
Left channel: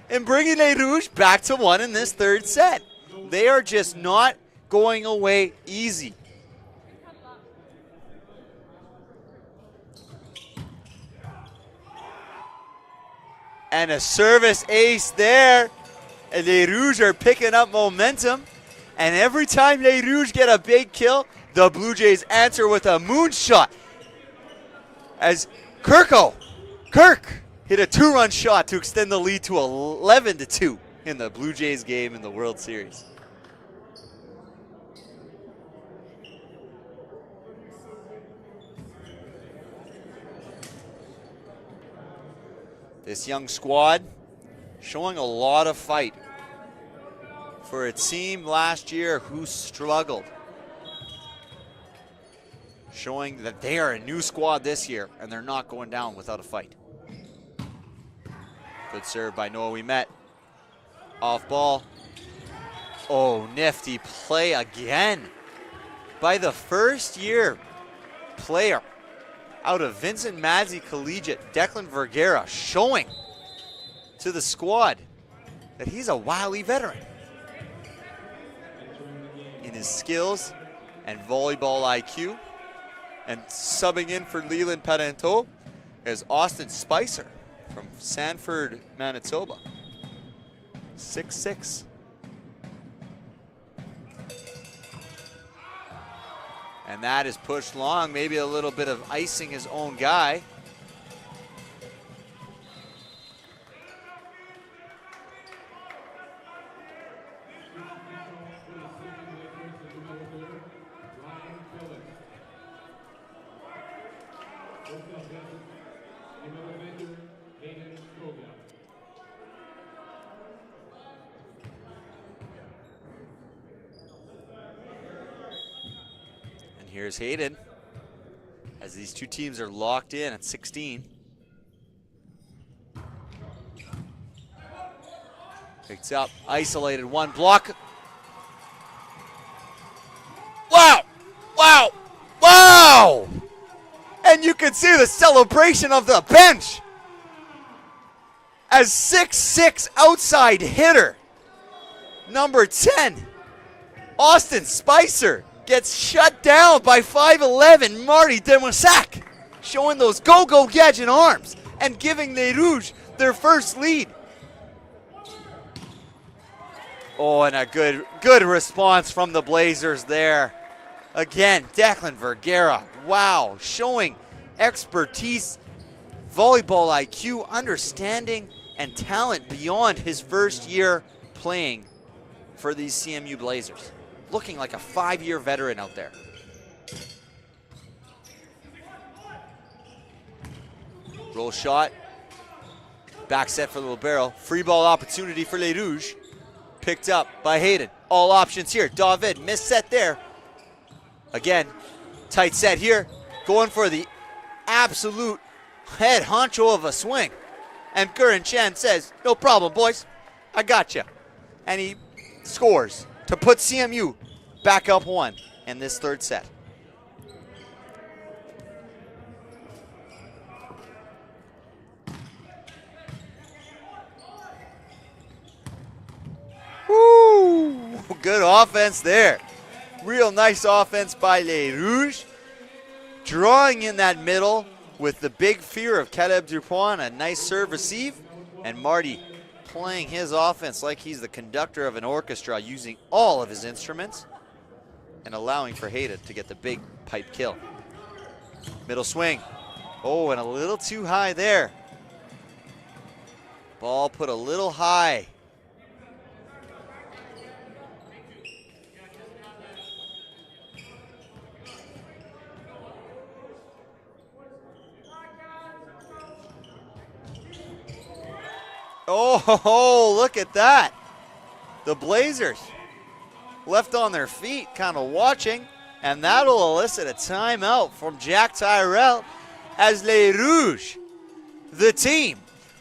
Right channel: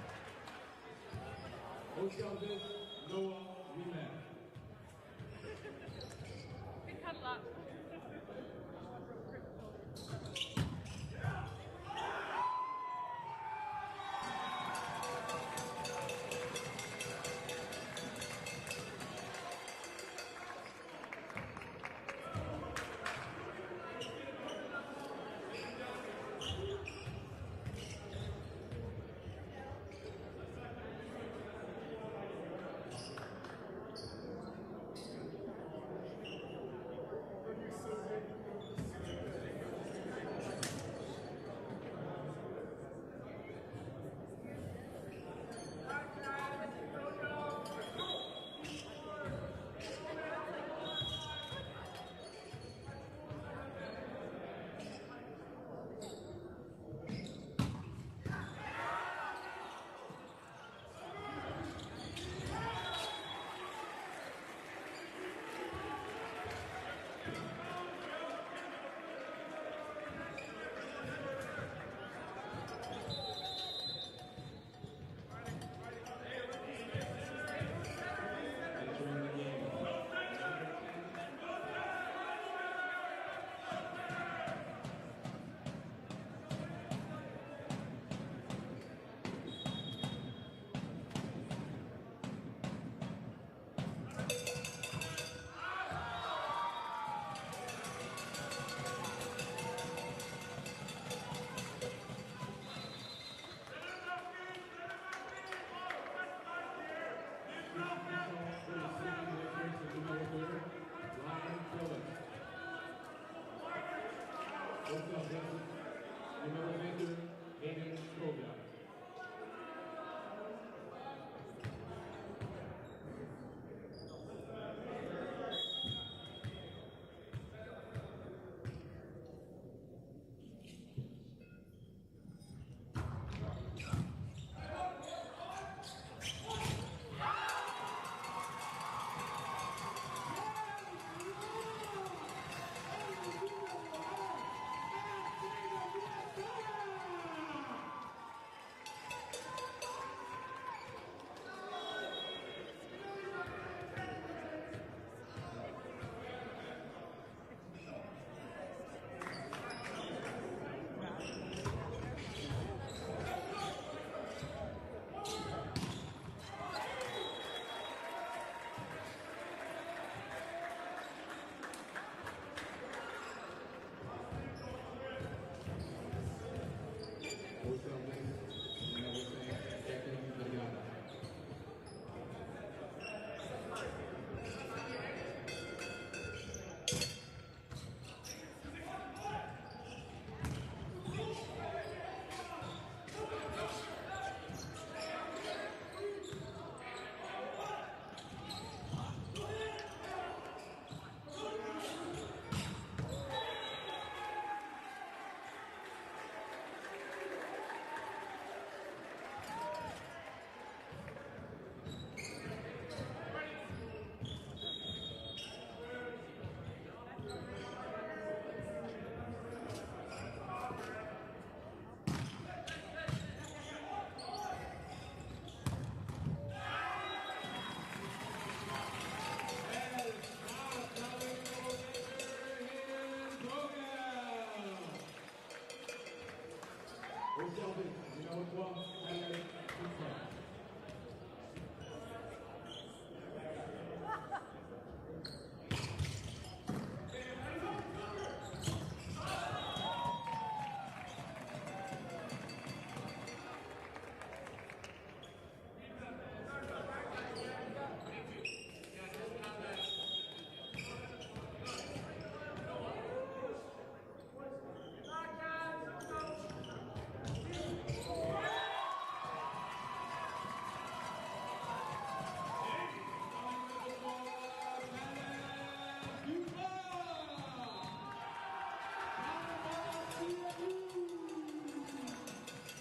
and bringing Les Rouges back to 1 in this third set. They are just not going away easy. And a service ace there. And Les Rouges are picking up momentum. And every time Les Rouges get a big kill, the Blue Jays answer with a moonshot. As Kirk hit a 2-run shot to extend the lead to 11-2 in the Blue Jays game in the World Series. This young squad showing a lot of fight for a team last year who struggled. Showing that they are a new squad this year and they're not going down without a fight. Good serve by Noah Ouimet. Off ball. Oh, nifty play again by the first-year player out of Vincent Madzi Collegiate, Declan Vergara, showing to the squad that he's a wily veteran in his skills and volleyball IQ. And subbing in for Leland Parenteau is Austin Spicer from Sanford, Manitoba. 6'6". And that is pushed long, maybe a little bit of icing his own guy. Here's Hayden, as these two teams are locked in at 16. Picks up, isolated, one block. Wow, wow, wow! And you can see the celebration of the bench as 6'6" outside hitter, number 10, Austin Spicer, gets shut down by 5'11" Marty Demosak, showing those go-go gadget arms and giving Les Rouges their first lead. Oh, and a good response from the Blazers there. Again, Declan Vergara, wow, showing expertise, volleyball IQ, understanding, and talent beyond his first year playing for these CMU Blazers. Looking like a 5-year veteran out there. Roll shot, back set for the libero. Free ball opportunity for Les Rouges. Picked up by Hayden. All options here. David, missed set there. Again, tight set here. Going for the absolute head honcho of a swing. And Curran Chen says, no problem, boys. I got you. And he scores to put CMU back up 1 in this third set. Woo! Good offense there. Real nice offense by Les Rouges. Drawing in that middle with the big fear of Caleb Dupont, a nice serve receive, and Marty playing his offense like he's the conductor of an orchestra, using all of his instruments and allowing for Hayden to get the big pipe kill. Middle swing. Oh, and a little too high there. Ball put a little high. Oh, look at that. The Blazers left on their feet, kind of watching, and that'll elicit a timeout from Jack Tyrell as Les Rouges, the team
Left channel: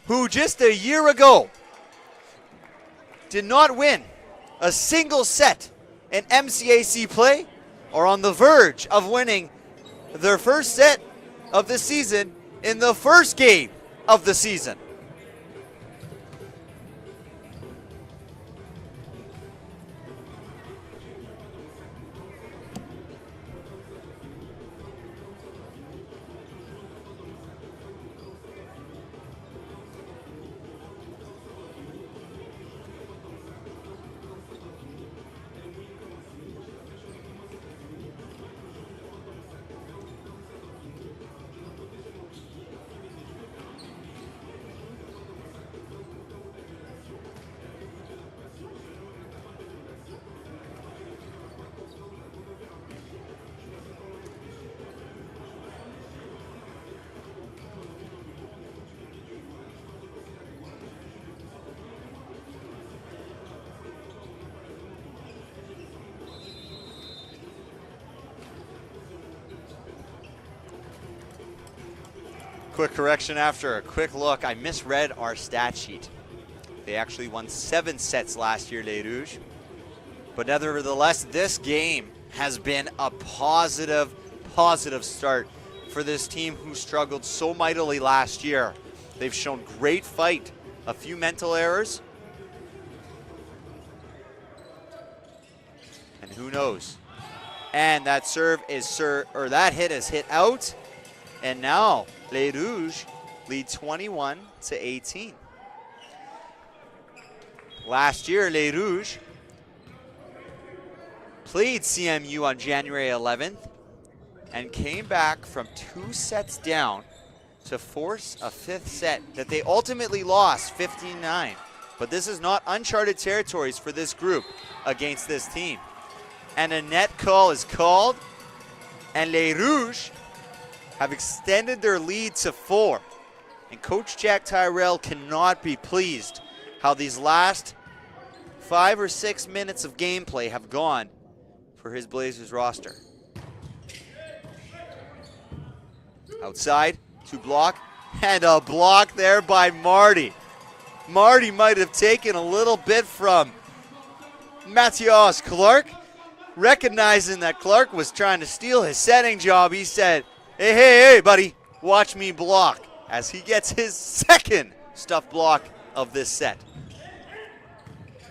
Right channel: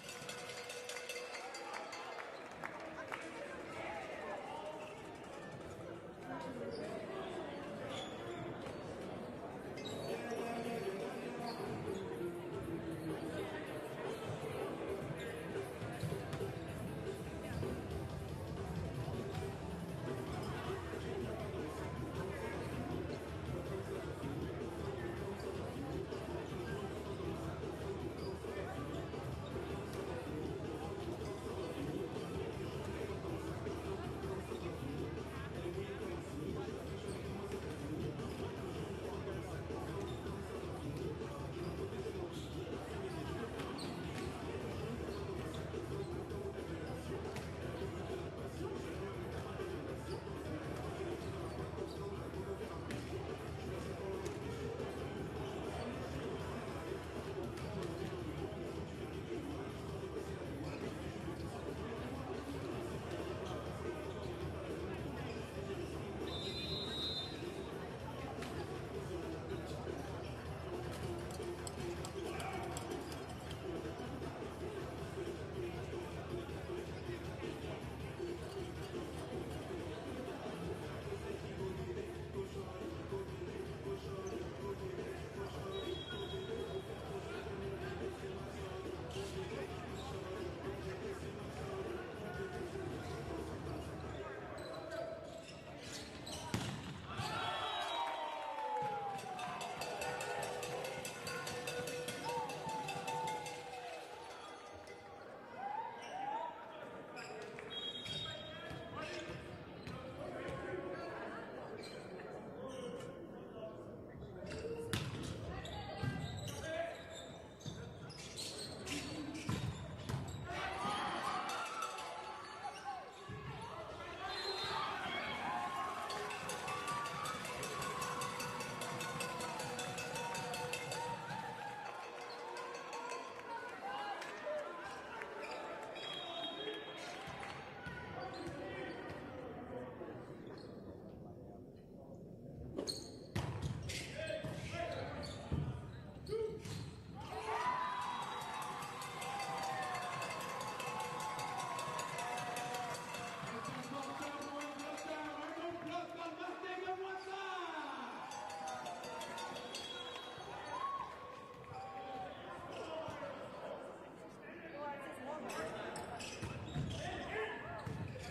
who just a year ago did not win a single set in MCAC play, are on the verge of winning their first set of the season in the first game of the season. Quick correction after a quick look. I misread our stat sheet. They actually won 7 sets last year, Les Rouges. But nevertheless, this game has been a positive start for this team who struggled so mightily last year. They've shown great fight, a few mental errors. And who knows? And that serve is that hit is hit out. And now Les Rouges lead 21-18. Last year, Les Rouges played CMU on January 11th and came back from 2 sets down to force a 5th set that they ultimately lost 15-9. But this is not uncharted territories for this group against this team. And a net call is called, and Les Rouges have extended their lead to 4. And Coach Jack Tyrell cannot be pleased how these last 5 or 6 minutes of gameplay have gone for his Blazers roster. Outside to block, and a block there by Marty. Marty might have taken a little bit from Matthias Clark. Recognizing that Clark was trying to steal his setting job, he said, hey, buddy, watch me block, as he gets his second stuff block of this set.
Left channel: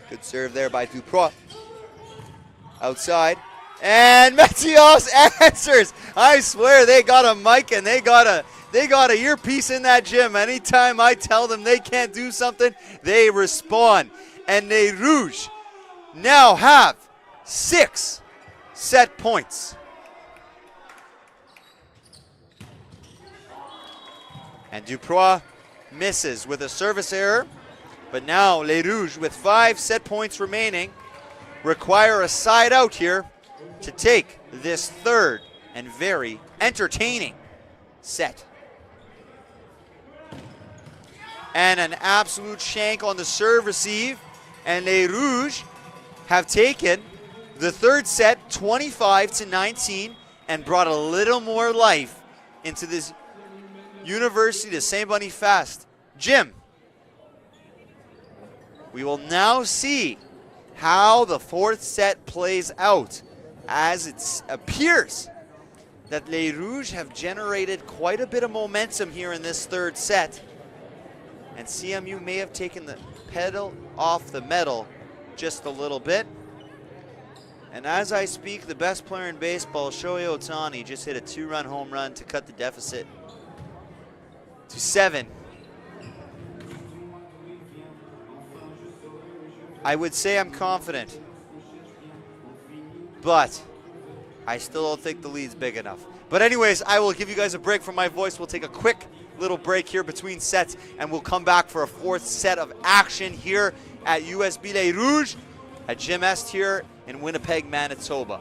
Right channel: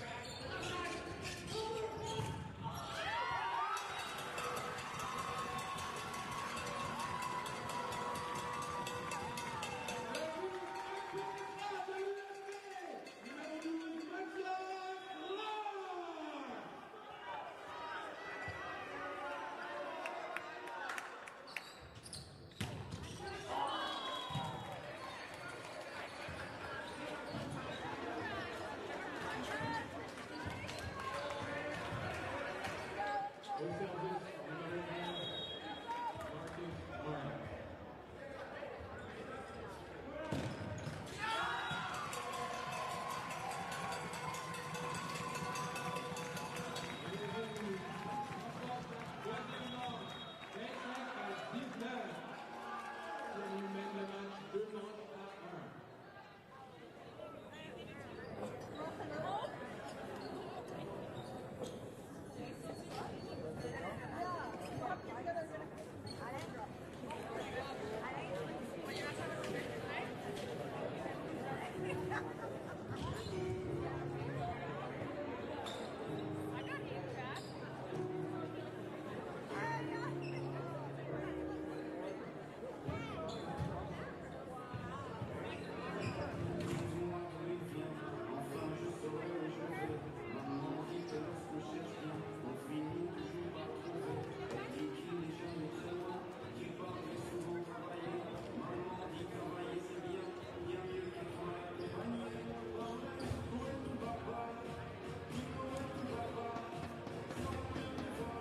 Good serve there by Duprois. Outside, and Matthias answers. I swear they got a mic and they got a earpiece in that gym. Anytime I tell them they can't do something, they respond. And les Rouges now have 6 set points. And Duprois misses with a service error. But now les Rouges, with 5 set points remaining, require a side out here to take this third and very entertaining set. And an absolute shank on the serve receive. And les Rouges have taken the third set 25-19 and brought a little more life into this Université de Saint-Boniface gym. We will now see how the fourth set plays out, as it appears that les Rouges have generated quite a bit of momentum here in this third set. And CMU may have taken the pedal off the metal just a little bit. And as I speak, the best player in baseball, Shohei Ohtani, just hit a 2-run home run to cut the deficit to 7. I would say I'm confident, but I still don't think the lead's big enough. But anyways, I will give you guys a break from my voice. We'll take a quick little break here between sets, and we'll come back for a fourth set of action here at USB Les Rouges at Gym Est here in Winnipeg, Manitoba.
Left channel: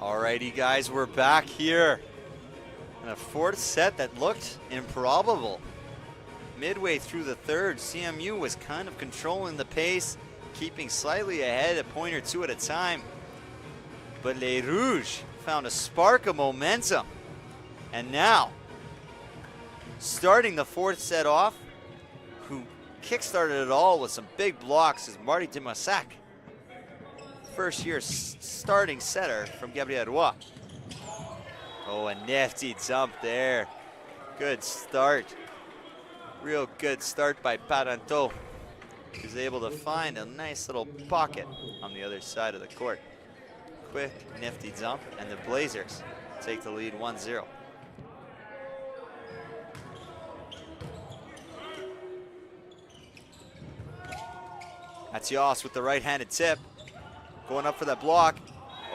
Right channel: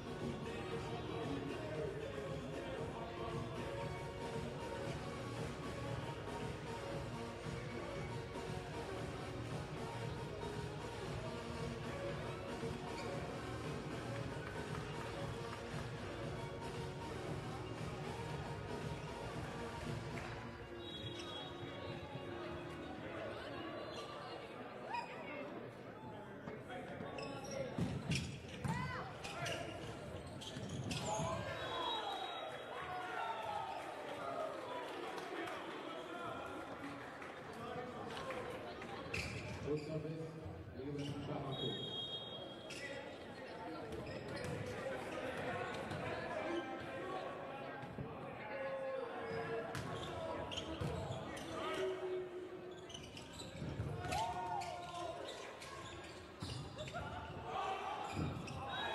Alrighty guys, we're back here in a fourth set that looked improbable. Midway through the third, CMU was kind of controlling the pace, keeping slightly ahead, a point or two at a time. But Les Rouges found a spark of momentum. And now, starting the fourth set off, who kickstarted it all with some big blocks, is Marty Dimassac. First year starting setter from Gabriel Roy. Oh, a nifty jump there. Good start. Real good start by Parenteau. He's able to find a nice little pocket on the other side of the court. Quick, nifty jump, and the Blazers take the lead 1-0. Mathias with the right-handed tip. Going up for that block.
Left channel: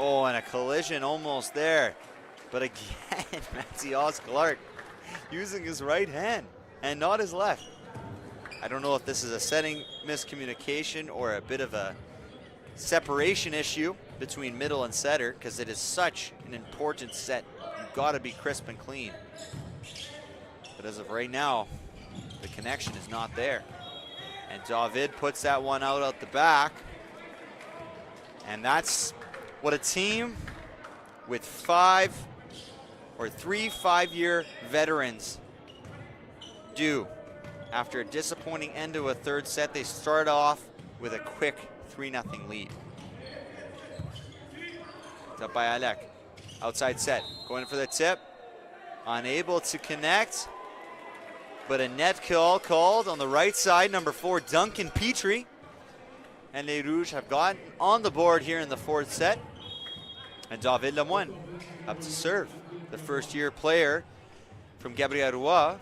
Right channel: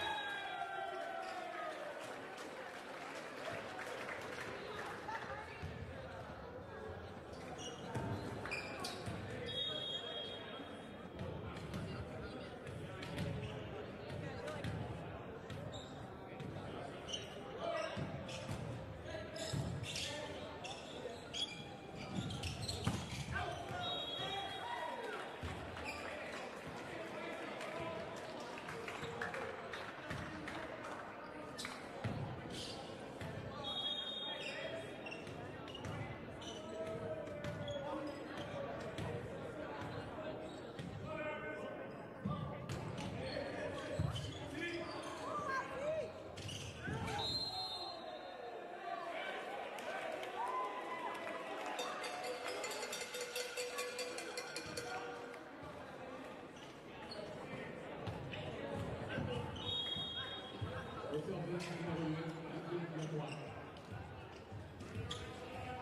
Oh, and a collision almost there. But again, Mathias Clark using his right hand and not his left. I don't know if this is a setting miscommunication or a bit of a separation issue between middle and setter, because it is such an important set. You've got to be crisp and clean. But as of right now, the connection is not there. And David puts that one out the back. And that's what a team with three 5-year veterans do. After a disappointing end to a third set, they start off with a quick 3-0 lead. It's up by Alec. Outside set, going for the tip. Unable to connect, but a net call called on the right side, number 4, Duncan Petrie. And Les Rouges have gotten on the board here in the fourth set. And David Lemoine up to serve, the first-year player from Gabriel Roy,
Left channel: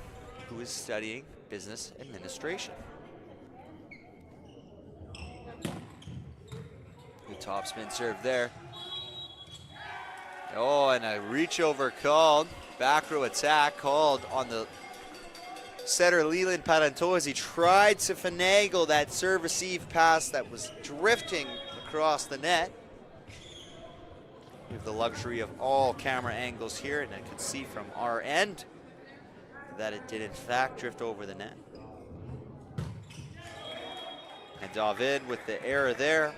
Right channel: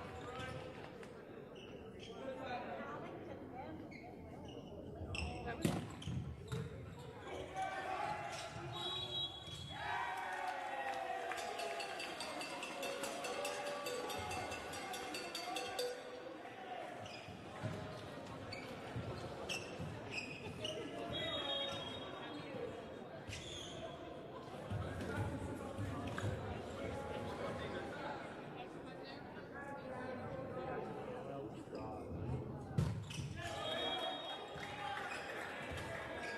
who is studying business administration. The topspin serve there. Oh, and a reach over called. Back row attack called on the setter Leland Parenteau as he tried to finagle that serve receive pass that was drifting across the net. With the luxury of all camera angles here, and I can see from our end that it did in fact drift over the net. And David with the error there.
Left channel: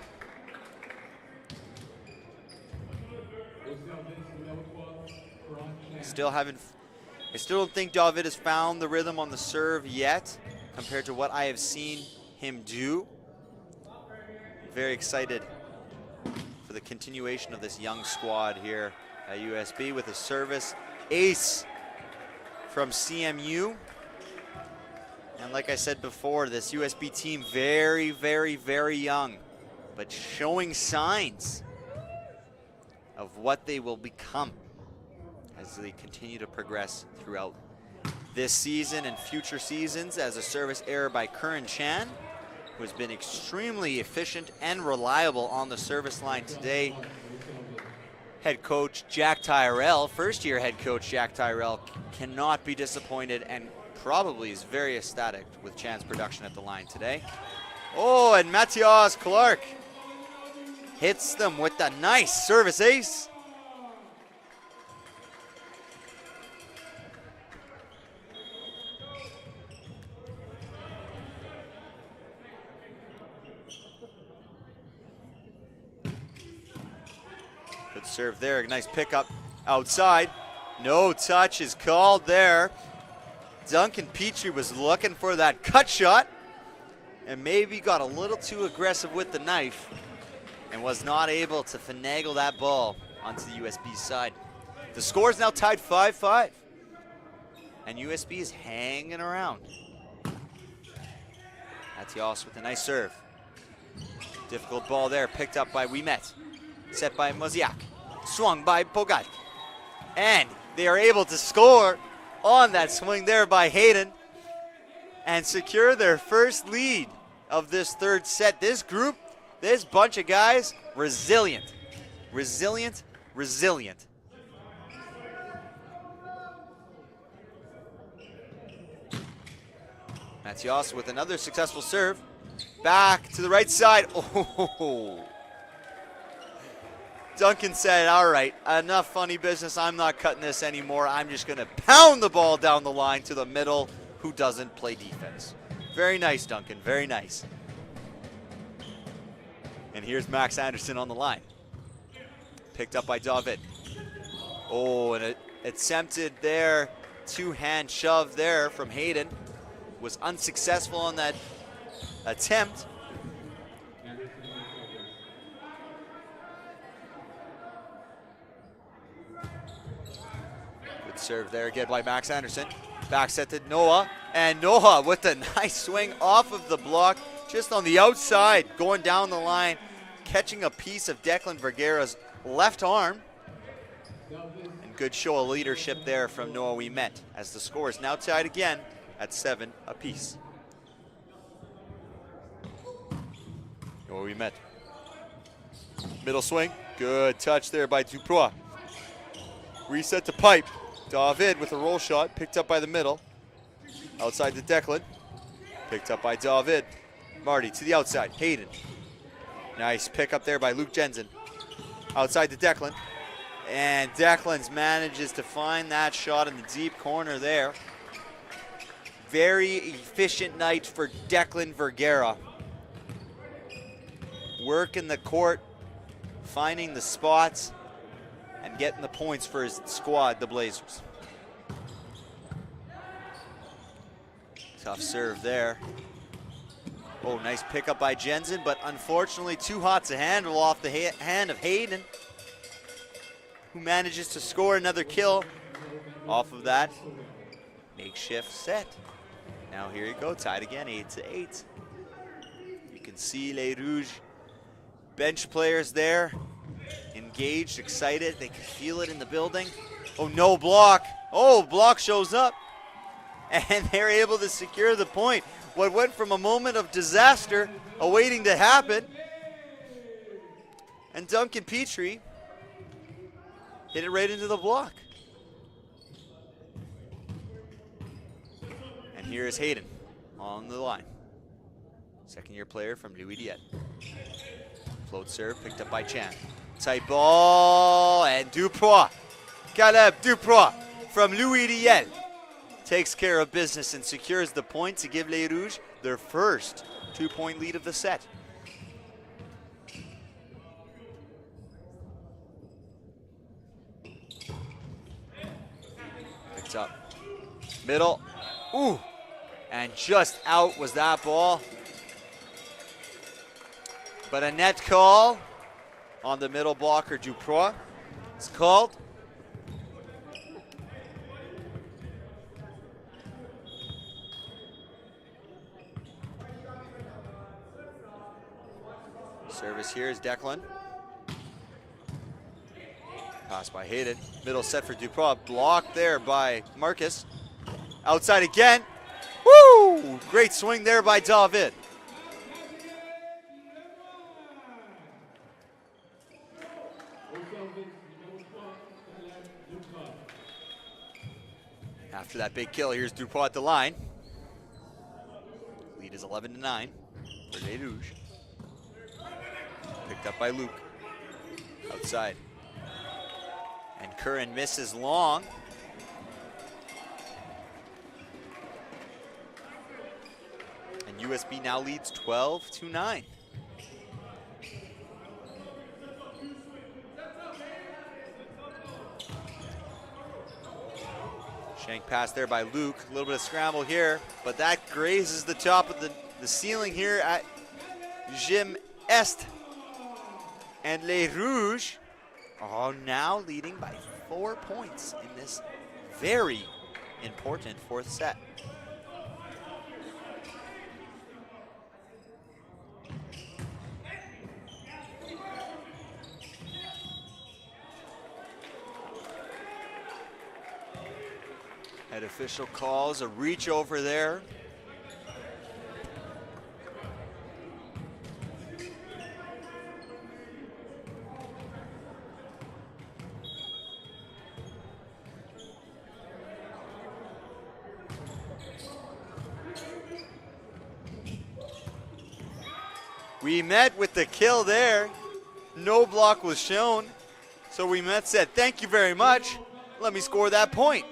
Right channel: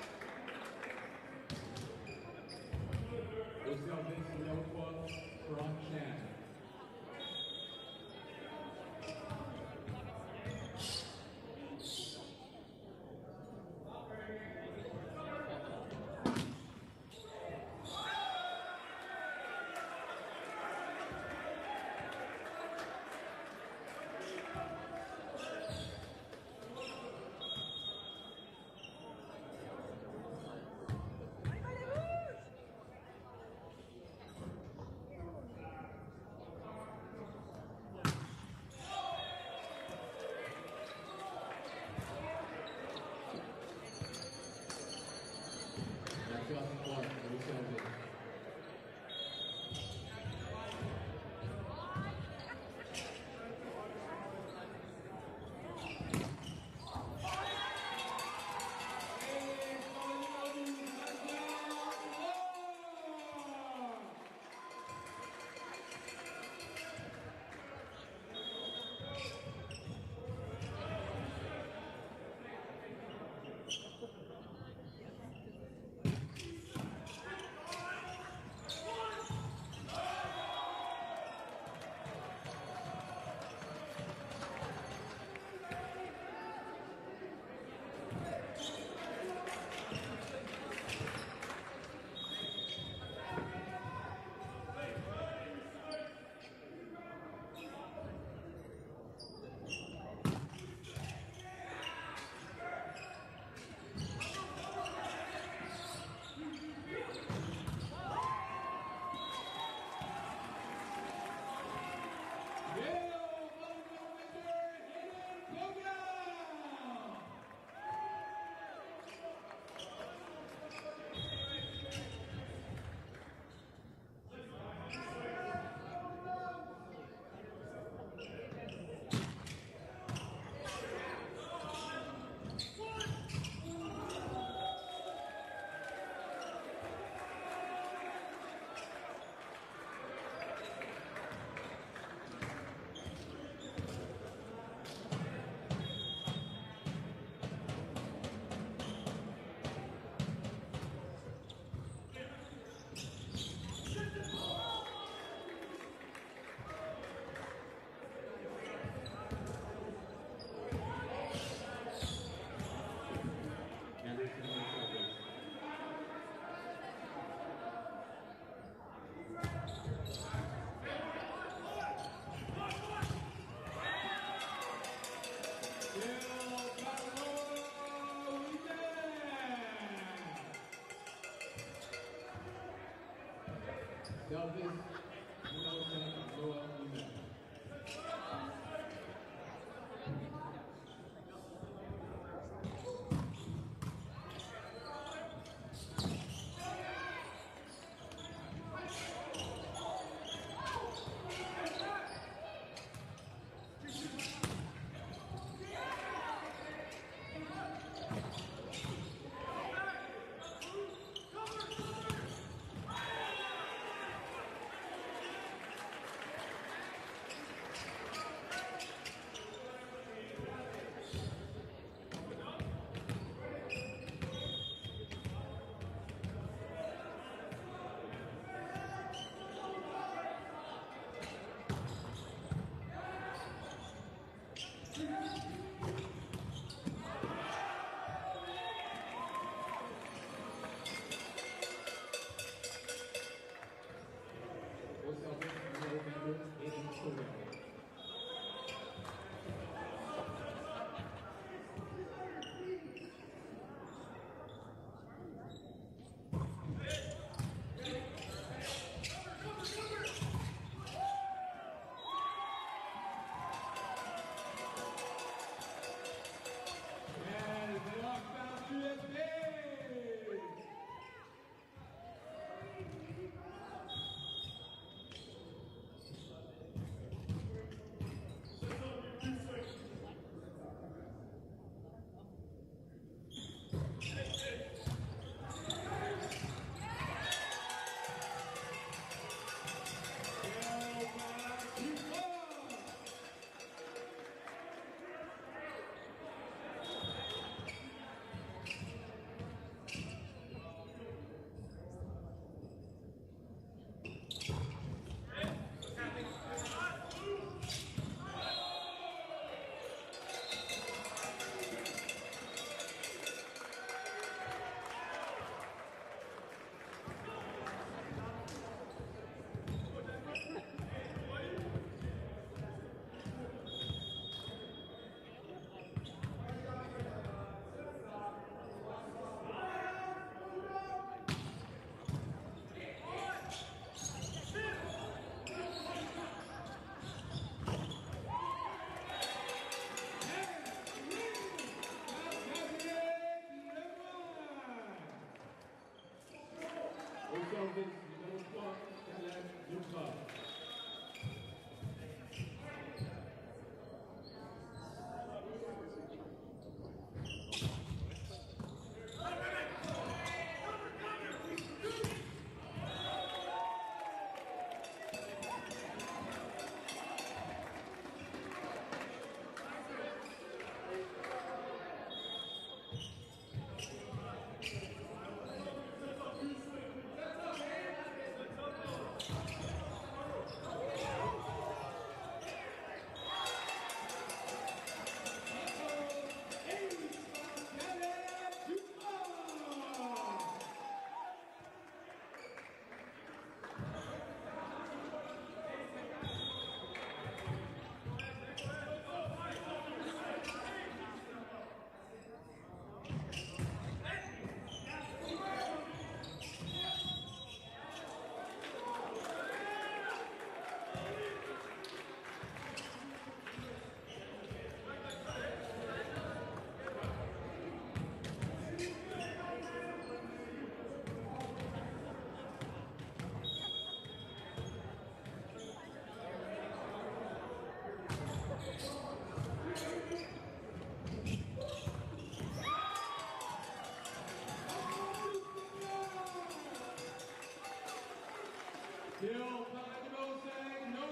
I still don't think David has found the rhythm on the serve yet compared to what I have seen him do. Very excited for the continuation of this young squad here at USB with a service ace from CMU. And like I said before, this USB team very, very, very young, but showing signs of what they will become as they continue to progress throughout this season and future seasons. As a service error by Curran Chan, who has been extremely efficient and reliable on the service line today. Head coach Jack Tyrell, first-year head coach Jack Tyrell, cannot be disappointed and probably is very ecstatic with Chan's production at the line today. Oh, and Mathias Clark hits them with a nice service ace. Good serve there, nice pickup outside. No touch is called there. Duncan Petrie was looking for that cut shot and maybe got a little too aggressive with the knife and was not able to finagle that ball onto the USB side. The score is now tied 5-5, and USB is hanging around. Mathias with a nice serve. Difficult ball there, picked up by Wimet. Set by Moziak, swung by Bogat. And they are able to score on that swing there by Hayden and secure their first lead of this third set. This group, this bunch of guys, resilient, resilient, resilient. Mathias with another successful serve. Back to the right side. Oh. Duncan said, all right, enough funny business. I'm not cutting this anymore. I'm just going to pound the ball down the line to the middle. Who doesn't play defense? Very nice, Duncan, very nice. And here's Max Anderson on the line. Picked up by David. Oh, and it attempted there, two-hand shove there from Hayden. Was unsuccessful on that attempt. Good serve there again by Max Anderson. Back set to Noah, and Noah with a nice swing off of the block, just on the outside, going down the line, catching a piece of Declan Vergara's left arm. Good show of leadership there from Noah Wimet, as the score is now tied again at 7 apiece. Noah Wimet. Middle swing, good touch there by Duprois. Reset to pipe. David with a roll shot, picked up by the middle. Outside to Declan, picked up by David. Marty to the outside, Hayden. Nice pick up there by Luke Jensen. Outside to Declan. And Declan manages to find that shot in the deep corner there. Very efficient night for Declan Vergara. Working the court, finding the spots, and getting the points for his squad, the Blazers. Tough serve there. Oh, nice pickup by Jensen, but unfortunately too hot to handle off the hand of Hayden, who manages to score another kill off of that makeshift set. Now here you go, tied again, 8-8. You can see Les Rouges bench players there, engaged, excited. They can feel it in the building. Oh, no block. Oh, block shows up. And they're able to secure the point. What went from a moment of disaster awaiting to happen. And Duncan Petrie hit it right into the block. And here is Hayden on the line. Second-year player from Louis Diet. Float serve picked up by Chan. Tight ball, and Duprois. Caleb Duprois from Louis Diet takes care of business and secures the point to give Les Rouges their first 2-point lead of the set. Picks up. Middle. Ooh. And just out was that ball. But a net call on the middle blocker, Duprois. It's called. Service here is Declan. Pass by Hayden. Middle set for Duprois. Blocked there by Marcus. Outside again. Woo! Great swing there by David. After that big kill, here's Duprois at the line. Lead is 11-9 for Les Rouges. Picked up by Luke. Outside. And Curran misses long. And USB now leads 12-9. Shank pass there by Luke. A little bit of scramble here, but that grazes the top of the ceiling here at Gym Est. And Les Rouges are now leading by 4 points in this very important fourth set. Head official calls a reach over there. Wimet with the kill there. No block was shown. So Wimet said, thank you very much. Let me score that point.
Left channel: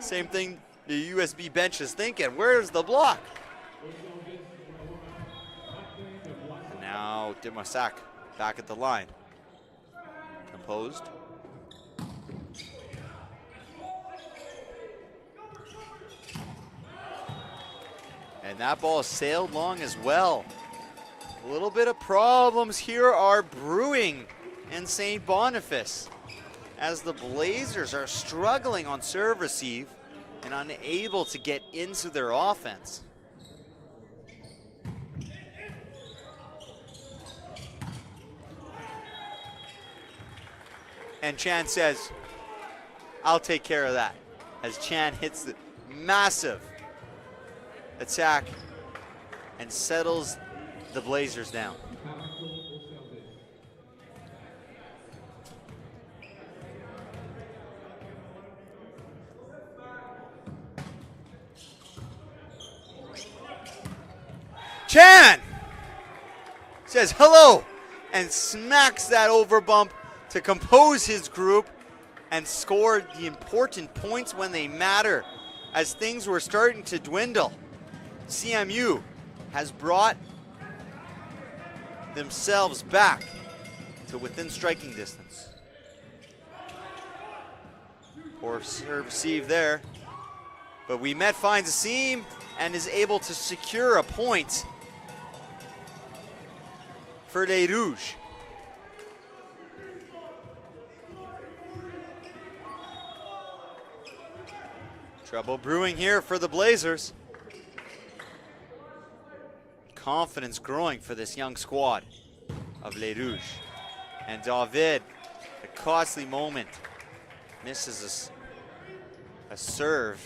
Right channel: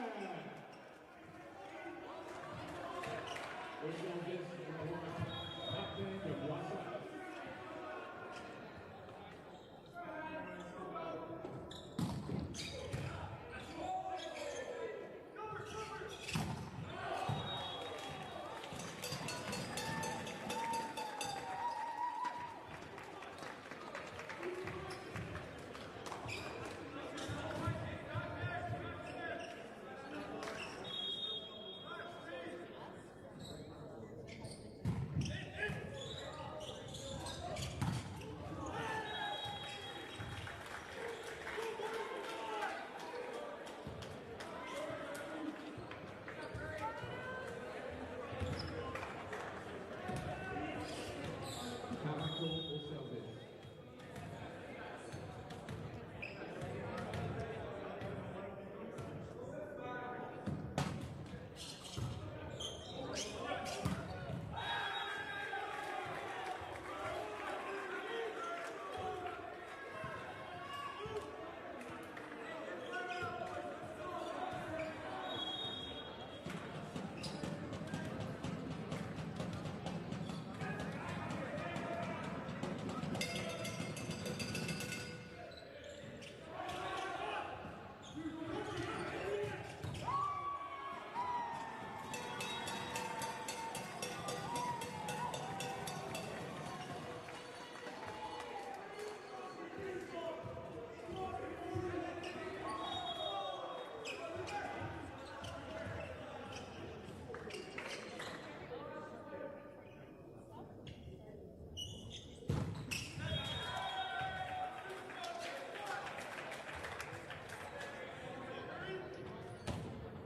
Same thing the USB bench is thinking. Where's the block? Now Demarsac back at the line. composed. And that ball sailed long as well. A little bit of problems here are brewing in St. Boniface as the Blazers are struggling on serve receive and unable to get into their offense. And Chan says, I'll take care of that, as Chan hits the massive attack and settles the Blazers down. Chan says hello and smacks that over bump to compose his group and score the important points when they matter as things were starting to dwindle. CMU has brought themselves back to within striking distance. Poor serve receive there, but Winnipeg finds a seam and is able to secure a point for les Rouges. Trouble brewing here for the Blazers. Confidence growing for this young squad of Les Rouges. And David, a costly moment, misses a serve.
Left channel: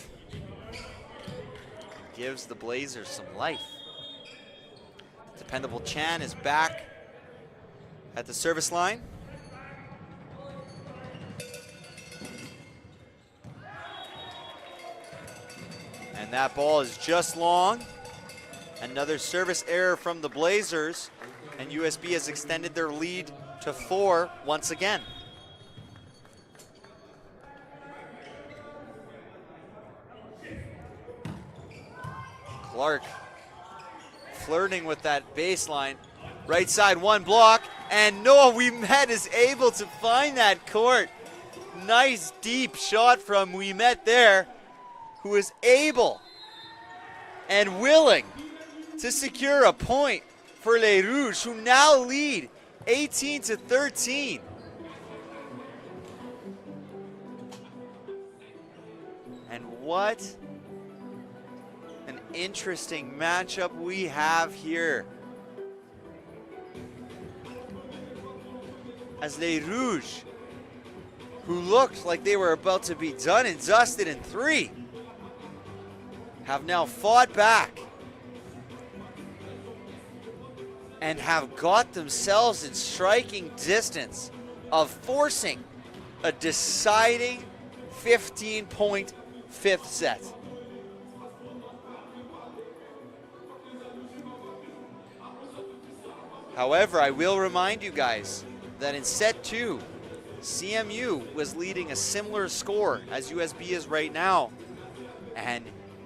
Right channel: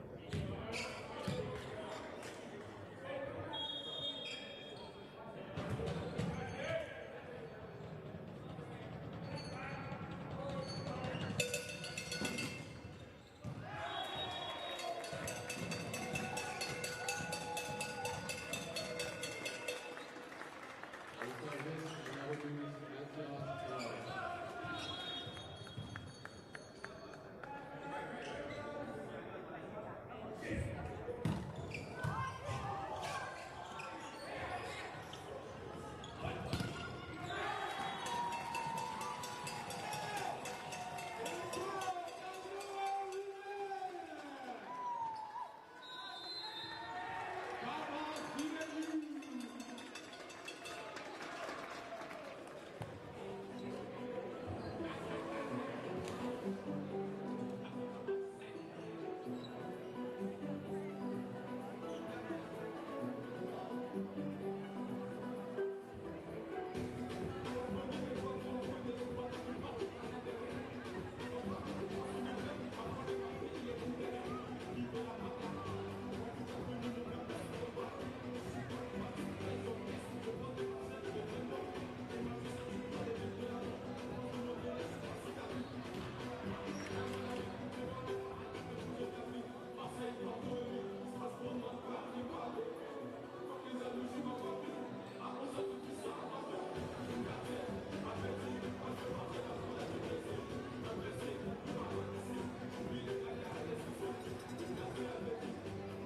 Gives the Blazers some life. Dependable Chan is back at the service line. And that ball is just long. Another service error from the Blazers, and USB has extended their lead to 4 once again. Clark flirting with that baseline. Right side, one block, and Noah Winnipeg is able to find that court. Nice deep shot from Winnipeg there, who is able and willing to secure a point for Les Rouges, who now lead 18-13. And what an interesting matchup we have here, as Les Rouges, who looked like they were about to be done and dusted in 3, have now fought back and have got themselves in striking distance of forcing a deciding 15-point 5th set. However, I will remind you guys that in set 2, CMU was leading a similar score as USB is right now, and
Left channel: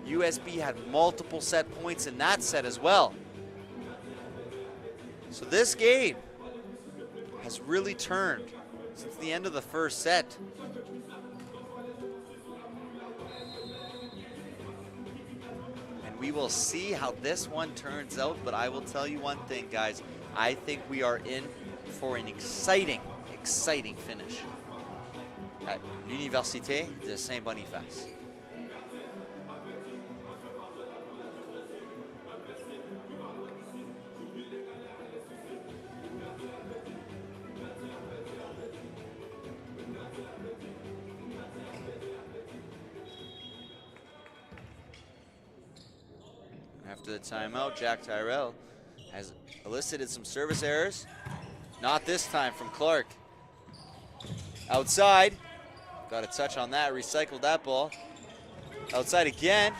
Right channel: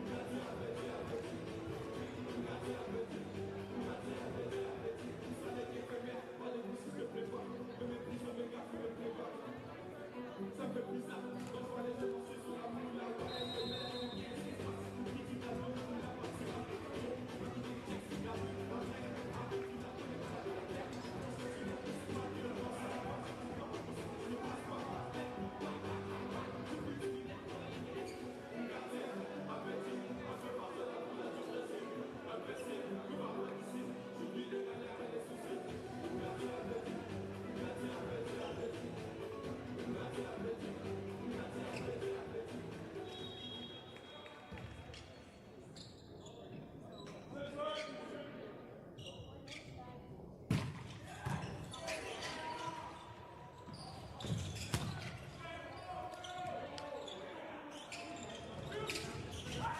USB had multiple set points in that set as well. So this game has really turned since the end of the first set. And we will see how this one turns out, but I will tell you one thing, guys. I think we are in for an exciting, exciting finish at Université de Saint-Boniface. Timeout, Jack Tyrell has elicited some service errors. Not this time from Clark. Outside, got a touch on that, recycled that ball. Outside again,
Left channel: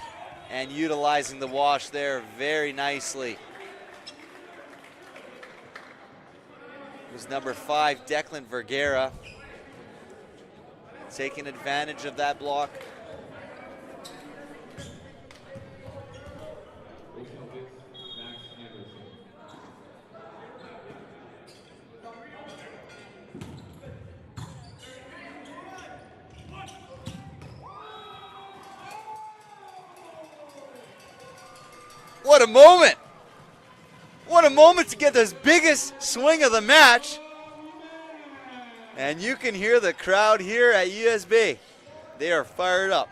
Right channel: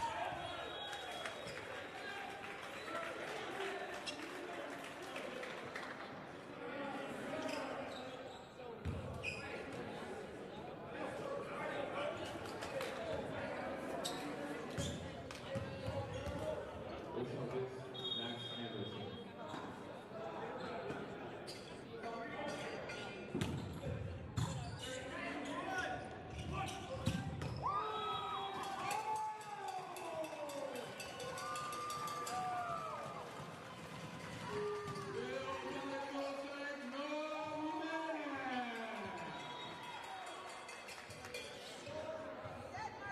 and utilizing the wash there very nicely. It was number 5, Declan Vergara, taking advantage of that block. What a moment. What a moment to get this biggest swing of the match. And you can hear the crowd here at USB. They are fired up.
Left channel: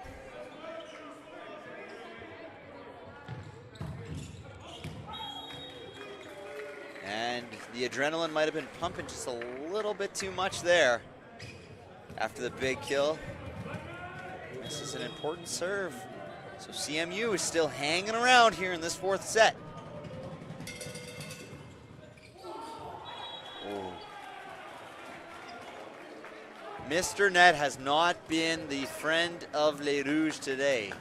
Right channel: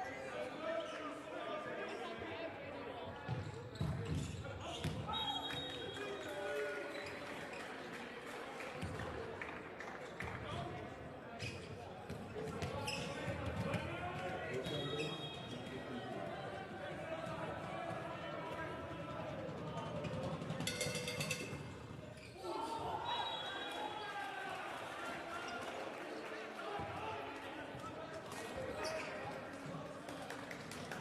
And the adrenaline might have been pumping just a little bit too much there after the big kill. This is an important serve. So CMU is still hanging around here in this fourth set. Mr. Net has not been the friend of Les Rouges today.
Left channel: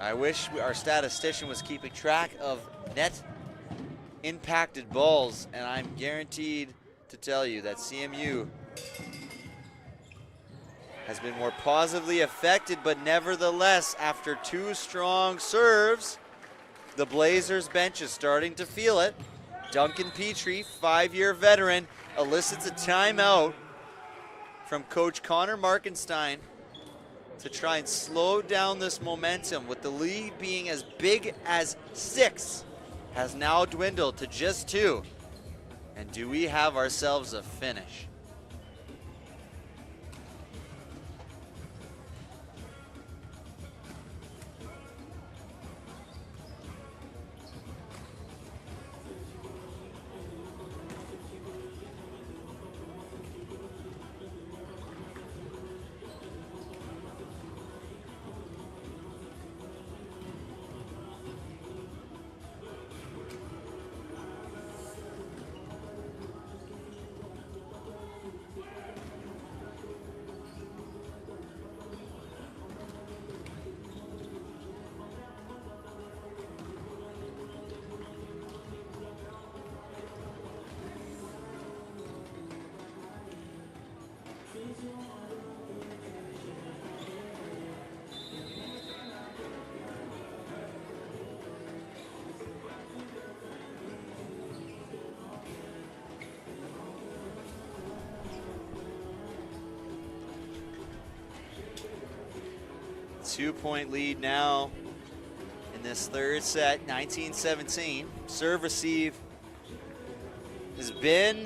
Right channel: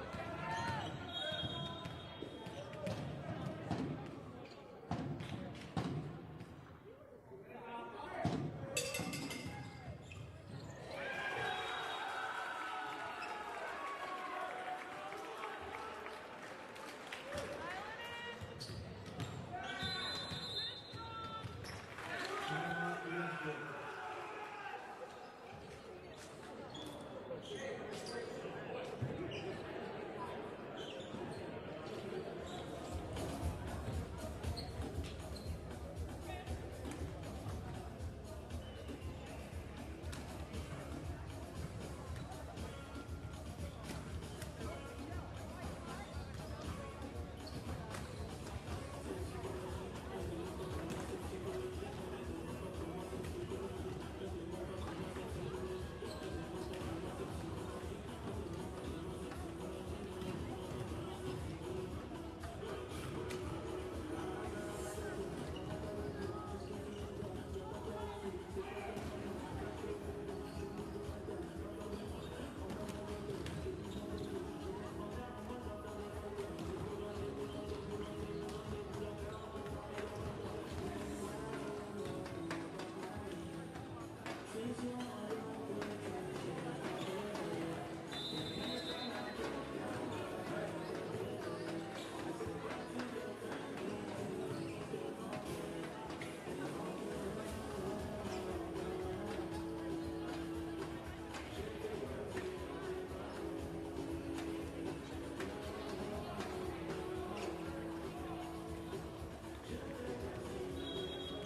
I wish our statistician was keeping track of net impacted balls, and I'm guaranteed to tell you that CMU has been more positively affected, but nevertheless, after two strong serves, the Blazers bench is starting to feel it. Duncan Petrie, 5-year veteran, elicits a timeout from Coach Connor Markenstein to try and slow down this momentum, with the lead being as big as 6, has now dwindled to just 2. And do we have ourselves a finish? Two-point lead now in this third set, 19-17. Serve receive has been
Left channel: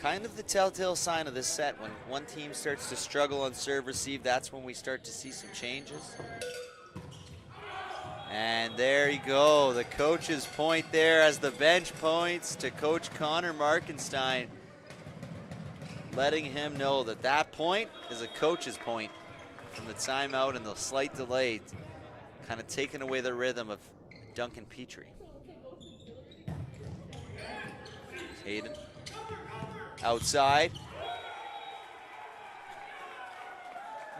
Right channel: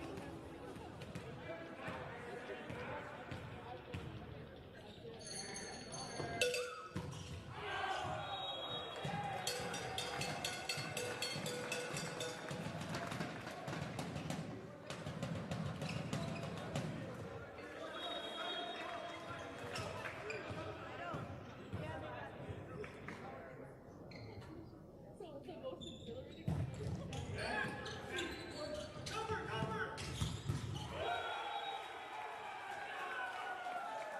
kind of the telltale sign of this set. When one team starts to struggle on serve receive, that's when we start to see some changes. And there you go, the coach's point there as the bench points to Coach Connor Markenstein, letting him know that that point is a coach's point. And the timeout and the slight delay kind of taking away the rhythm of Duncan Petrie. Hayden outside.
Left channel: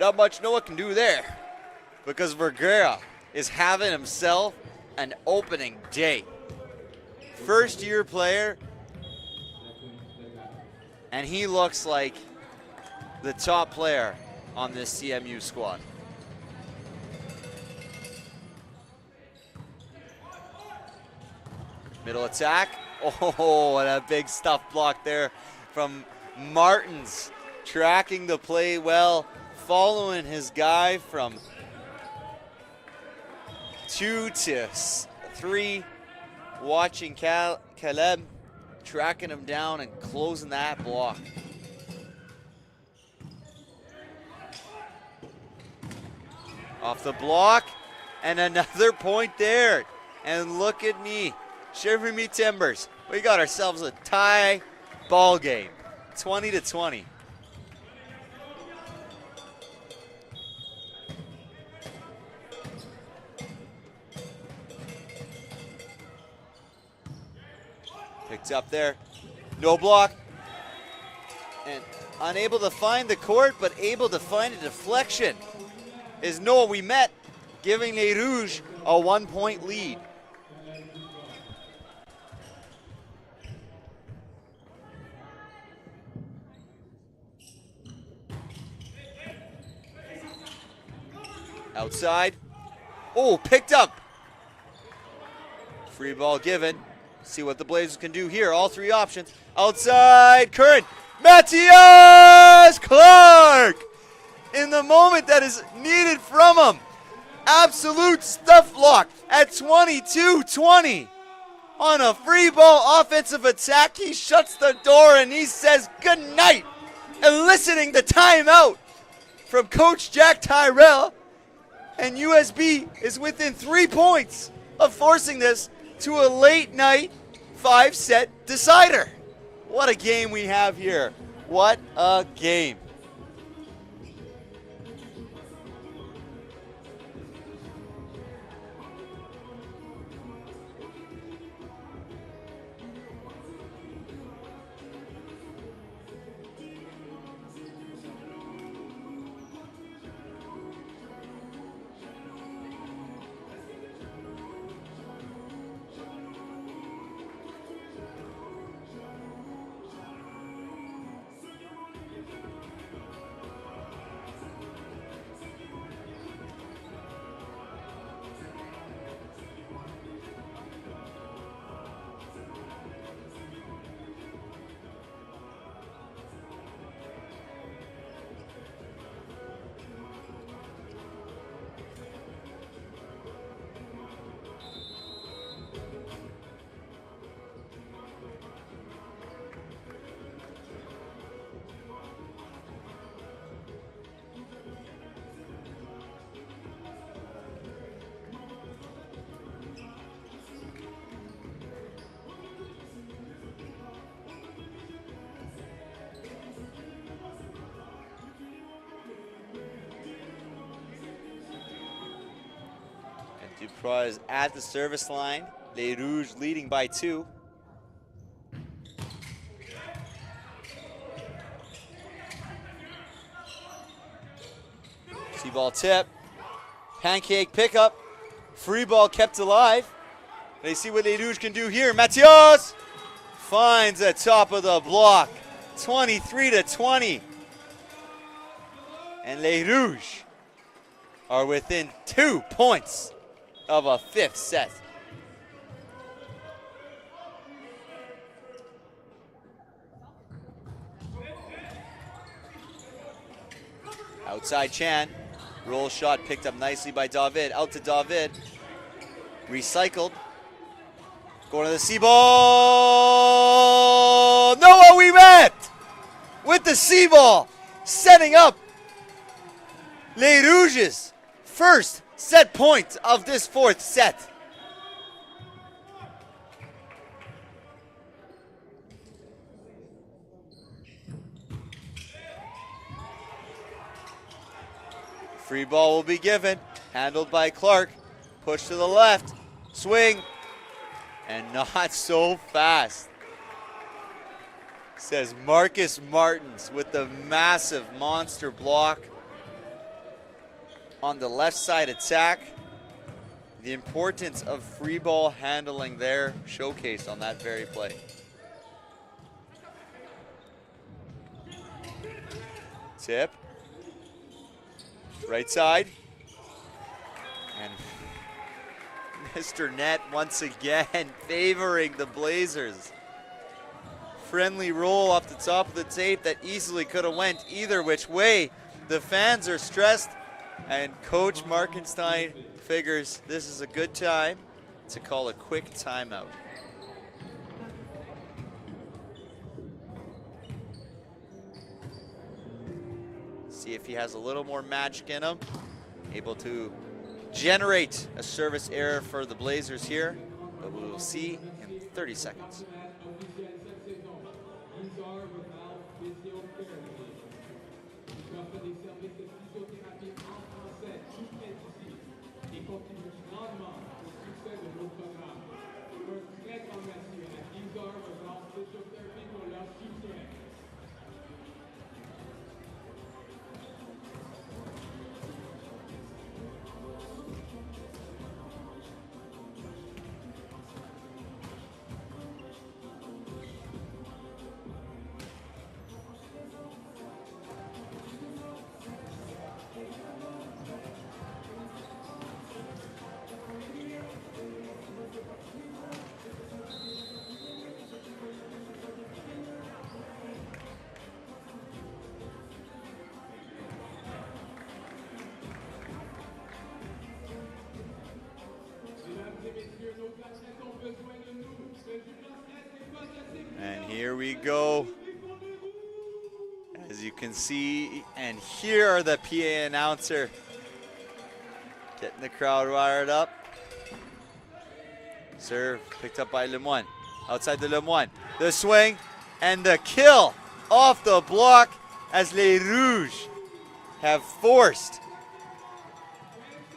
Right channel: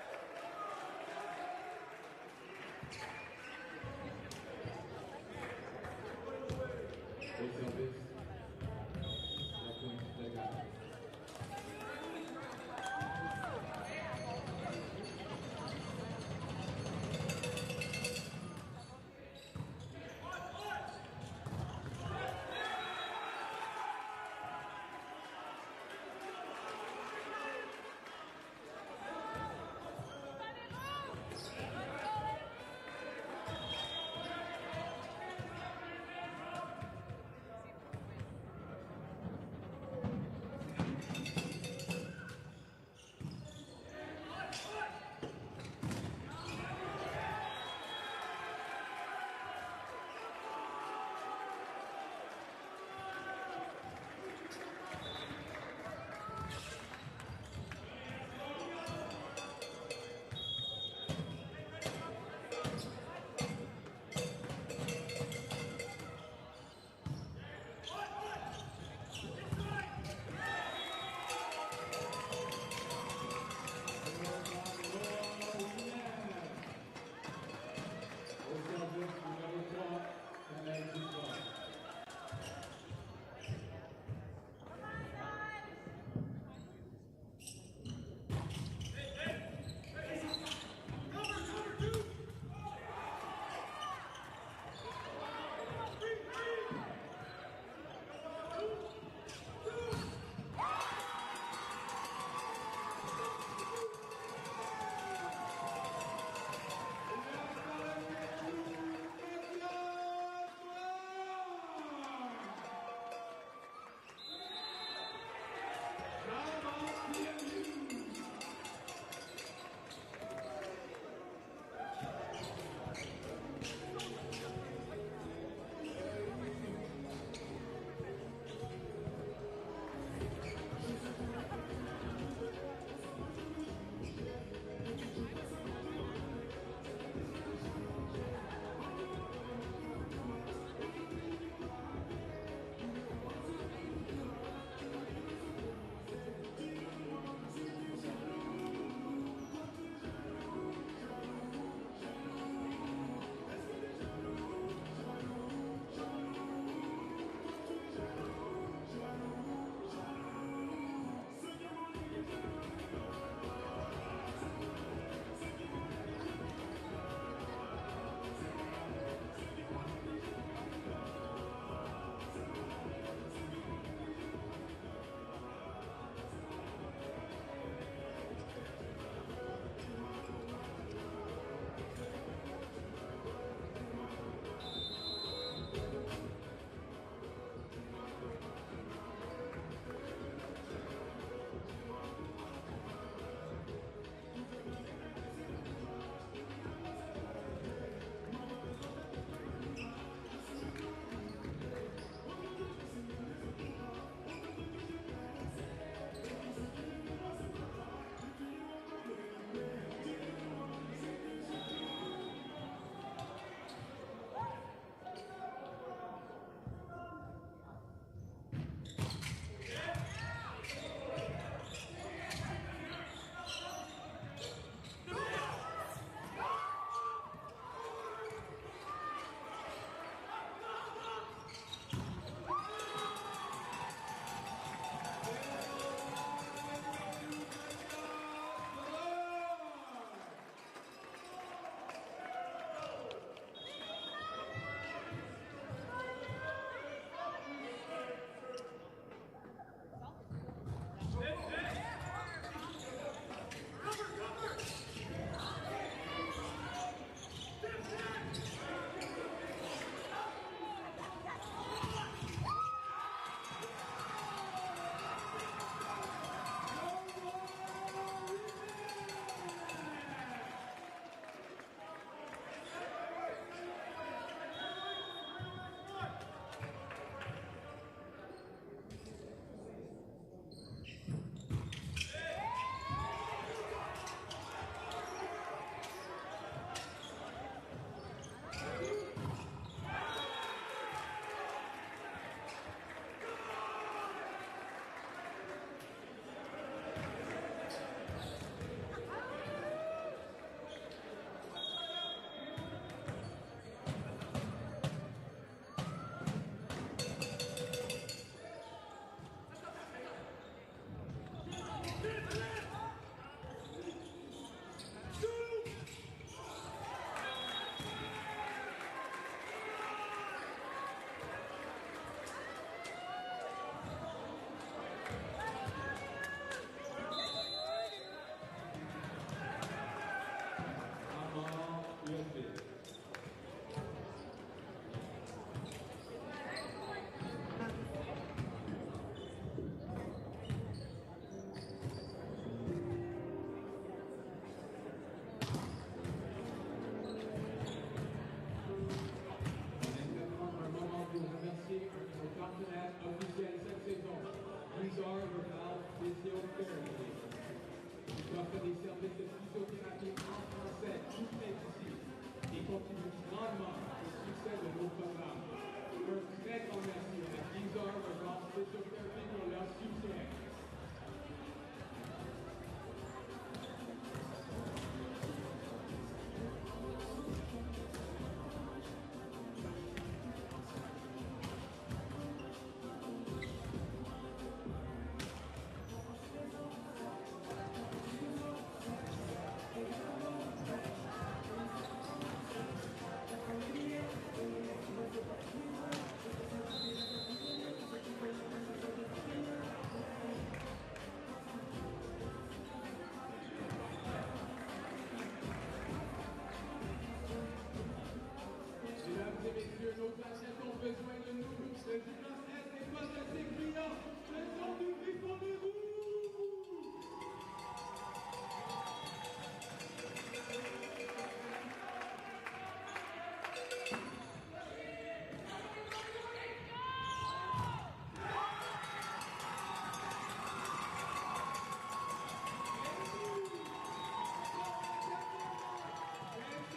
Not much Noah can do there, because Vergara is having himself an opening day. First-year player, and he looks like the top player on this CMU squad. Middle attack. Oh, and a big stuff block there from Martins, tracking the play well, following his guy from 2 to 3, watching Caleb, tracking him down and closing that block. Off the block, and another point there. And look at me, shivering me timbers. We got ourselves a tie ball game, 20-20. Picked up there, no block. And unable to find the court, but able to find a deflection is Noah Ouimet, giving Les Rouges a 1-point lead. Outside. Oh, picked up. Free ball given. See what the Blazers can do here. All 3 options. Outside, Curran. Matthias Clark! In the moment that is needed from him. absolute stuff lock at 22-20. On a free ball offensive attack, he shuts the door and he says good night, eliciting the timeout from Coach Jack Tyrell. And USB is within 3 points of forcing this to a late night 5-set decider. What a game we have here. What a game. Is at the service line. Les Rouges leading by 2. See-ball tip. Pancake pickup. Free ball kept alive. They see what Les Rouges can do here. Mathias finds the top of the block. 23-20. And Les Rouges are within 2 points of a 5th set. Outside Chan. Roll shot picked up nicely by David. Out to David. Recycled. Going to the C-ball. Noah Ouimet with the C-ball. Setting up Les Rouges' first set point of this 4th set. Free ball will be given, handled by Clark. Push to the left, swing, and not so fast. Says Marcus Martins with the massive monster block on the left side attack. The importance of free ball handling there showcased on that very play. Tip. Right side. And Mr. Net once again favoring the Blazers. Friendly roll off the top of the tape that easily could have went either which way. The fans are stressed. And Coach Markenstein figures this is a good time to call a quick timeout. See if he has a little more magic in him. Able to generate a service error for the Blazers here. But we'll see in 30 seconds. can see and hear the PA announcer getting the crowd wired up. Serve picked up by Lemoine. Outside the Lemoine. The swing and the kill off the block as Les Rouges have forced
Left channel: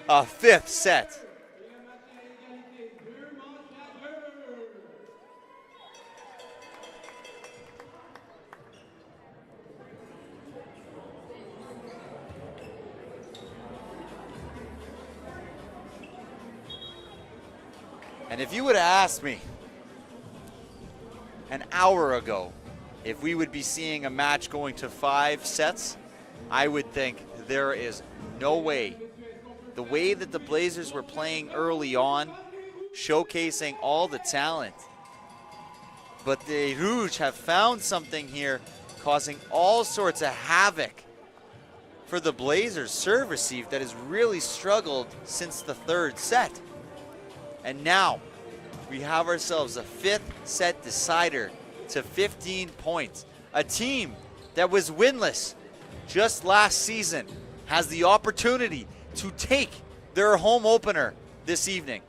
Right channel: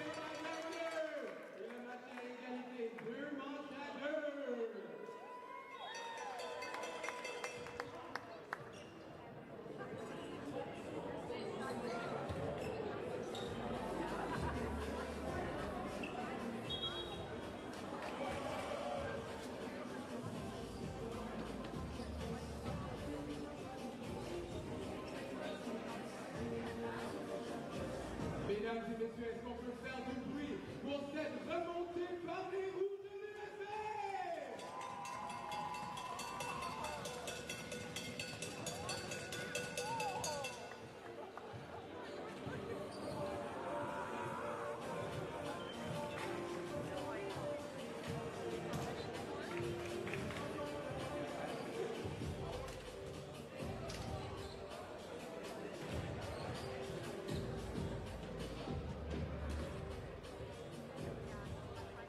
a 5th set. And if you would have asked me an hour ago if we would be seeing a match going to 5 sets, I would think there is no way. The way that the Blazers were playing early on, showcasing all the talent. But the Rouges have found something here, causing all sorts of havoc for the Blazers serve receive that has really struggled since the 3rd set. And now we have ourselves a 5th set decider to 15 points. A team that was winless just last season has the opportunity to take their home opener this evening.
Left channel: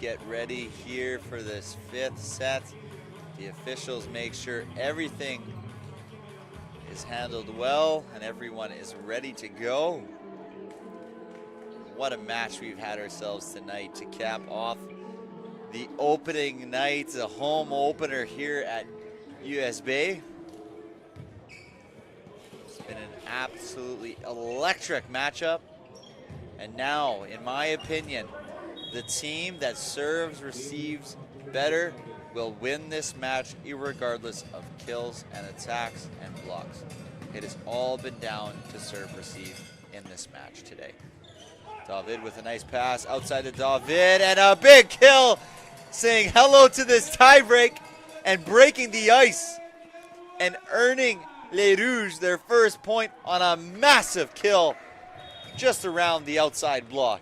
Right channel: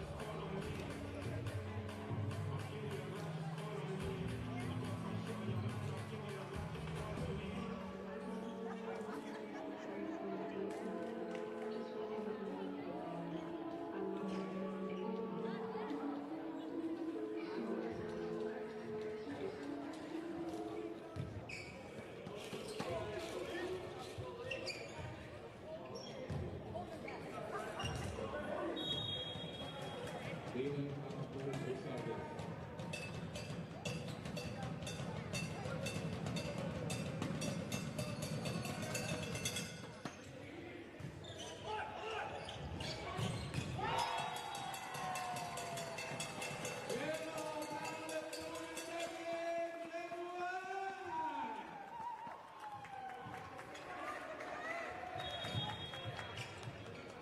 Get ready here for this 5th set. The officials make sure everything is handled well and everyone is ready to go. What a match we've had ourselves tonight to cap off the opening night, a home opener here at US Bay. It's been an absolutely electric matchup. And now, in my opinion, the team that serves, receives better will win this match irregardless of kills and attacks and blocks. It has all been down to serve, receive in this match today. David with a nice pass outside to David and a big kill, saying hello to this tiebreak and breaking the ice and earning Les Rouges their first point on a massive kill just around the outside block.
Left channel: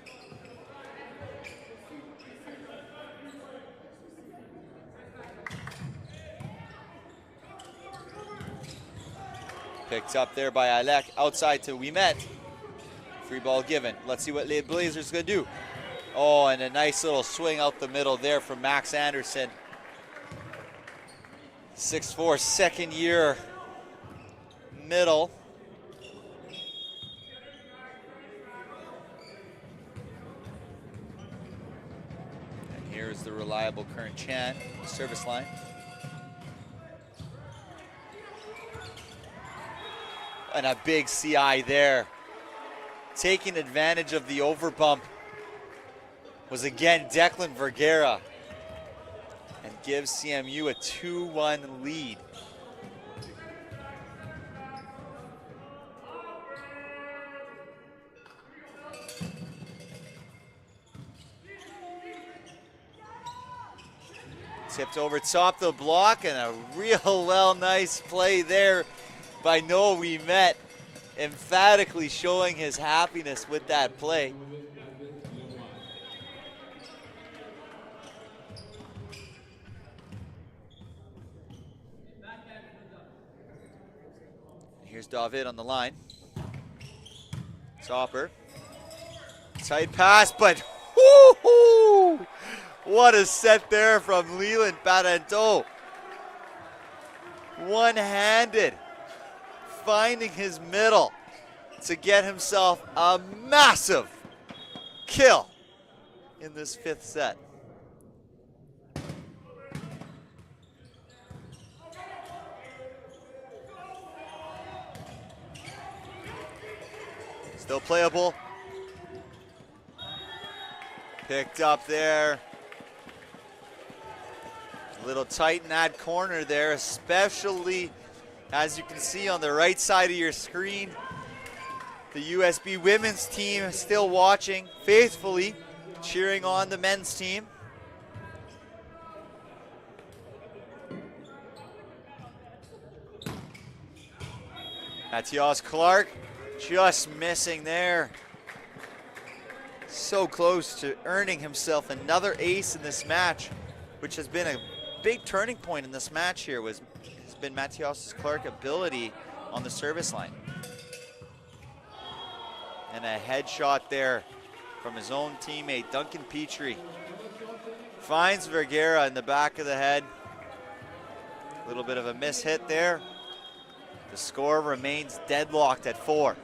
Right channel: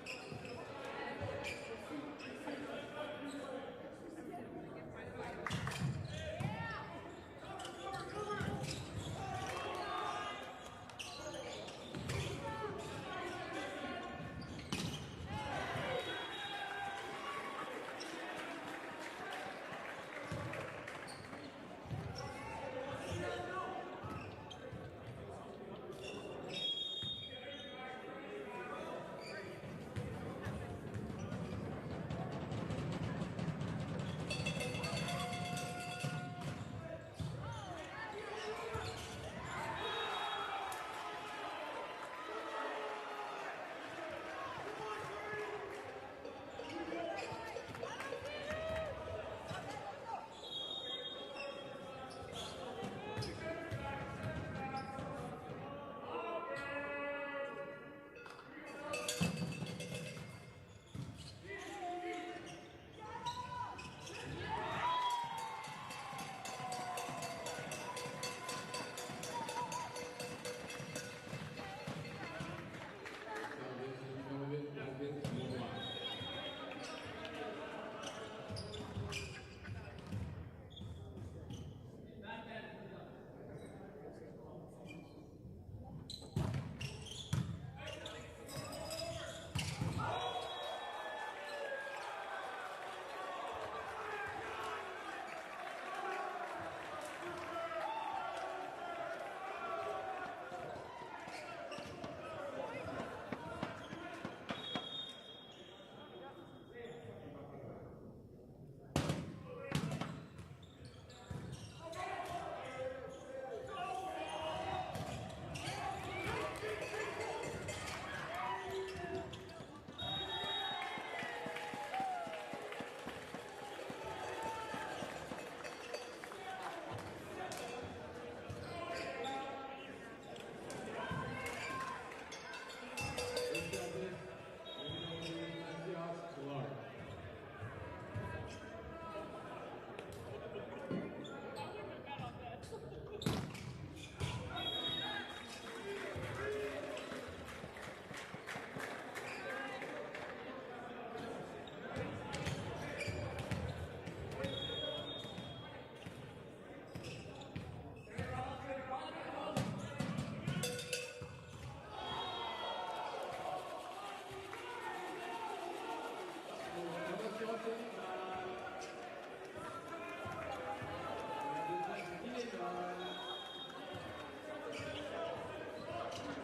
Picked up there by Alec, outside to Winnipeg. Free ball given. Let's see what Les Blazers gonna do. Oh, and a nice little swing out the middle there from Max Anderson. 6'4", second year middle. Here's the reliable Current Chan, service line. And a big CI there. Taking advantage of the overbump was again Declan Vergara. And gives CMU a 2-1 lead. Tipped over top the block, and a real nice play there by Noah Wimet, emphatically showing his happiness with that play. Here's David on the line. Topper. Tight pass, but whoo-hoo! What a set there from Leland Parenteau. One-handed, finding his middle to get himself a massive kill in this fifth set. Still playable. Picked up there. A little tight in that corner there, especially as you can see on the right side of your screen. The USB women's team is still watching faithfully, cheering on the men's team. Matthias Clark just missing there. So close to earning himself another ace in this match, which has been a big turning point in this match here, has been Matthias Clark's ability on the service line. And a headshot there from his own teammate, Duncan Petrie. Finds Vergara in the back of the head. A little bit of a mishit there. The score remains deadlocked at 4.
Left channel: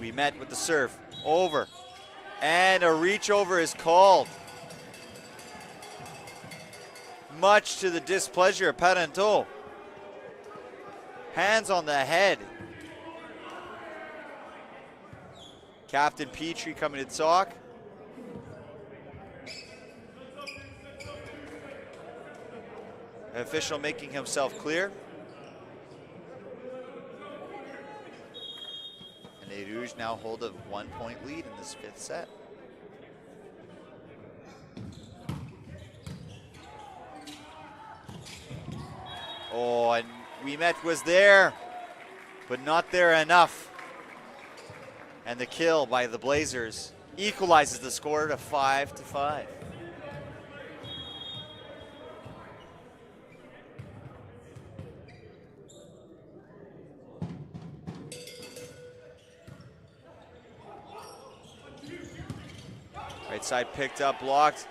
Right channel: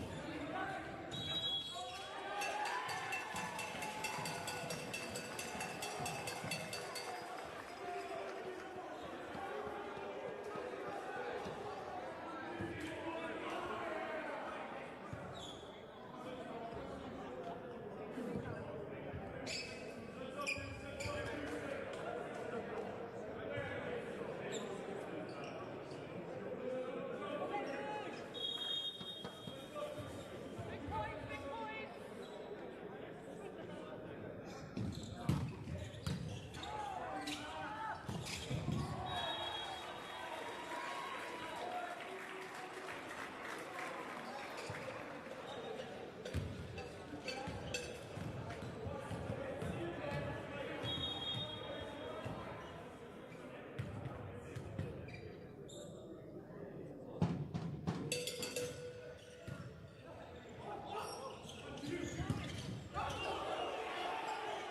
We met with the serve, over, and a reach over is called. Much to the displeasure of Parenteau. Hands on the head. Captain Petrie coming to talk. Official making himself clear. Rouges now hold a 1-point lead in this fifth set. Oh, and Wimet was there, but not there enough. And the kill by the Blazers equalizes the score to 5-5. Side picked up, blocked.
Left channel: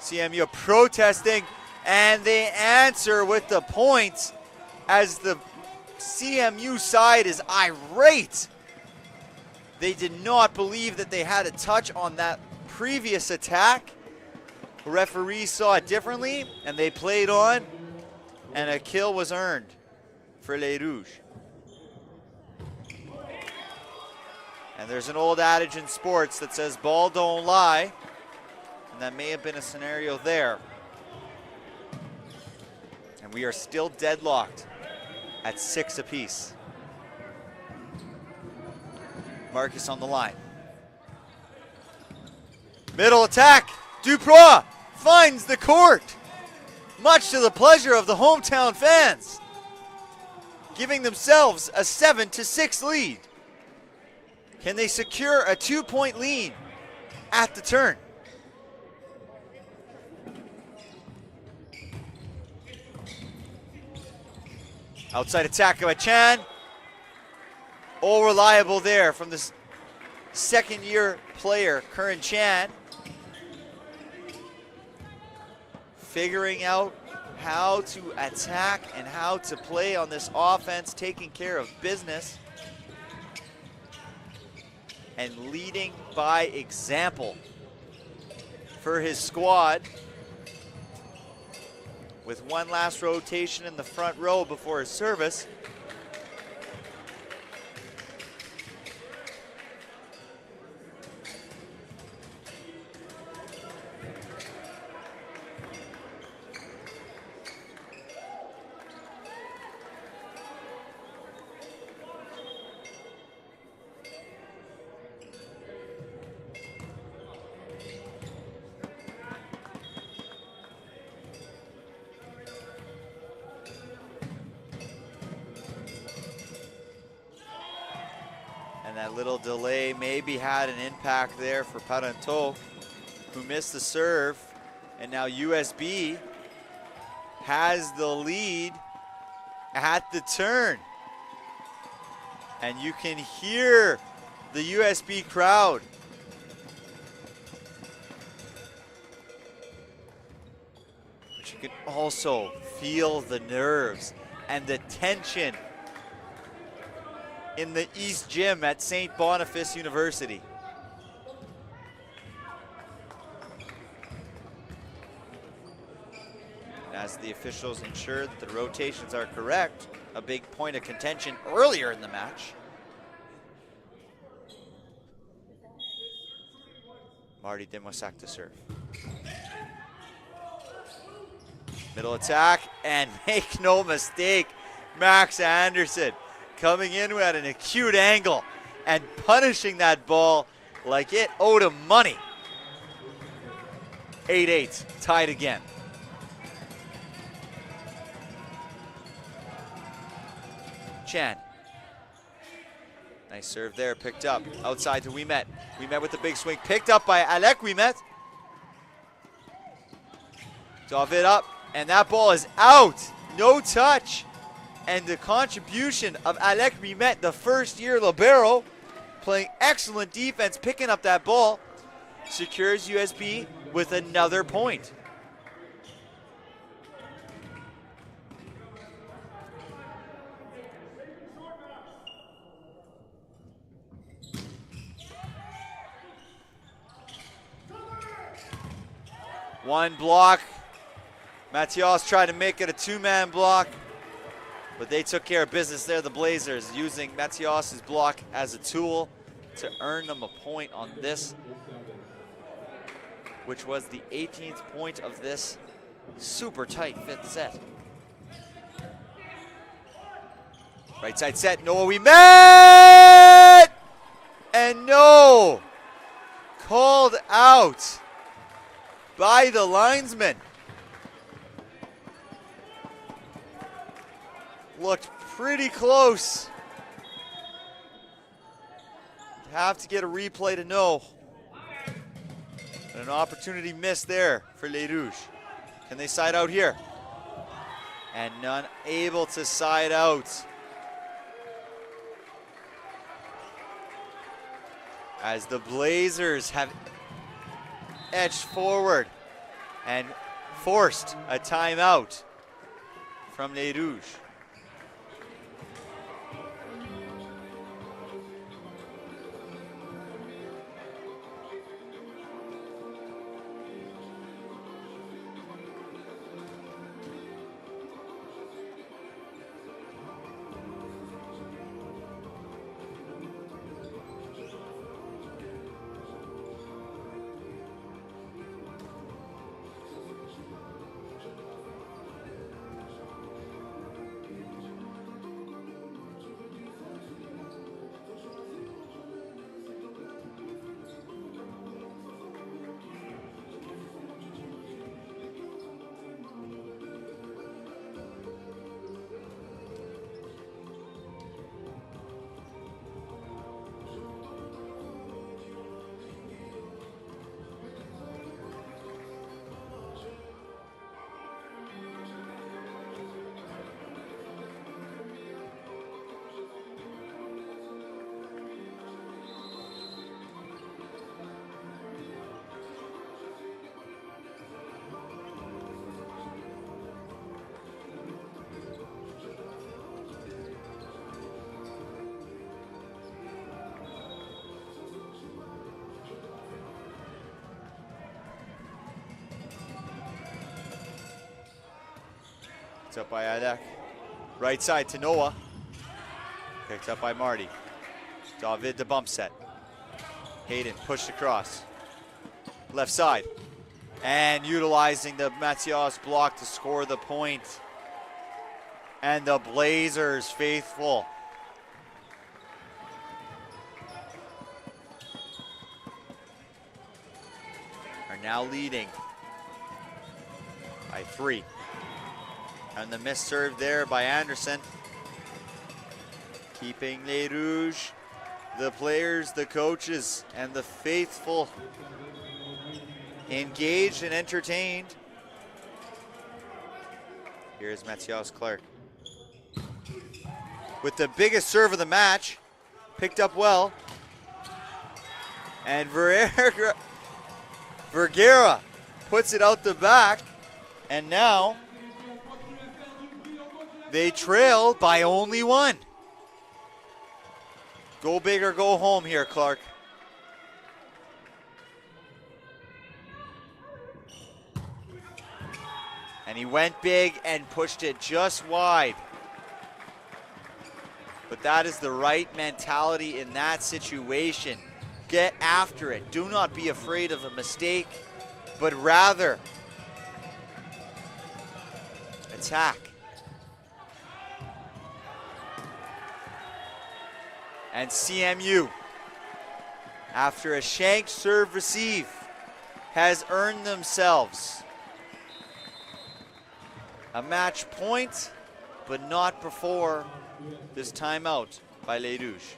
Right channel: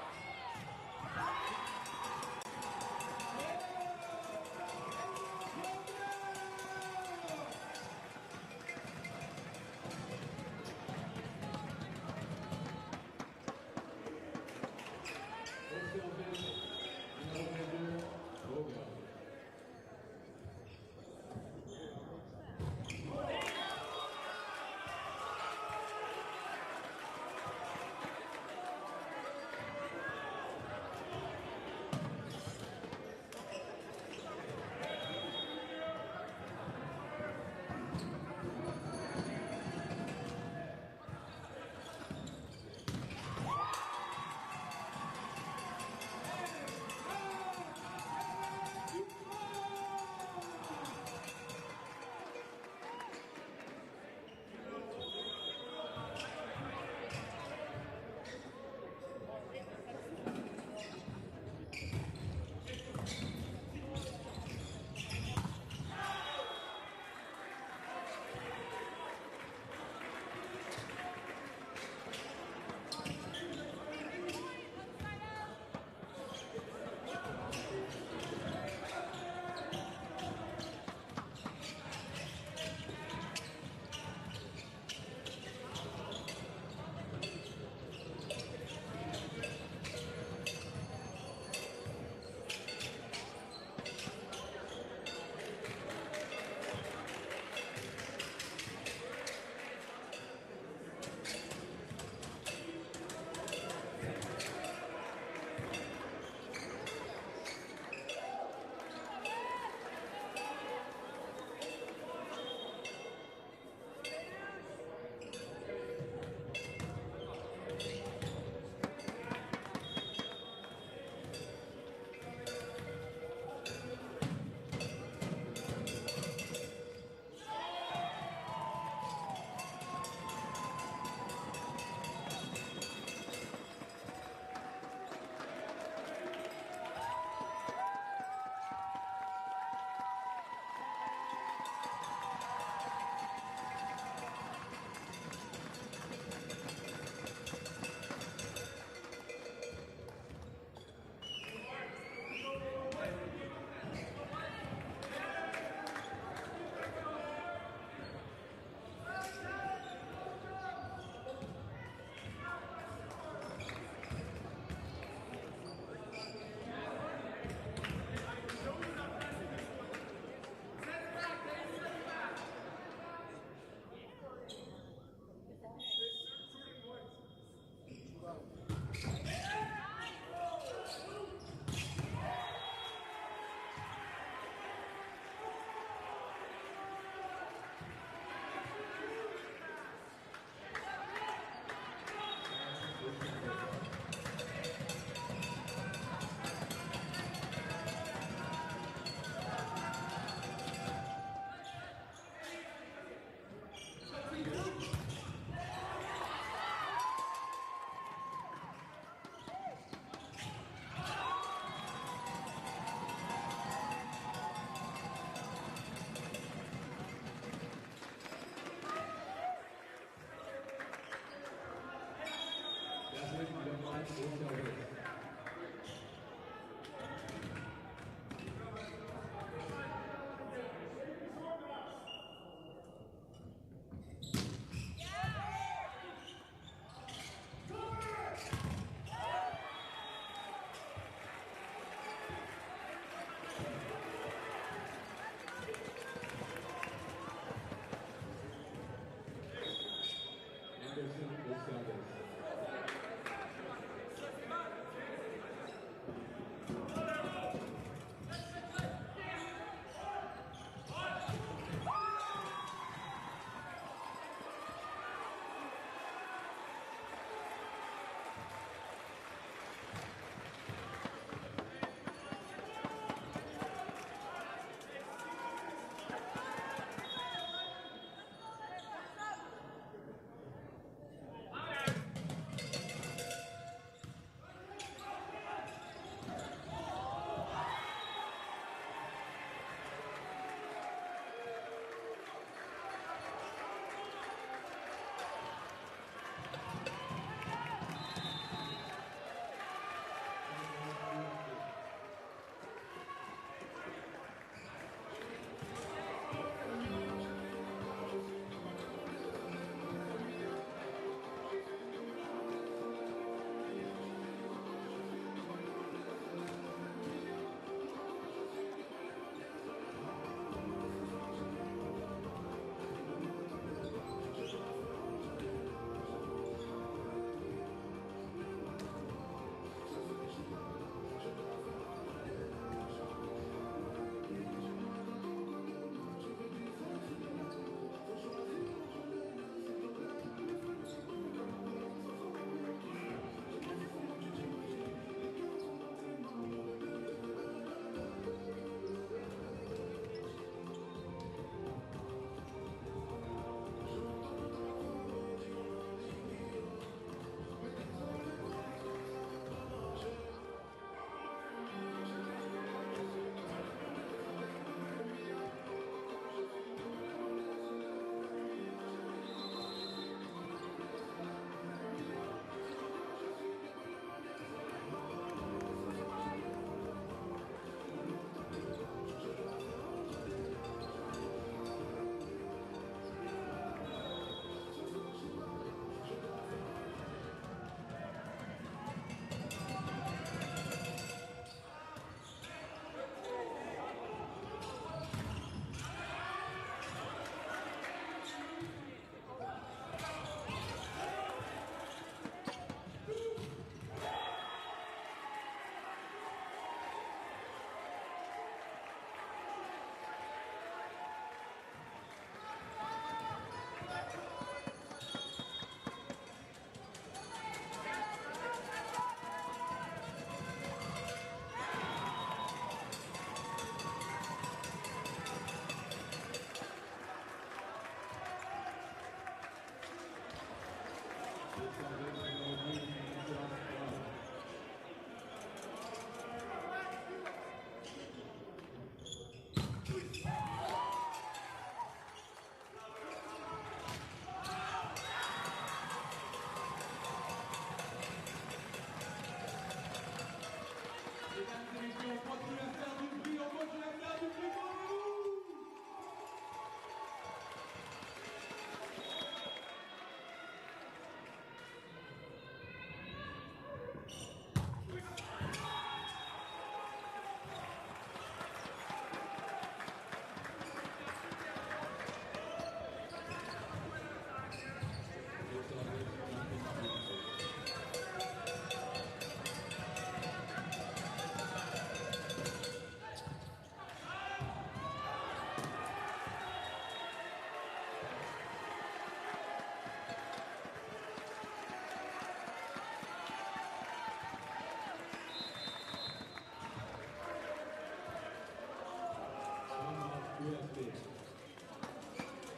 CMU protesting, and they answer with the points as the CMU side is irate. They did not believe that they had a touch on that previous attack. The referee saw it differently, and they played on, and a kill was earned for Les Rouges. And there's an old adage in sports that says ball don't lie, and that may have been a scenario there. And we are still deadlocked at 6 apiece. Marcus on the line. Middle attack, Duprois finds the court, much to the pleasure of the hometown fans, giving themselves a 7-6 lead. Can they secure a 2-point lead at the turn? Outside attack by Chan. All reliable there from this second-year player, Current Chan. figuring out how to attack and how to play on this offense, taking care of business and leading by example for his squad, with one last rotation in the front row before his service. Little delay maybe had an impact there for Parenteau, who missed the serve, and now USB has the lead at the turn. And you can hear the USB crowd. But you can also feel the nerves and the tension in the East Gym at St. Boniface University. As the officials ensure that the rotations are correct, a big point of contention earlier in the match. Marty Demosak to serve. Middle attack, and make no mistake, Max Anderson coming in at an acute angle and punishing that ball like it owed him money. 8-8, tied again. Chan. Nice serve there, picked up. Outside to Winnipeg. Winnipeg with the big swing, picked up by Alec Winnipeg. Dove it up, and that ball is out. No touch. And the contribution of Alec Winnipeg, the first-year libero, playing excellent defense, picking up that ball, secures USB with another point. One block. Matias tried to make it a two-man block, but they took care of business there, the Blazers, using Matias's block as a tool to earn them a point on this, which was the 18th point of this super tight fifth set. Right side set, Noah Winnipeg! And no! Called out by the linesman. Looked pretty close. Have to get a replay to know. And an opportunity missed there for Les Rouges. Can they side out here? And none able to side out. As the Blazers have edged forward and forced a timeout from Les Rouges. Picked up by Alec. Right side to Noah. Picked up by Marty. David the bump set. Hayden pushed across. Left side. And utilizing the Matthias block to score the point. And the Blazers faithful. Are now leading by 3. And the missed serve there by Anderson. Keeping Les Rouges, the players, the coaches, and the faithful engaged and entertained. Here's Matthias Clark. With the biggest serve of the match, picked up well. And Vergara puts it out the back, and now they trail by only 1. Go big or go home here, Clark. And he went big and pushed it just wide. But that is the right mentality in that situation. Get after it. Do not be afraid of a mistake, but rather attack. And CMU, after a shanked serve receive, has earned themselves a match point, but not before this timeout by Les Rouges.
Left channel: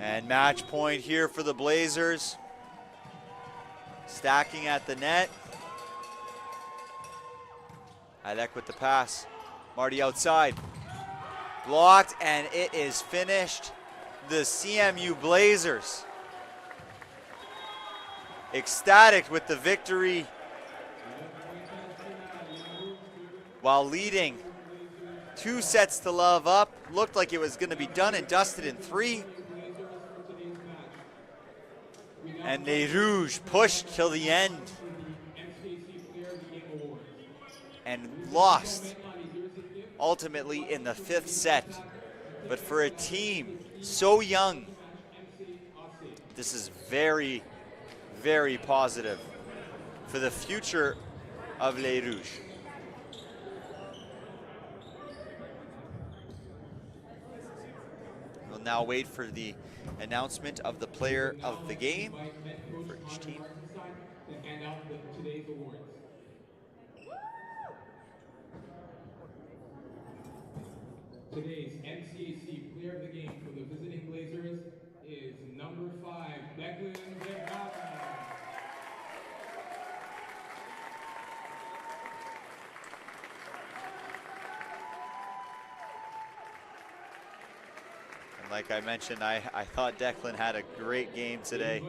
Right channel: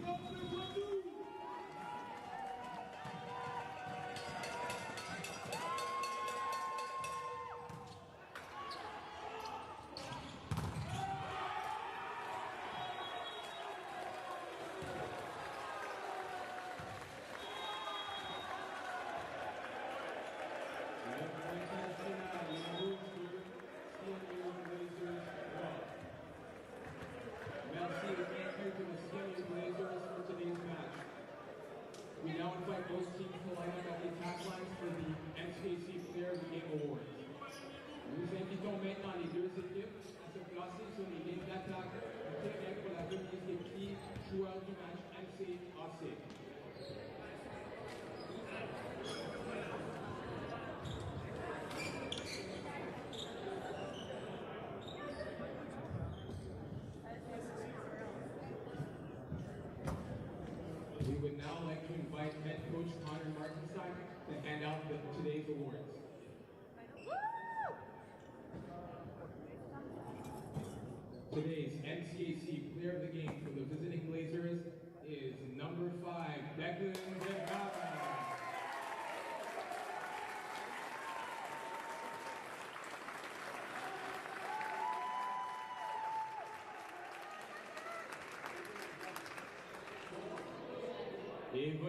And match point here for the Blazers. Stacking at the net. Alec with the pass. Marty outside. Blocked, and it is finished. The CMU Blazers ecstatic with the victory while leading 2 sets to love up. Looked like it was going to be done and dusted in 3. And Les Rouges pushed till the end and lost ultimately in the 5th set. But for a team so young, this is very, very positive for the future of Les Rouges. We'll now wait for the announcement of the player of the game for each team. To hand out today's awards. Today's NCAC player of the game for the visiting Blazers is number 5, Declan Vergara. Like I mentioned, I thought Declan had a great game today.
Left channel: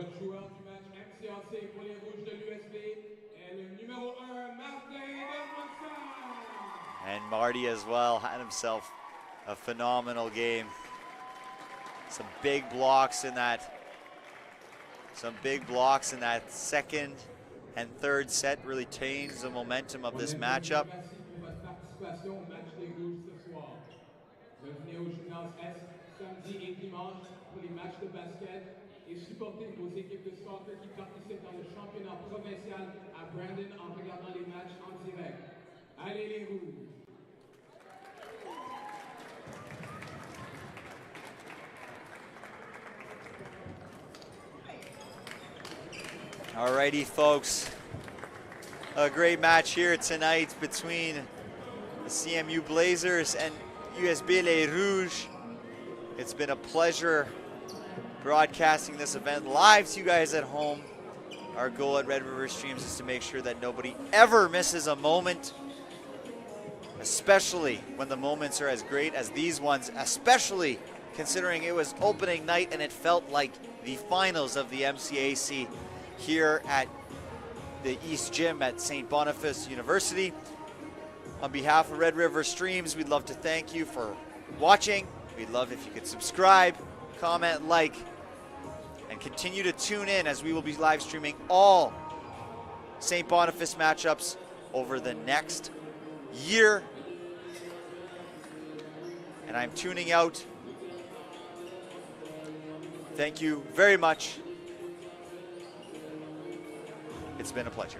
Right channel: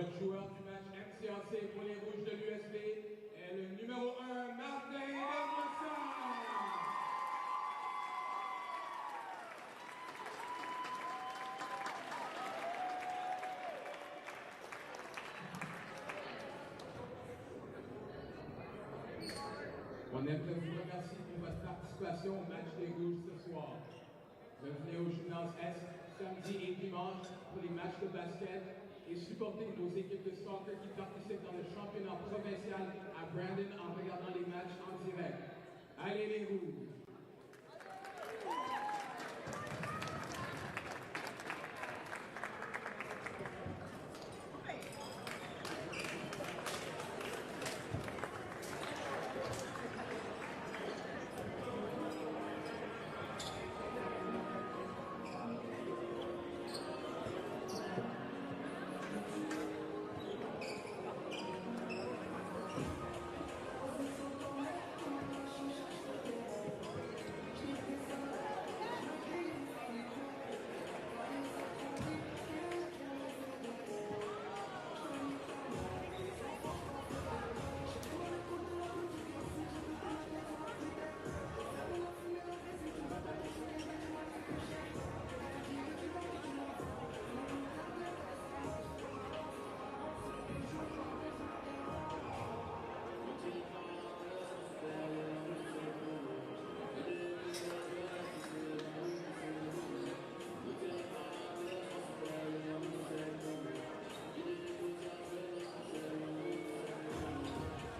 And Marty as well had himself a phenomenal game. Some big blocks in that. Second and third set really changed the momentum of this matchup. Samedi et dimanche pour les matchs de basket et supporter nos équipes de soccer qui participent dans le championnat provincial à Brandon en regardant les matchs en direct. Allez les Rouges! Alrighty, folks. A great match here tonight between the CMU Blazers and USB Les Rouges. It's been a pleasure broadcasting this event live to you guys at home. Our goal at Red River Streams is to make sure that nobody ever misses a moment, especially when the moments are as great as these ones, especially considering it was opening night and it felt like the finals of the MCAC here at the East Gym at St. Boniface University. On behalf of Red River Streams, we'd love to thank you for watching. We'd love if you could subscribe, comment, like, and continue to tune in as we will be live streaming all St. Boniface matchups over the next year. And I'm tuning out. Thank you very much. It's been a pleasure.